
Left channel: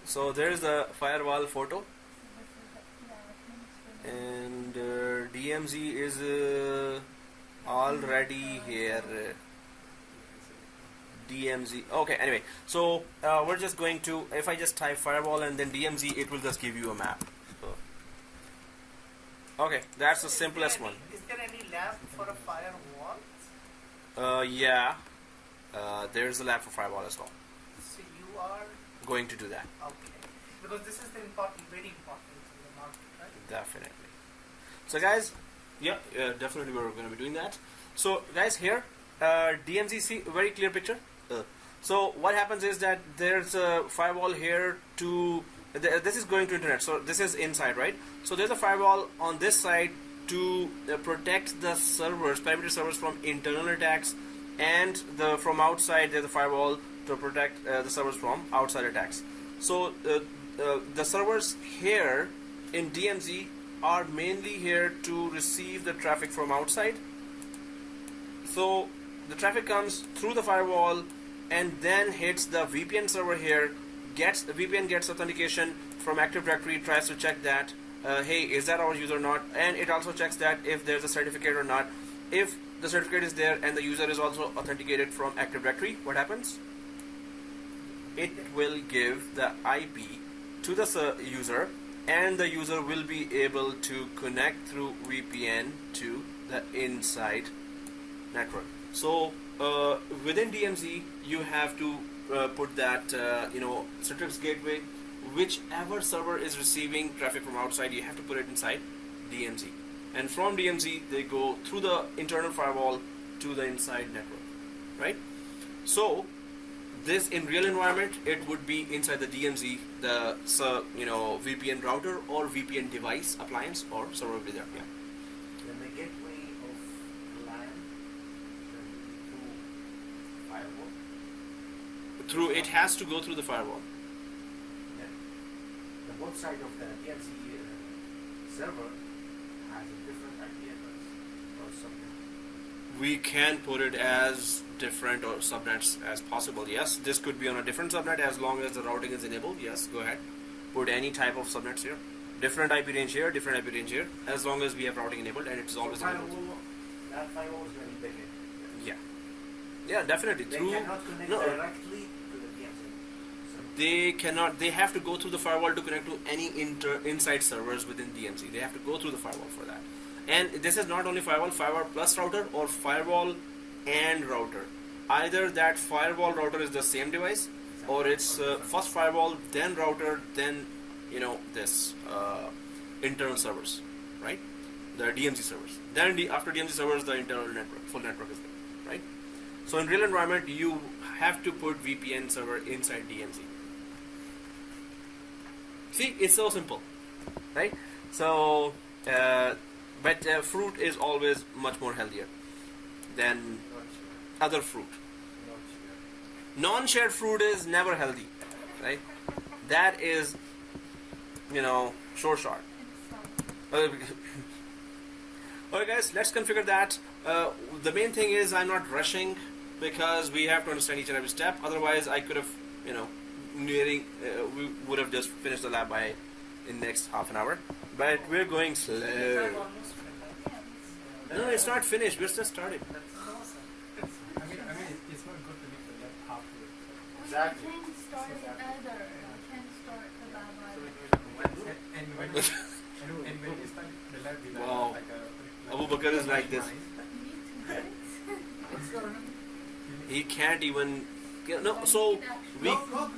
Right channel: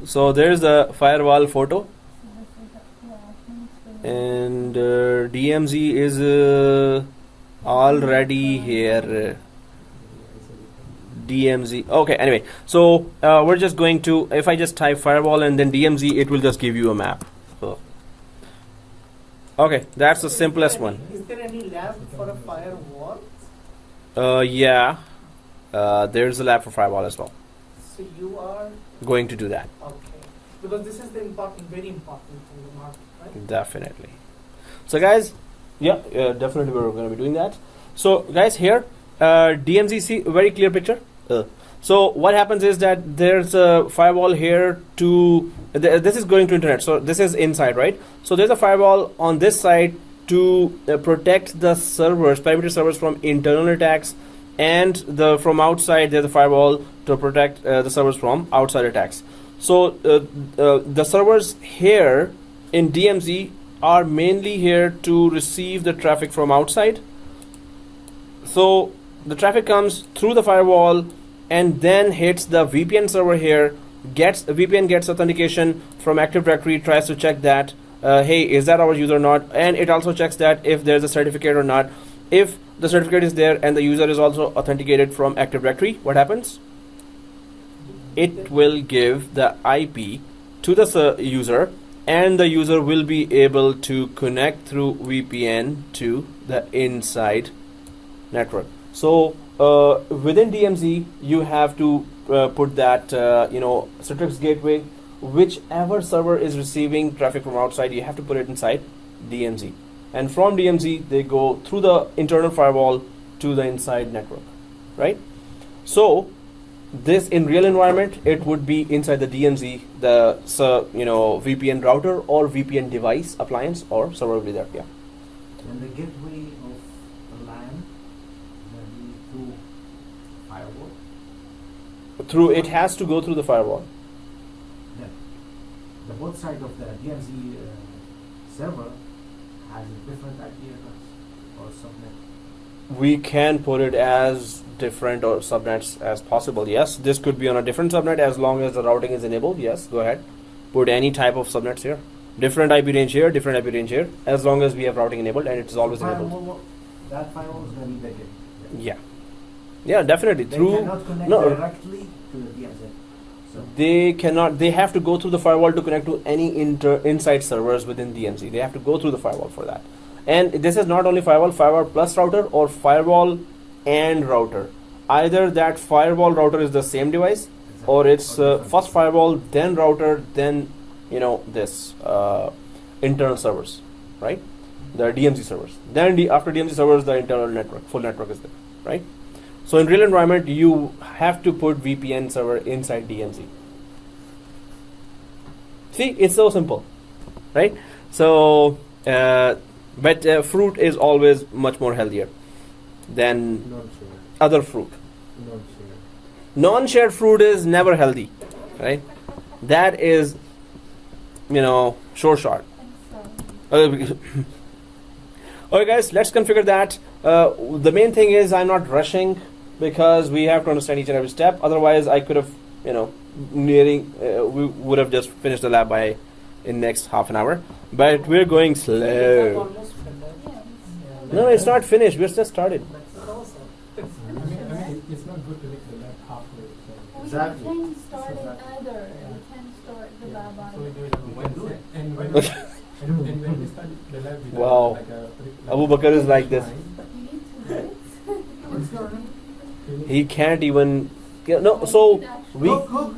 So there's the firewall photo, and DMZ is already here. DMZ. Okay, anyway, so we're just going to, if I just type firewall and then DMZ, it will just give you a map. So, okay, that's the simplest one. Is there any lab for a firewall? Yeah, there's a lab for firewall as well. So you are Going to do that. okay, because this is the important, very important in the market, right? Definitely. So guys, yeah, definitely we're going to be doing that. So guys, here, DMZ, see, very clear picture. So what happens is that there's a firewall here to, this is going to internet. So this is inside, right? So there's a firewall on this side to protect the servers, perimeter servers from internal attacks, and from outside there's a firewall to protect the servers from outside attacks. So the servers here in DMZ are mainly here to receive the traffic from outside. So the traffic comes through the firewall and then hits the VPN server here. VPN gets authentication from Active Directory, tries to check that hey, is that our user or not, and it also checks that if there's a certificate or not. If the certificate is there and the user is also authenticated from Active Directory, what happens? It will give the IP to the user, and the user will be able to connect through VPN to the inside network. So within DMZ, you have to put that Citrix gateway, whichever server is receiving traffic from outside, you have to put it inside DMZ. And from DMZ, they go through the internal firewall to the inside network, right? So this in real environment, it would be inside the DMZ, the VPN router or VPN device, appliance or server will be there. Yeah. When the gateway of the line, then through firewall, Through it has to go through the firewall. then the both side of the DMZ server has a different IP address or subnet. We can put it as different or subnets as possible. Yes, this could be on a different subnet as long as the routing is enabled. Yes, go ahead. Put any type of subnets here. Different IP range here, different IP range here, as long as we have routing enabled and it is always enabled. Firewall, that firewall is going to be the gateway. Yeah. Yeah, definitely. They Through cannot connect no, directly to the DMZ. So they cannot. They have to go through the firewall to connect to any inside servers within DMZ. They have to go through the firewall for that. And this is not only firewall plus router, or firewall and router. Either that firewall router is the same device, or it's first firewall, then router, then this internal servers, right? The DMZ servers. Then after DMZ servers, the internal network, full network is there, right? So in real environment, you have to put VPN server inside DMZ. See, it's so simple, right? So, but fruit is always much more healthier. than Not sure. other fruit. Not sure. Non-shared fruit is never healthy, right? That is, sure shot. Okay, guys, let's configure that. The main thing is I'm not rushing because we have to understand each and every step. Otherwise, I could have, we would have just finished the lab by in next half an hour. But we're going Is that slow. almost finished? No, it's not finished. We're just started. That's awesome. I mean, it's not good to make the lab halfway. So. Exactly. We can start it either. We can start the lab So we either. do it on Wednesday. And when Okay. and when we start the lab, we Wow. like a Abu Bakr is like this. Me too, right? What's going on? He can't even. No, so we. Which code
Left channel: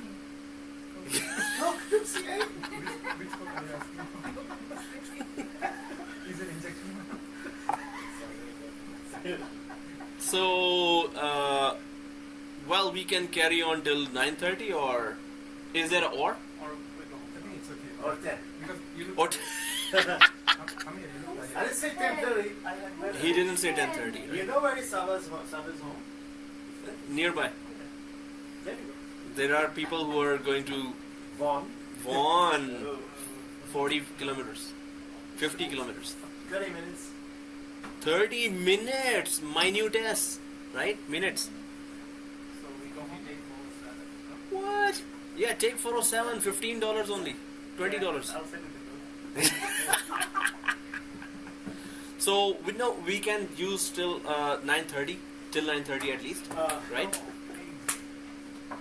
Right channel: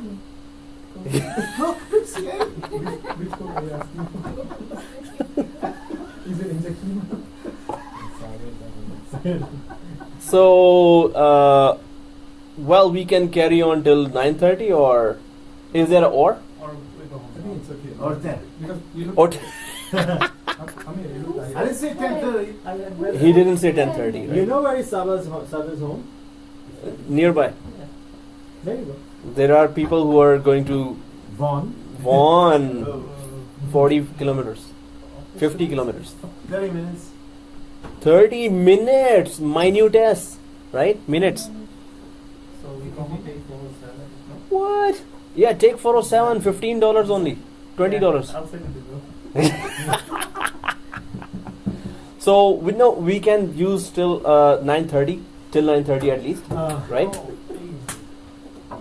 are you asking? Is it injection? So, well, we can carry on till 9:30, or is there a or? Or we go home. I think it's okay. Or 10. Because you look. Or I mean, you look like. I didn't say 10:30. I went better. he didn't say 10:30. You know where is Saba's home? Nearby, There you go. there are people who are going to Vaughan. Vaughan, 40 kilometers, 50 kilometers, 30 minutes. 30 minutes. Minute, right? Minutes. So we can take photos. What? Yeah, take 407. $15 only. $20. I'll send it to you. So we know we can use till 9:30, till 9:30 at least, right? Oh, please.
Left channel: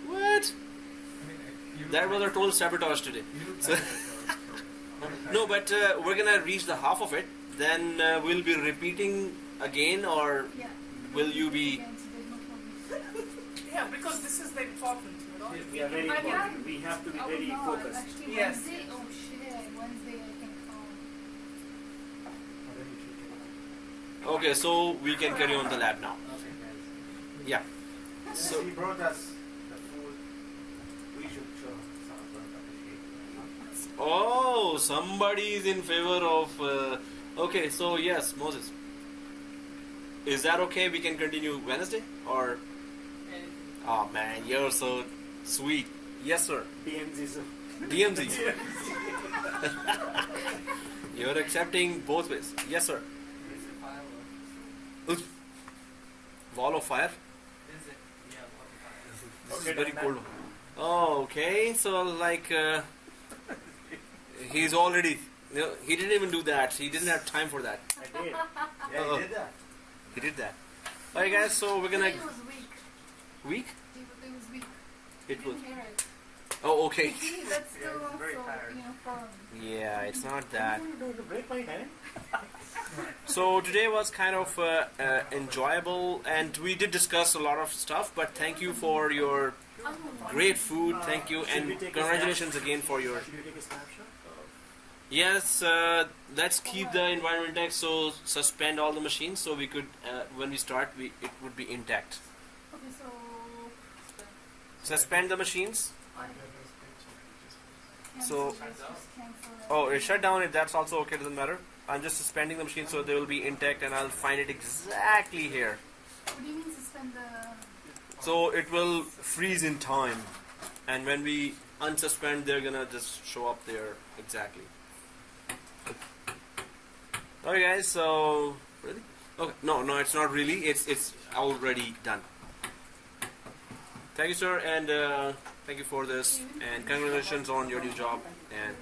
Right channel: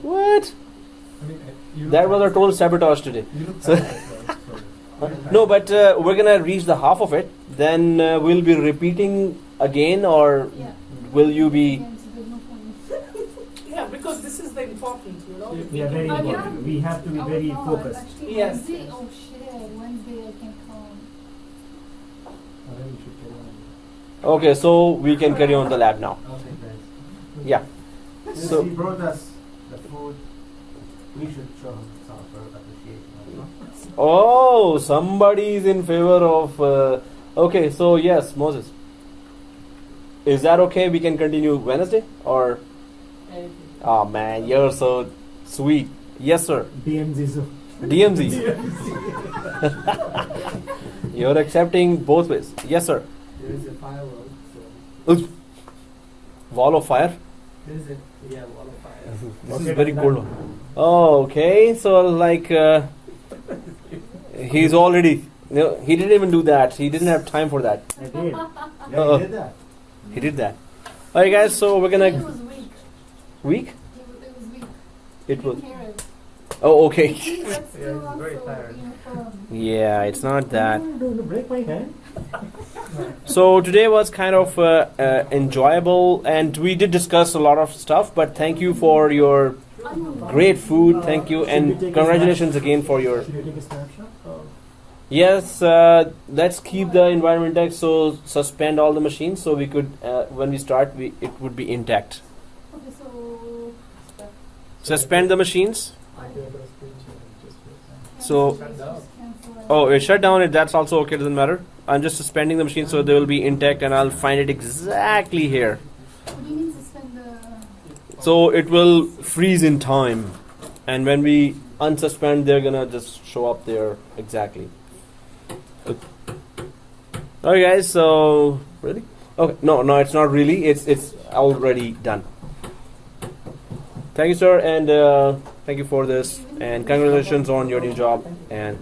What? I mean, you look That was like- our total sabotage today. You look So- tired as well, so- No, but we're gonna reach the half of it. Then we'll be repeating again, or Yeah. will you be? Against the movement. Yeah, because this is the important, We are very I important. can- We have to be Oh, very no, focused. Actually, Yes. Wednesday, oh shit, Wednesday I can come. I think you should carry on. Okay, so we can carry on the lab now. Okay, then. Yeah. Since So- he brought us the food, we should show him some sort of appreciation. Oh, somebody is in favor of. Okay, so yes, Moses. Is that okay? We can continue Wednesday, or? Oh man, you're so sweet. Yes, sir. DMZ's. DMZ. You're accepting both ways. Yes, sir. There is a firework. Oof. Wall of fire. There is a wall of fire. This Okay, is very done. cold one. Oh, okay. So like, he's already. No, he didn't even do that. He didn't have time for that. I did. Yeah, Uh-oh. he did that. He did that. All right, guys. So we're It gonna was weak. week. It was weak. It You was. can hear it. Oh, okay. See, that's Yeah, still it's very also tired. uniform. Yeah, it's not that. I'm going to break my hand. So today was kind of enjoyable, and we did discuss a lot of stuff. But thank you for your great food. Thank you, and congratulations again for your. Should you take a snapshot? Yes, let's keep the environment intact. So suspend all the machines, so we could, when we start, it would be intact. Okay, so Suspend the machines. I do have a screenshot. Just So- cancel. Oh, it shut down. That's also okay. Doesn't matter. I'm just suspending the machine, so they will be intact, and I'll find it exactly here. What do you mean suspend the? So it will freeze in time, and when we unsuspend, they're gonna just show up there exactly. Okay, guys. So really? Okay, no, it's not really. It's already done. Thank you, sir, and thank you for this, and congratulations on your new job. And